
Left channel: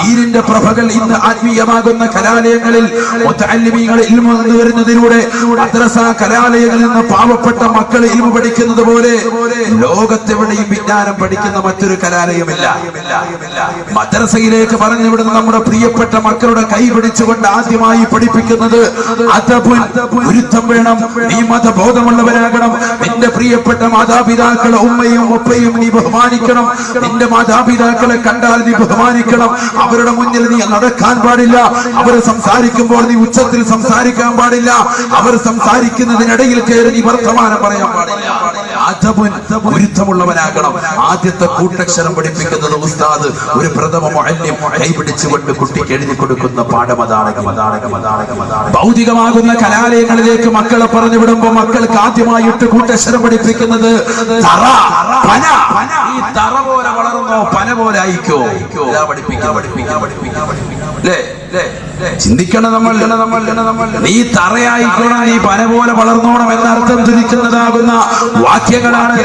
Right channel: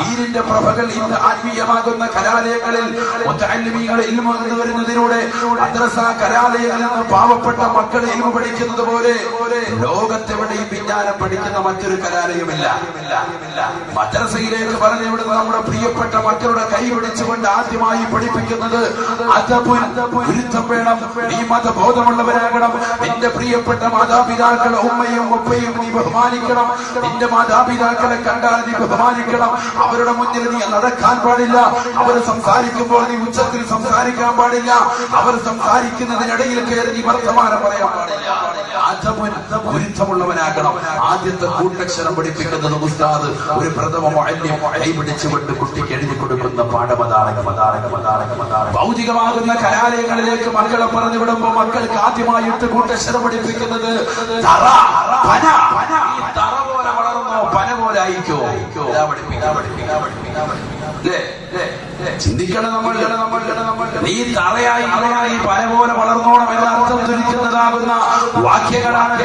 ദീനിന്റെ പ്രഭകൾ ഇന്ന് ആത്മീയമാകുന്ന കലാലയങ്ങളിൽ മുതഅല്ലിമീങ്ങൾ ഇൽമു വരുന്നതിലൂടെ മദ്രസ കലാലയങ്ങളിൽ നിന്ന് പാവപ്പെട്ട മക്കൾ ഇൽമു പഠിക്കുന്നത് പോലെ ലോകത്തെവിടെയും വിജ്ഞാനം പഠിക്കുന്ന മറ്റൊരു കലാലയമില്ല. മദ്രസയിലേക്ക് പറഞ്ഞു വിടുന്ന നമ്മുടെ പ്രിയപ്പെട്ട മക്കളുടെ കൈ പിടിച്ചുകൊണ്ട് ആദ്യമായി പഠിപ്പിക്കുന്നത് ഗുരുത്വം വേണം. നീ മതബോധമുള്ളവരാകണം. നിന്റെ പ്രിയപ്പെട്ട മാതാപിതാക്കളെ ഉമ്മയും ഉപ്പയും നീ ബഹുമാനിക്കണം. നിന്റെ മാതാപിതാക്കളെ കണ്ടാൽ നീ ബഹുമാനിക്കണം. അവരുടെ മുന്നിൽ നീ നടക്കാൻ പാടില്ല. അവർ സംസാരിക്കുമ്പോൾ നീ ഉച്ചത്തിൽ സംസാരിക്കാൻ പാടില്ല. അവർ സംസാരിക്കുന്നതിനിടയിൽ കയറി നീ വർത്തമാനം പറയാൻ പാടില്ല. ഗുരുത്വമുള്ളവനാകണം. ആദ്യത്തെ കൂട്ടക്ഷരം പഠിപ്പിക്കുന്നത് ഉസ്താദ് ഒരു പ്രഥമ മുഅല്ലിം കൈപിടിച്ചുകൊണ്ട് കുട്ടിക്ക് എഴുതി കൊടുക്കുന്ന പാഠമതാണ്. ഭൗതികമാകുന്ന കലാലയങ്ങളിലേക്ക് മക്കളെ പറഞ്ഞു വിടുമ്പോ മക്കൾക്ക് ആദ്യമായിട്ട് കൂട്ടക്ഷരം പഠിപ്പിക്കുന്നത് തറ, പന. ഈ തറ പോലെ വളർന്നോ പന പോലെ ആയിക്കോ ചിന്തിക്കണം. നമ്മൾ നീ തറയായിക്കോണം, നീ പന പോലെ വളർന്നോണം എന്നർത്ഥം ധരിക്കുന്നതാകുന്ന വാക്യങ്ങളാണ്.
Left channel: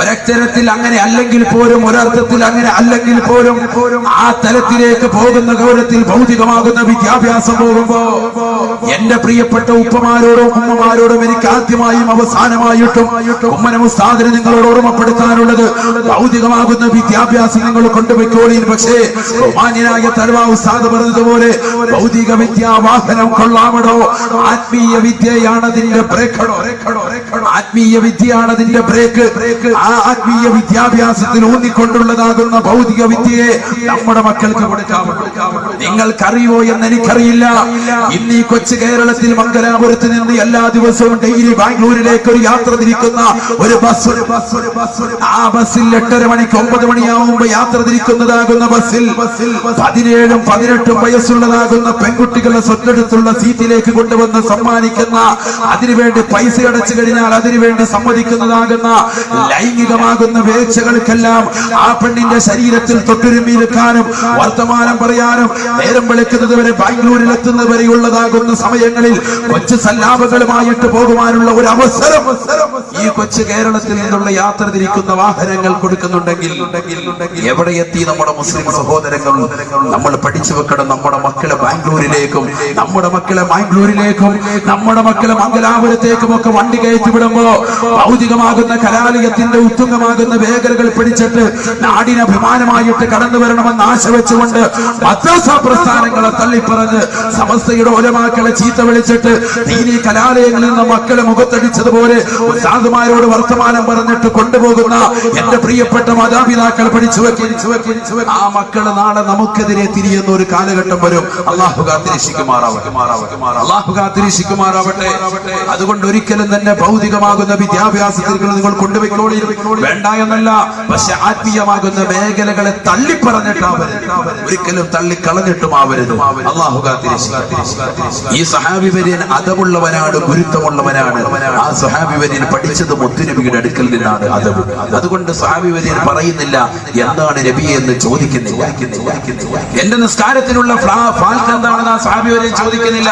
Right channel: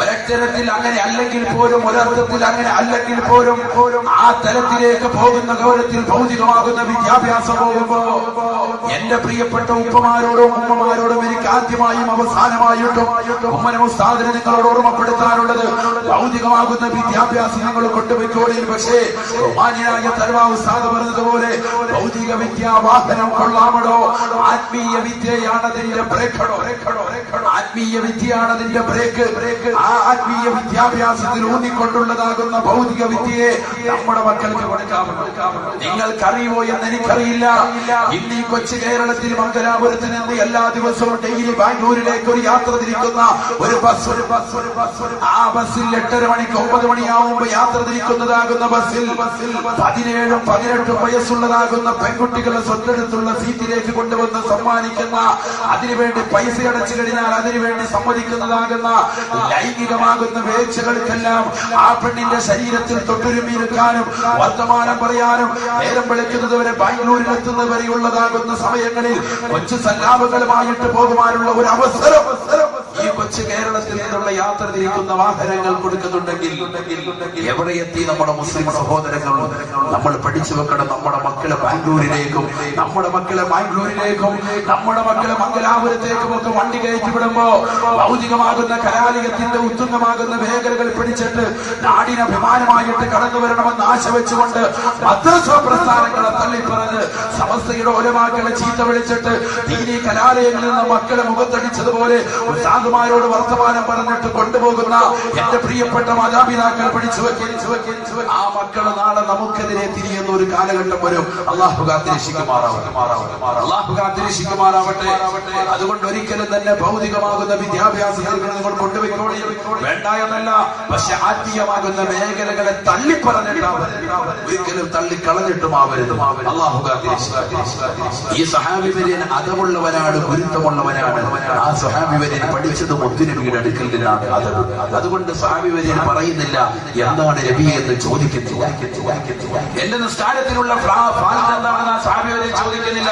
ഒരക്ഷരത്തിൽ അങ്ങനെ അല്ലെങ്കിൽ പോലും, ഒരർത്ഥത്തിൽ അങ്ങനെ അല്ലെങ്കിൽ പോലും ആ തലത്തിലേക്ക് പോകുന്ന ഗൗരവത്തിൽ ഭൗതികമാകുന്ന വിദ്യാഭ്യാസം പോകുമ്പോ എന്റെ പ്രിയപ്പെട്ട ഉപ്പമാരോടും ഉമ്മമാരോടും എനിക്ക് ആദ്യമായും അവസാനമായിട്ടും ഉമ്മന ഉസ്താദിനെ നിങ്ങളോട് ഓർമ്മപ്പെടുത്താനുള്ളത്, ഭൗതികമാകുന്ന വിദ്യാഭ്യാസം നിങ്ങൾ കൊണ്ടുപോയിക്കോളീൻ. പക്ഷേ ബഹുമാന്യനായ തരുവാ ഉസ്താദ് പറഞ്ഞതുപോലെ ഭൗതിക വിദ്യാവാഹനം കൊള്ളാമടോ, ആത്മീയ വിദ്യയാണ് അതിന്റെ ബ്രേക്കടോ. ആത്മീയ വിദ്യയാണ് അതിന്റെ ബ്രേക്ക്. ആ ആത്മീയ വിദ്യാഭ്യാസത്തിൽ ഊന്നിക്കൊണ്ടുള്ളതാകുന്ന ഭൗതിക വിദ്യയെ നമ്മുടെ മക്കൾക്ക് കൊടുക്കാമല്ലോ. നിങ്ങൾക്കറിയോ എന്ന് എനിക്കറിയില്ല. ഇന്ന് ഈ കൊച്ചു കേരളത്തിൽ മംഗലാപുരത്ത് നിന്ന് എല്ലാ ദിവസവും ഡെയിലി ബാംഗ്ലൂരിലേക്ക് ഒരു യാത്ര തിരിക്കുന്ന ഒരു ബസ്. ആ ബസ്സിൽ 8:30 മണിക്ക് 9 മണിയാവുമ്പോ യാത്ര തിരിക്കുന്നതാകുന്ന ബസ്സിൽ 17ഉം 18ഉം വയസ്സുള്ളതാകുന്ന പെൺകുട്ടികളെ സ്വത്തെടുത്തുള്ള സീറ്റിലേക്ക് കൊണ്ടുവന്ന് സമ്മാനിക്കുന്ന, അതിനുവേണ്ടി പൈസ അടച്ചു കഴിഞ്ഞാൽ അതിനുവേണ്ടി സമ്മതിക്കുന്നതാകുന്ന ലൈംഗികമാകുന്ന വേഴ്ചകൾക്കെല്ലാം ആ പെണ്ണിന്റെ ശരീരത്തിൽ തൊട്ടുരുമ്മിയിരിക്കാനും വർത്തമാനം പറയാനും നേരം വെളുക്കുന്നത് വരെ ബാംഗ്ലൂരിൽ എത്തുന്നവരെയുള്ളതാകുന്ന സമയങ്ങളിൽ കൊച്ചു സല്ലാപങ്ങളുമായിട്ട് പോകുവാനുള്ള ഒരു അവസരം ഈ കൊച്ചു കേരളത്തിൽ നിന്നുള്ള യാത്ര തിരിക്കുന്ന വാഹനങ്ങൾ കൊടുക്കുന്നുണ്ടെങ്കിൽ എവിടെ എത്തി നമ്മുടെ മുസ്ലിം സഹോദരങ്ങൾ? നമ്മൾ പഠിച്ചു വെക്കണം. നമ്മുടെ മക്കളെ ബാംഗ്ലൂരിലേക്കും നമ്മുടെ മക്കളെ മംഗലാപുരത്തേക്കും ഒക്കെ വണ്ടി കയറ്റി വിടുമ്പോ രൂപപ്പെടുമ്പോ ഭൗതികമാകുന്ന കലാലയത്തിന്റെ ഉത്തുംഗമാകുന്ന മേഖലകൾ പിടിച്ചിട്ട് നാടിന് അഭിമാനമായിട്ട് കടന്നു വരണമെന്ന് ആശ വെച്ചുകൊണ്ട് മദ്രസ പ്രസ്ഥാനങ്ങളെ തള്ളിപ്പറഞ്ഞ് സമസ്തയുടെ ഉലമാക്കളെ ചീത്ത വിളിച്ചിട്ട് ദീനീ കലാലയങ്ങളിൽ നിന്ന് മക്കളെ മുഖത്തടിച്ചതുപോലെ ഉസ്താദുമാരോട് വർത്തമാനം പറഞ്ഞിട്ട് കൊണ്ടുപോകുന്ന എന്റെ പ്രിയപ്പെട്ട മാതാപിതാക്കൾ പഠിച്ചു വെക്കി ആ മക്കള് നാളെ നമുക്കെതിരെ തിരിയുന്ന ഒരു കാലഘട്ടം വരും. അള്ളാഹു കാത്തിരക്ഷിക്കുമാറാവട്ടെ. അതുകൊണ്ട് ഒരിക്കലും തന്നെ ഭൗതികമാകുന്ന വിദ്യാഭ്യാസത്തിൽ നിങ്ങൾ കൊണ്ടുപോയിക്കോളി വേണ്ട എന്നല്ല, പക്ഷെ ആത്മീയമാകുന്ന മേഖലകളെ തള്ളിപ്പറഞ്ഞിട്ടാവരുത്, ഒരിക്കലും തള്ളിക്കളഞ്ഞിട്ടുമാവരുത്. അള്ളാഹു കാത്തിരക്ഷിക്കും. ഈ സഹാബി വര്യൻ അതവുള്ളവനാണ്, ഗുരുത്വമുള്ളവനാണ്. ആ സഹാബി വര്യൻ പഠിച്ചത് മുത്തുനബിയുടെ അടുക്കൽ നിന്നാണ് അതവ്. അതുകൊണ്ട് സഹാബി വര്യൻ പറയുന്നില്ല എന്താണ് നബി എന്ന് ചോദിക്കുന്നില്ല. എന്റെ നിസ്കാരത്തിനുള്ള ഫാൽക്ക് എന്താണെന്ന് ആ സഹാബി വര്യൻ ചോദിക്കുന്നില്ല.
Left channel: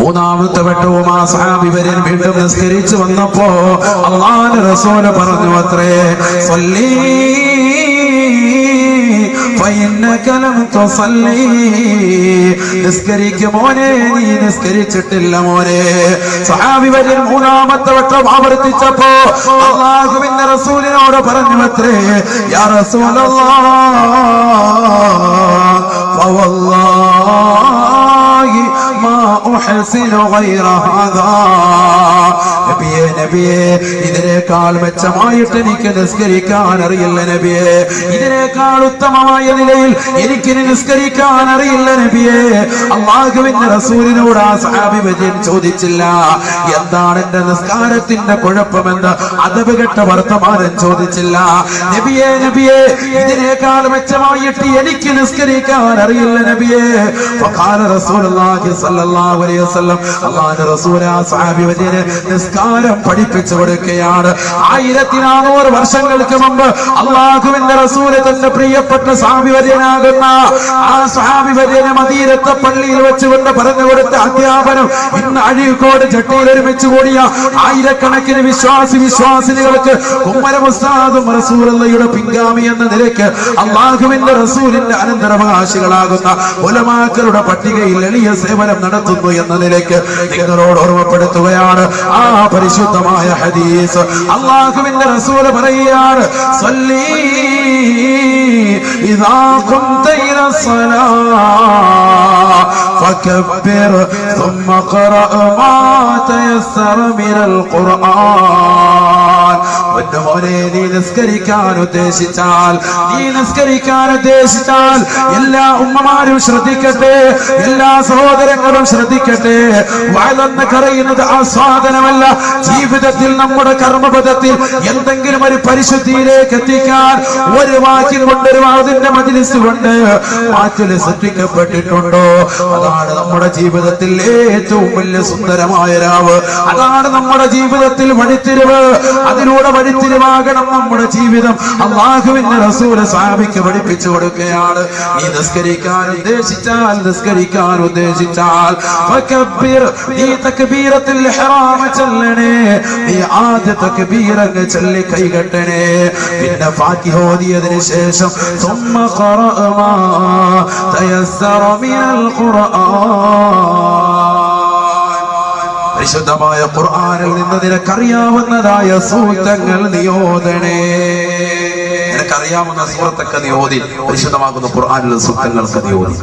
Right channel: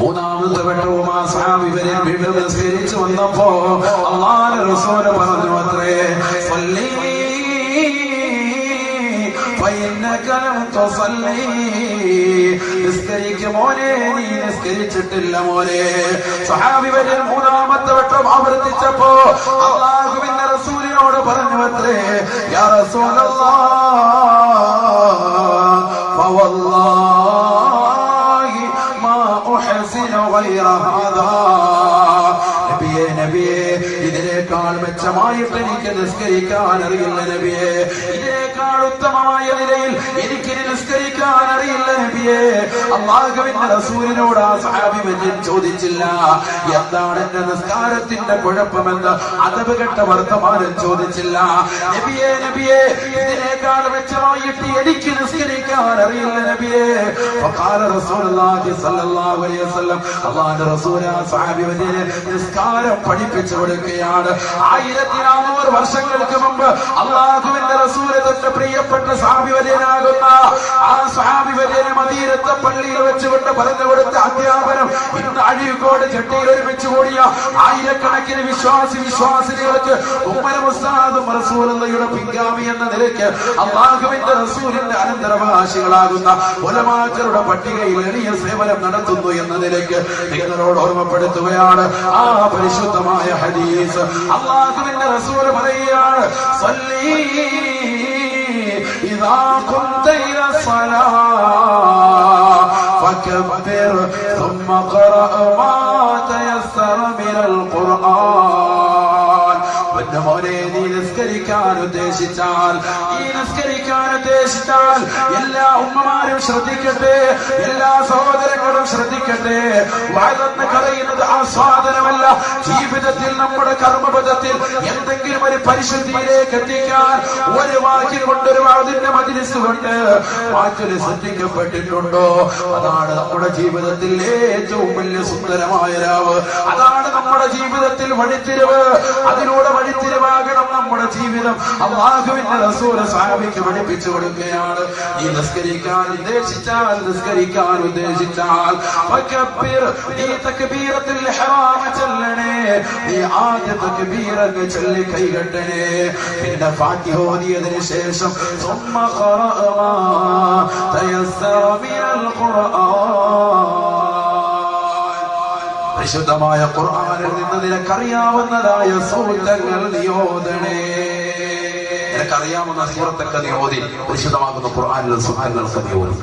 മൂന്നാമത്തെ വട്ടവും ആ സഹാബി വര്യൻ വീണ്ടും നിസ്കരിച്ചു വന്നപ്പോ അല്ലാഹുവിന്റെ റസൂൽ പറഞ്ഞു അത്രേ, സല്ലി നിസ്കരിക്കും മോനെ, നീ നിസ്കരിച്ചിട്ടില്ല മോനെ. സഹാബി വര്യൻ മൂന്നാമത്തെ വട്ടം ആവർത്തിച്ചപ്പോ അല്ലാഹുവിന്റെ റസൂലിനോട് പറഞ്ഞു അത്രേ, യാ റസൂലല്ലാഹ് ഫവല്ലാഹി മാ ഉഹ്സിനു ഗൈറ ഹാദാ. നബിയെ, ഇതിനേക്കാൾ മെച്ചമായിട്ട് എനിക്ക് നിസ്കരിക്കാൻ അറിയില്ല നബിയെ, ഇതിനേക്കാൾ ഉത്തമമായ നിലയിൽ എനിക്ക് നിസ്കരിക്കാൻ അറിയില്ല നബിയെ. അല്ലാഹുവിന്റെ റസൂലിനോട് ആ സഹാബി വര്യൻ ചോദിച്ചില്ല എന്താണ് എന്റെ നിസ്കാരത്തിന്റെ കുഴപ്പമെന്ന്, അദബ് കെട്ട വർത്തമാനം ചോദിച്ചില്ല. നബിയെ, ഇതിനേക്കാൾ മെച്ചമായിട്ട് എനിക്ക് നിസ്കരിക്കാൻ അറിയില്ല നബിയെ. ഫഖാല റസൂലുള്ളാഹി സ്വല്ലല്ലാഹു അലൈഹി വസല്ലം, അല്ലാഹുവിന്റെ റസൂൽ ആ സഹാബി വര്യനെ നിസ്കാരം പഠിപ്പിച്ചു കൊടുക്കുകയാണ്. 1400 വർഷങ്ങൾക്ക് മുമ്പ് അല്ലാഹുവിന്റെ റസൂല് തന്റെ പ്രിയപ്പെട്ട സഹാബി വര്യനാകുന്ന ആ സഹാബി വര്യനെ മദീനത്തെ പള്ളിയിൽ വെച്ചുകൊണ്ട് പറഞ്ഞു കൊടുത്ത അധ്യാപനം ഇന്ന് അഴീക്കോട് ചട്ടിയിൽ ഒരുമിച്ച് കൂടിയ ആയിരക്കണക്കിന് വിശ്വാസിനികൾക്ക് ഉമ്മരം ഉസ്താദും റസൂലുള്ളാഹിയുടെ പിൻഗാമി എന്ന നിലയ്ക്ക് അല്ലാഹുവിന്റെ റസൂലിന്റെ അനന്തരവകാശികളാകുന്ന ഉലമാക്കളുടെ പട്ടികയിൽ എളിയ സേവനം നടത്തുന്നു എന്ന നിലയ്ക്ക് നിങ്ങളോട് ഓർമ്മപ്പെടുത്തുകയാണ് ആ പരിശുദ്ധമായ ഹദീസ്. അല്ലാഹുവിന്റെ റസൂൽ പറയുകയാണ്, സല്ലി ഇദാ ഖുംത ഇല സ്വലാ ഫകബ്ബിർ ثم قرأ ما تيسر من القرآن. നീ നിസ്കരിക്കാൻ ഉദ്ദേശിച്ചാൽ എല്ലാ ഉമ്മമാരും ശ്രദ്ധിക്കട്ടെ, എല്ലാ സഹോദരങ്ങളും ശ്രദ്ധിക്കട്ടെ. വഅദെന്ന് പറയുന്നത് ആസ്വാദനമല്ല, ജീവിതത്തിൽ നമ്മുടെ കർമ്മപഥത്തിൽ എന്തെങ്കിലും ഒരു പരിശുദ്ധിയിലേക്ക് എത്തിക്കാൻ ഒരു വാക്കിൽ കൊണ്ട്, ഒരു വാദിന്റെ മജ്‌ലിസ് കൊണ്ട് മാറ്റൽ സൃഷ്ടിക്കപ്പെട്ടിട്ടുണ്ടോ? അതാണ് നമ്മുടെ ജീവിതത്തിൽ ഏറ്റവും വലിയ സുന്ദരമായ രാവ്, അതാണ് നമ്മുടെ ജീവിതത്തിൽ വഴിത്തിരിവ്. അതിലൂടെ വഴിത്തിരിവാകണം നമ്മുടെ ജീവിതം. അല്ലാഹുവിന്റെ റസൂൽ സഹാബിക്ക് പഠിപ്പിച്ചു കൊടുക്കുകയാണ്, നീ നിസ്കരിക്കാൻ ഉദ്ദേശിച്ചാൽ ഫകബ്ബിർ, നീ തക്ബീറത്തുൽ ഇഹ്റാം ചൊല്ലണേ, നീ ആദ്യ തക്ബീർ അങ്ങ് ചൊല്ലി കൈകെട്ടണേ. പിന്നെ ഫാത്തിഹ ഓതിയതിനു ശേഷം ثم قرأ ما تيسر من القرآن, പരിശുദ്ധമായ ഖുർആനിൽ നിന്ന് നിനക്കറിയാവുന്നതായ സൂക്തങ്ങൾ നീയോദണേ. നിനക്കറിയാവുന്ന സൂറത്തൊക്കെ നീ ഓതി, പരിശുദ്ധമാകുന്ന ഖുർആനിലെ സൂക്തങ്ങൾക്ക് നീ ഓതി.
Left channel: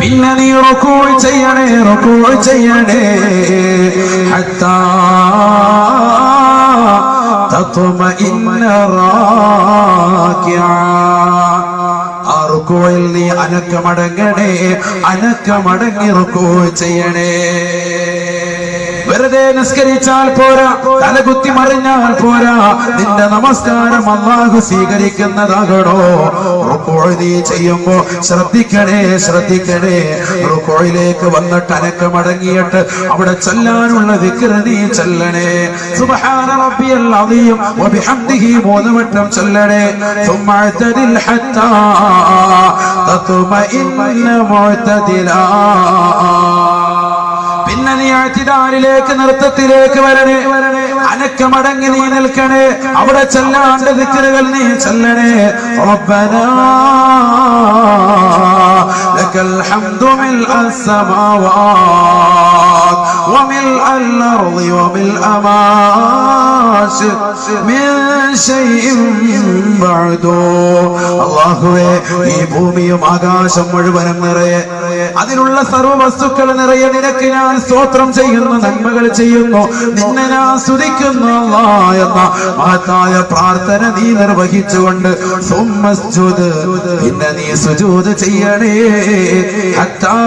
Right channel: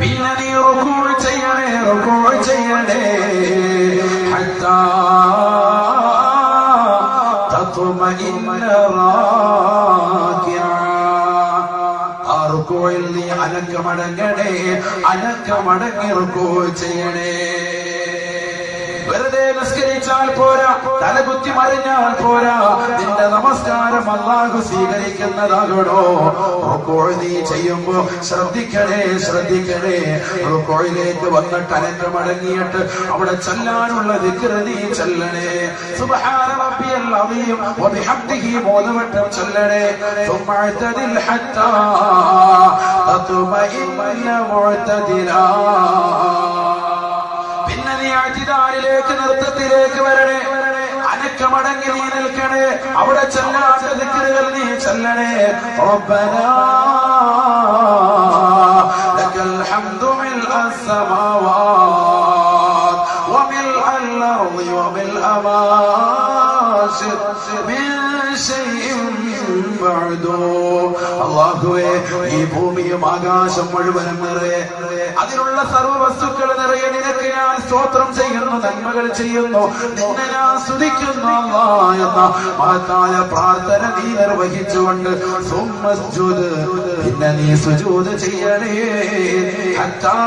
പിന്നെ നീ റുകൂഅ ചെയ്യണേ ഹത്താ തത്മഇന്ന റാകിഅ. ആ റുകൂഇൽ നീ അനക്കമടങ്ങി റുകൂഅ ചെയ്യണേ. വെറുതെ നിസ്കരിച്ചാൽ പോരാ, തലകുത്തി മറിഞ്ഞാൽ പോരാ, നിന്റെ നമസ്കാരം അല്ലാഹു സ്വീകരിക്കുന്നതാകണോ. റുകൂഅ് നീ ചെയ്യുമ്പോ ശ്രദ്ധിക്കണേ. റുകൂഇലേക്ക് വന്നിട്ട് അനക്കമടങ്ങിയിട്ട് അവിടെ ചൊല്ലാനുള്ള ദിക്ർ നീ ചൊല്ലണേ. സുബ്ഹാന റബ്ബിയൽ അദീം വബിഹംദിഹി 3 വട്ടം ചൊല്ലണേ. ثم اعتدل حتى تطمئن معتدلا. പിന്നെ നീ അഅ്തിദാലിലേക്ക്, നൃത്തത്തിലേക്ക് വരണേ. അനക്കമടങ്ങി നീ നിൽക്കണേ. അവിടെ ചൊല്ലേണ്ട ദിക്റുകൾ നീ ചൊല്ലണേ. റബ്ബനാ ലക്കൽ ഹംദു മിൽഅ السماوات وملء الأرض وملء ما شئت من شيء بعد. അല്ലാഹുവേ, ഈ ഭൂമിയും ആകാശം മുഴുവനും നിറയെ അതിലുള്ള സർവ്വ വസ്തുക്കൾ നിറയെ നിനക്ക് ഞാൻ സ്തോത്രം ചെയ്യുന്നു, നന്മകൾ ചെയ്യുന്നു, നിന്നെ ഞാൻ സ്തുതിക്കുന്നു അല്ലാഹ് എന്ന മഹത്തായ പ്രാർത്ഥന നീ നിർവഹിച്ചുകൊണ്ട് സുമ്മസ്ജുദ്, പിന്നെ നീ സുജൂദ് ചെയ്യണേ. ഹത്താ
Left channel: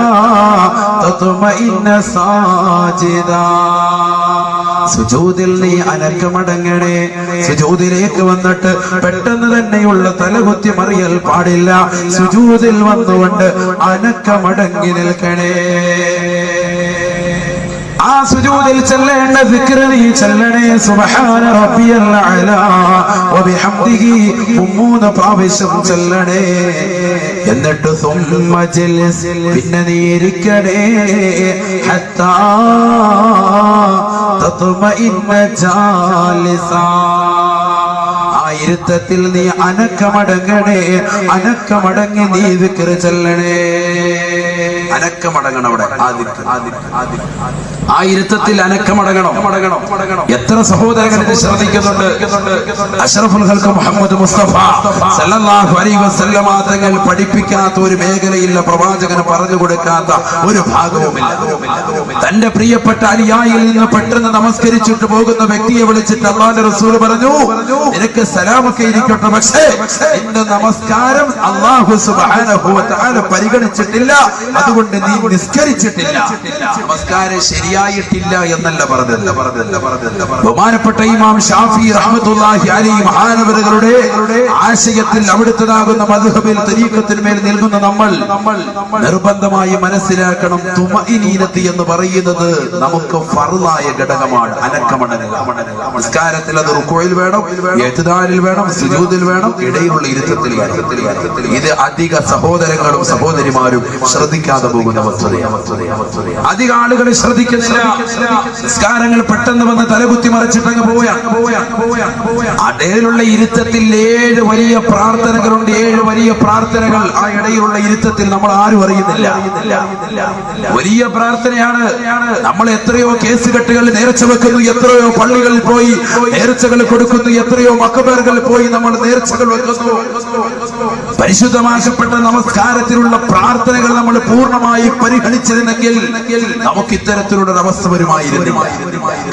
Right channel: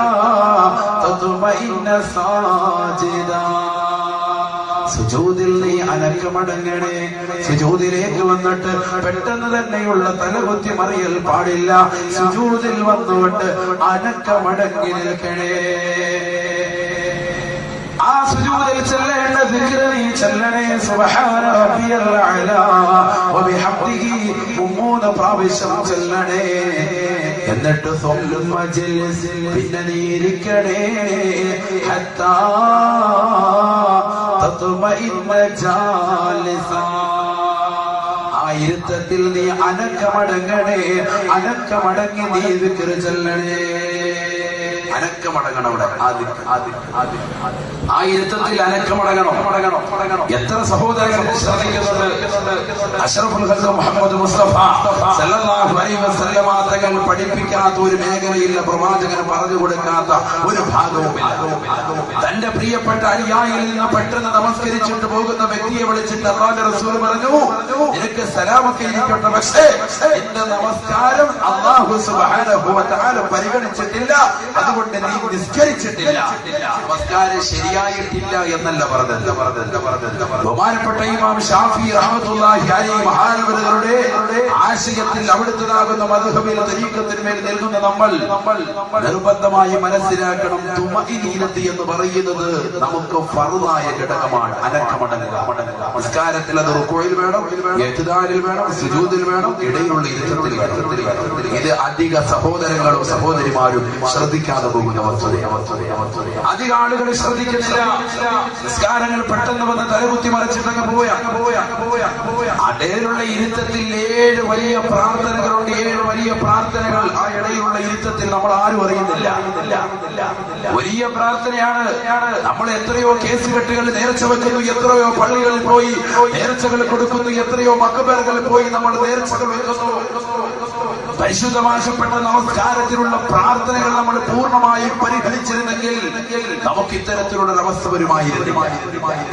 തത്മഇന്ന സാജിദാ, സുജൂദിൽ നീ അനക്കമടങ്ങണേ. സുജൂദിലേക്ക് വന്നിട്ട് പെട്ടെന്ന് തന്നെയുള്ള തലകുത്തി മറിയൽ പാടില്ല. സുജൂദിൽ വന്നുകൊണ്ട് അനക്കമടങ്ങി നിൽക്കണേ. ആ സുജൂദിൽ ചൊല്ലേണ്ട ദിക്ർ നീ ചൊല്ലണേ. സുബ്ഹാന റബ്ബിയൽ അഅ്ലാ വബിഹംദിഹി 3 പ്രാവശ്യം ചൊല്ലണേ. എന്നിട്ട് സുമ്മ ജൽസ്, പിന്നെ നീ ഇരിക്കണേ. ഹത്താ തത്മഇന്ന ജാലിസാ, ആ ഇരുത്തത്തിൽ നീ അനക്കമടങ്ങണേ. അനക്കമടങ്ങി നീ ദിക്ർ ചൊല്ലണേ. അനക്കമടങ്ങണം. അവിടെ ആ ഇരുത്തത്തിൽ അനക്കമടങ്ങണം. എത്ര സഹോദരങ്ങൾ ശ്രദ്ധിക്കുന്നുണ്ട്. അഷ്റഫുൽ ഖൽഖ് മുഹമ്മദ് മുസ്തഫ സല്ലല്ലാഹു അലൈഹി വസല്ലമ തങ്ങൾ പഠിപ്പിക്കാത്ത ഒരു മേഖലയില്ല, പ്രവാചകന് പറഞ്ഞു കൊടുക്കാത്ത ഒരു ഭാഗവുമില്ല. തന്റെ പ്രിയപ്പെട്ട അനുയായിയിൽ നിന്ന് പെട്ടെന്ന് നമസ്കരിച്ചിട്ട് പോകുന്ന വ്യക്തിയെ വിളിച്ചിട്ട് അല്ലാഹുവിന്റെ റസൂൽ പറഞ്ഞു, നിനക്ക് സലാമൊക്കെ ഇരിക്കട്ടെ, പക്ഷേ നിന്റെ നമസ്കാരം അല്ലാഹു സുബ്ഹാനഹു വ തആല പരിഗണിച്ചിട്ടില്ല, അതുകൊണ്ട് നീ നിസ്കരിച്ചിട്ടില്ല, നമസ്കാരം ശരിയായിട്ടില്ല എന്നല്ല പറഞ്ഞത്. ബഹുമാനപ്പെട്ട ഇമാം ഷാഫി റഹ്മത്തുള്ളാഹി അലൈഹി മഹാനവറുകളുടെ ആശയത്തിൽ അവിടുത്തതാകുന്ന മദ്ഹബിൽ തരീഖത്തിന്മേൽ നിൽക്കുന്ന നമ്മൾ നിർബന്ധമായി മനസ്സിലാക്കണം, തുമഇനീനത്ത് എന്ന് പറയുന്നത് നമുക്ക് ഫർളായ ഘടകമാണ്. അനക്കമടങ്ങൽ നമസ്കാരത്തിൽ അത് റുക്കൂഇൽ വേണം, ഇഅ്തിദാലിൽ വേണം, സുജൂദിൽ വേണം, ഇടയിലുള്ള ഇരുത്തത്തിൽ വേണം. ഇത് അധിക സഹോദരങ്ങളും സഹോദരിമാരും ശ്രദ്ധിക്കാതെ പോകുന്ന വസ്തുതയാണ്. അധിക ആളുകൾ ശ്രദ്ധിക്കുന്നില്ല. നിസ്കാരങ്ങൾ പെട്ടെന്ന് വന്ന് തലകുത്തി മറിച്ചിട്ടങ്ങ് പോവുകയാണ്. ഇടയിലുള്ള ഇരുത്തത്തിൽ 7 വലിയ പ്രാർത്ഥനകളുണ്ട്. 7 വലിയ പ്രാർത്ഥനകൾ ആ ഇടയിലുള്ള ഇരുത്തത്തിൽ നമ്മൾ ആരും അറിയുന്നില്ല. വലിയ പ്രാർത്ഥനയാണ്. നമ്മൾ എത്രയോ കേസ് കെട്ടുകൾ നേർച്ച വെക്കുന്നു, എത്രയോ പള്ളികളിൽ പോയി നേർച്ചകൾ കൊടുക്കുന്നു, എത്രയോ മക്കബറുകളിൽ പോയി നമ്മൾ നേർച്ചകൾ വെക്കുന്നു. പരിശുദ്ധമാക്കപ്പെട്ട നമസ്കാരത്തിലുള്ള പ്രാർത്ഥനകൾ നമ്മൾ പൂർണ്ണമായി പരിഗണിച്ചിരുന്നെങ്കിൽ നമുക്ക് ഇത്തരത്തിലുള്ള അവസ്ഥ വരുമായിരുന്നില്ല.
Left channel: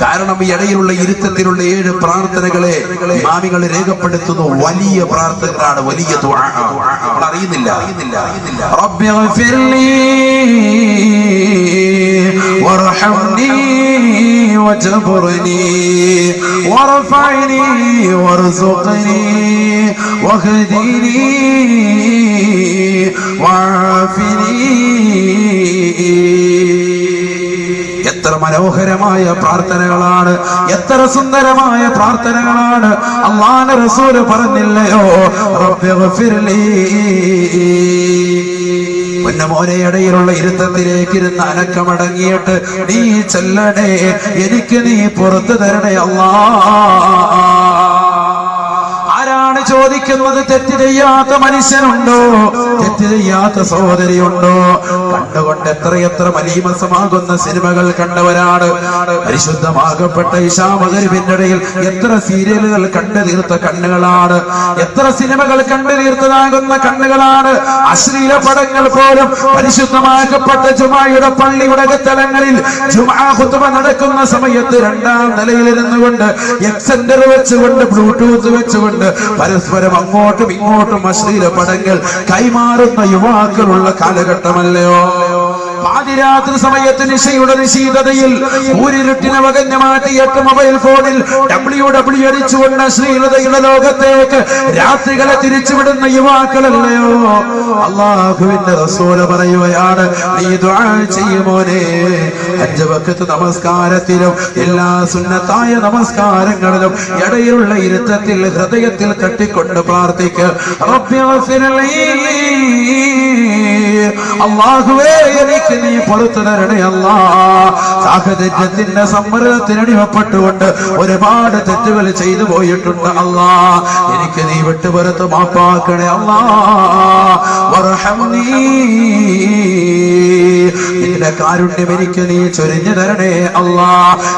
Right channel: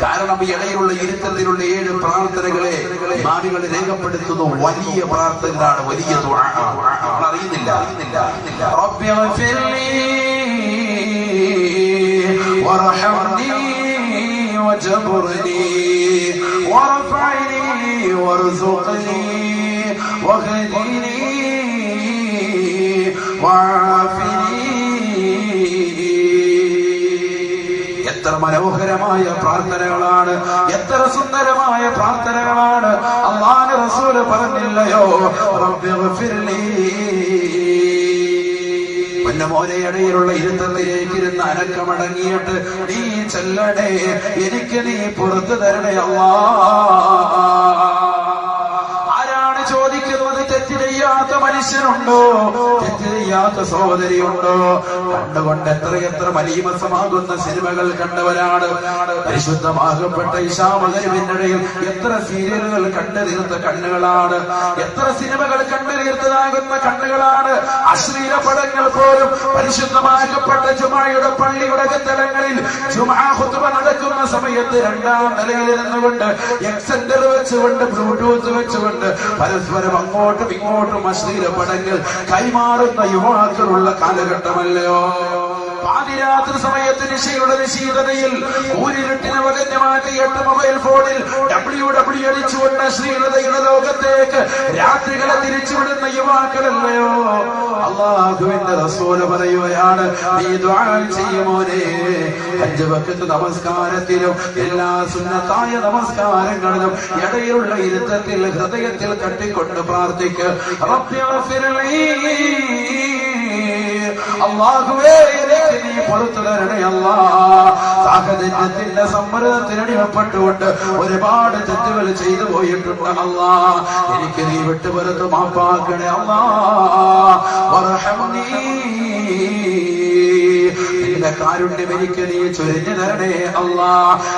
കാരണം ഈ ഇടയിലുള്ള ഇരുത്തത്തിലുള്ള 7 പ്രാർത്ഥനകളെ ഇമാമികൾ രേഖപ്പെടുത്തുന്നു. വലിയ പ്രാർത്ഥനകളാണ്, വലിയ ദുആ. നമ്മൾ അറിയുന്നില്ല. റബ്ബി ഗഫിർലി വർഹംനി വജബർനി വർഫഅനി വർസുഖ്നി വഹ്ദിനി വഅഫിനി. എത്ര മനോഹരമായ പ്രാർത്ഥനകളാണ്, എത്ര സുന്ദരമായ പ്രാർത്ഥനകളാണ്. അല്ലാഹുവിന്റെ റസൂൽ പറഞ്ഞില്ലയോ, റബ്ബി ഗഫിർലി. പൊന്നമോനെ, ഇടയിലുള്ള ഇരുത്തത്തിലേക്ക് ഇരുന്ന് അനക്കമടങ്ങിയിട്ട് നീ ചൊല്ലണേ, എനിക്ക് നീ പുറത്തു തരണേ അല്ലാഹ്. ആരാണ് ചോദിക്കുന്നത്? തെറ്റ് ചെയ്യാത്ത മനുഷ്യനുണ്ടോ? തെറ്റ് ചെയ്യാത്ത സഹോദരിയുണ്ടോ? കണ്ടുകൊണ്ട് എത്രയെത്ര മലീമസമാകുന്ന സിനിമകൾ കണ്ടവരാണ്. പരിശുദ്ധമാകപ്പെട്ട ഇശാ മഗ്‌രിബിന്റെ ഇടയിൽ എത്ര സീരിയലുകൾ കണ്ടു തീർത്ത കണ്ണുകളാണ്, എത്ര സിനിമകൾ കണ്ടു തീർത്തതാകുന്ന കണ്ണുകളാണ്. അശ്ലീല പടങ്ങൾ പോലും പരിശുദ്ധമാക്കപ്പെട്ട ജുമായുടെ പള്ളിയുടെ സ്ഥലങ്ങളിൽ ജുമാ ഖുതുബ നടക്കുന്ന സമയത്ത് 2ാം നിലയിലിരുന്നു കൊണ്ട് എക്സെൻഡർ വെച്ചുകൊണ്ട് ബ്ലൂടൂത്ത് വെച്ചുകൊണ്ട് പരസ്പരം അങ്ങോട്ടും ഇങ്ങോട്ടും അശ്ലീല പടങ്ങൾ കൈമാറുന്ന യുവാക്കളുള്ള കാലഘട്ടമല്ലയോ? പാതിരാത്രി സമയത്ത് നിശയുടെ നിശീതതയിൽ ഊരിരുട്ടിനെ വകഞ്ഞു മാറ്റിയിട്ട് മൊബൈൽ ഫോണിൽ WW അടിച്ചുകൊണ്ട് അശ്ലീലതയുടെ ലോകത്തേക്ക് രാത്രികളെ തിരിച്ചുവിടുന്ന യുവാക്കളല്ലയോ? അല്ലാഹുവിന്റെ റസൂൽ പറയുകയാണ്, നീ ദുആ ചെയ്യുമോനെ, 5 വഖത്ത് നമസ്കാരത്തിലും എല്ലാ സുന്നത്തായ നമസ്കാരങ്ങളിലും ഇടയിലുള്ള ഇരുത്തത്തിൽ ഹൃദയത്തിൽ തട്ടിക്കൊണ്ട് പ്രാർത്ഥിക്കുക. റബ്ബി ഗഫിർലി, അല്ലാഹുവേ എനിക്ക് എനിക്ക് നീ പുറത്തു തരണേ അല്ലാ. സാഹചര്യത്തിന്റെ സമ്മർദ്ദത്തിനടിമപ്പെട്ടുകൊണ്ട് ഒരുപാട് തെറ്റുകൾ ചെയ്തു പോയിട്ടുണ്ട് അല്ലാ. എനിക്ക് നീ വിട്ടുപുറത്ത് മാപ്പാക്കണേ അല്ലാ. വർഹംനീ, നിന്റെ കാരുണ്യം എനിക്ക് നീ ചൊരിഞ്ഞു തരണേ അല്ലാ.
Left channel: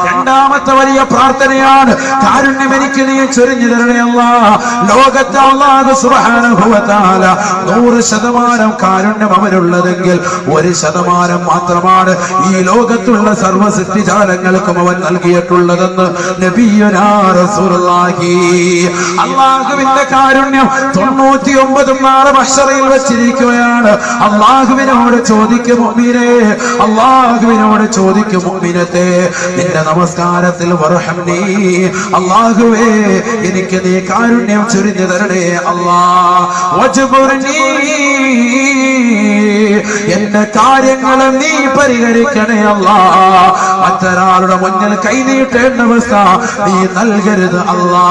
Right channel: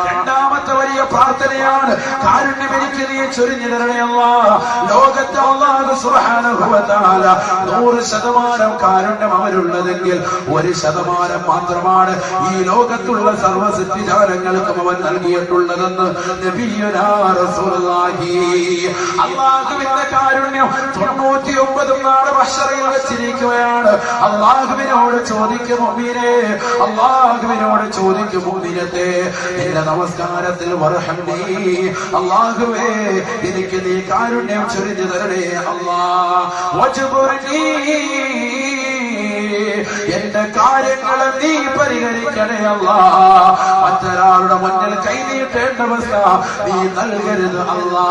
രണ്ടാമത്തെ വലിയ പ്രാർത്ഥനയാണ്, കാരുണ്യം എനിക്ക് നീ ചൊരിഞ്ഞു തരണേ അല്ലാ. ലോകത്തെ അല്ലാഹു സുബ്ഹാനഹു വ തആല 100% കാരുണ്യം അവനുള്ളതെങ്കിൽ 1% മാത്രമാണ് ഈ ലോകത്തുള്ള സർവ്വ സൃഷ്ടിജാലങ്ങൾക്കും അവൻ നൽകിയിട്ടുള്ളതെന്ന് നബിയുനാ റസൂലുള്ളാഹി. അല്ലാഹുവിന്റെ കാരുണ്യം 99 നാളെ മഹ്ശറയിൽ വെച്ചിരിക്കുകയാണ്. അല്ലാഹുവിനോട് ചോദിക്കും മുഅ്മിനേ, അല്ലാഹുവിനോട് ചോദിക്കും മുഅ്മിനത്തെ, നിന്റെ നമസ്കാരത്തിൽ വർഹംനീ, അല്ലാഹുവേ എനിക്ക് നീ കാരുണ്യം ചൊരിഞ്ഞു തരണേ അല്ലാ. വജ്ബുർനീ, എന്റെ കാര്യങ്ങളെ നീ പരിഹരിക്കണേ അല്ലാ. മറ്റൊരാളുടെ മുന്നിൽ കൈനീട്ടേണ്ട അവസ്ഥ നീ നൽകരുത് അല്ലാ.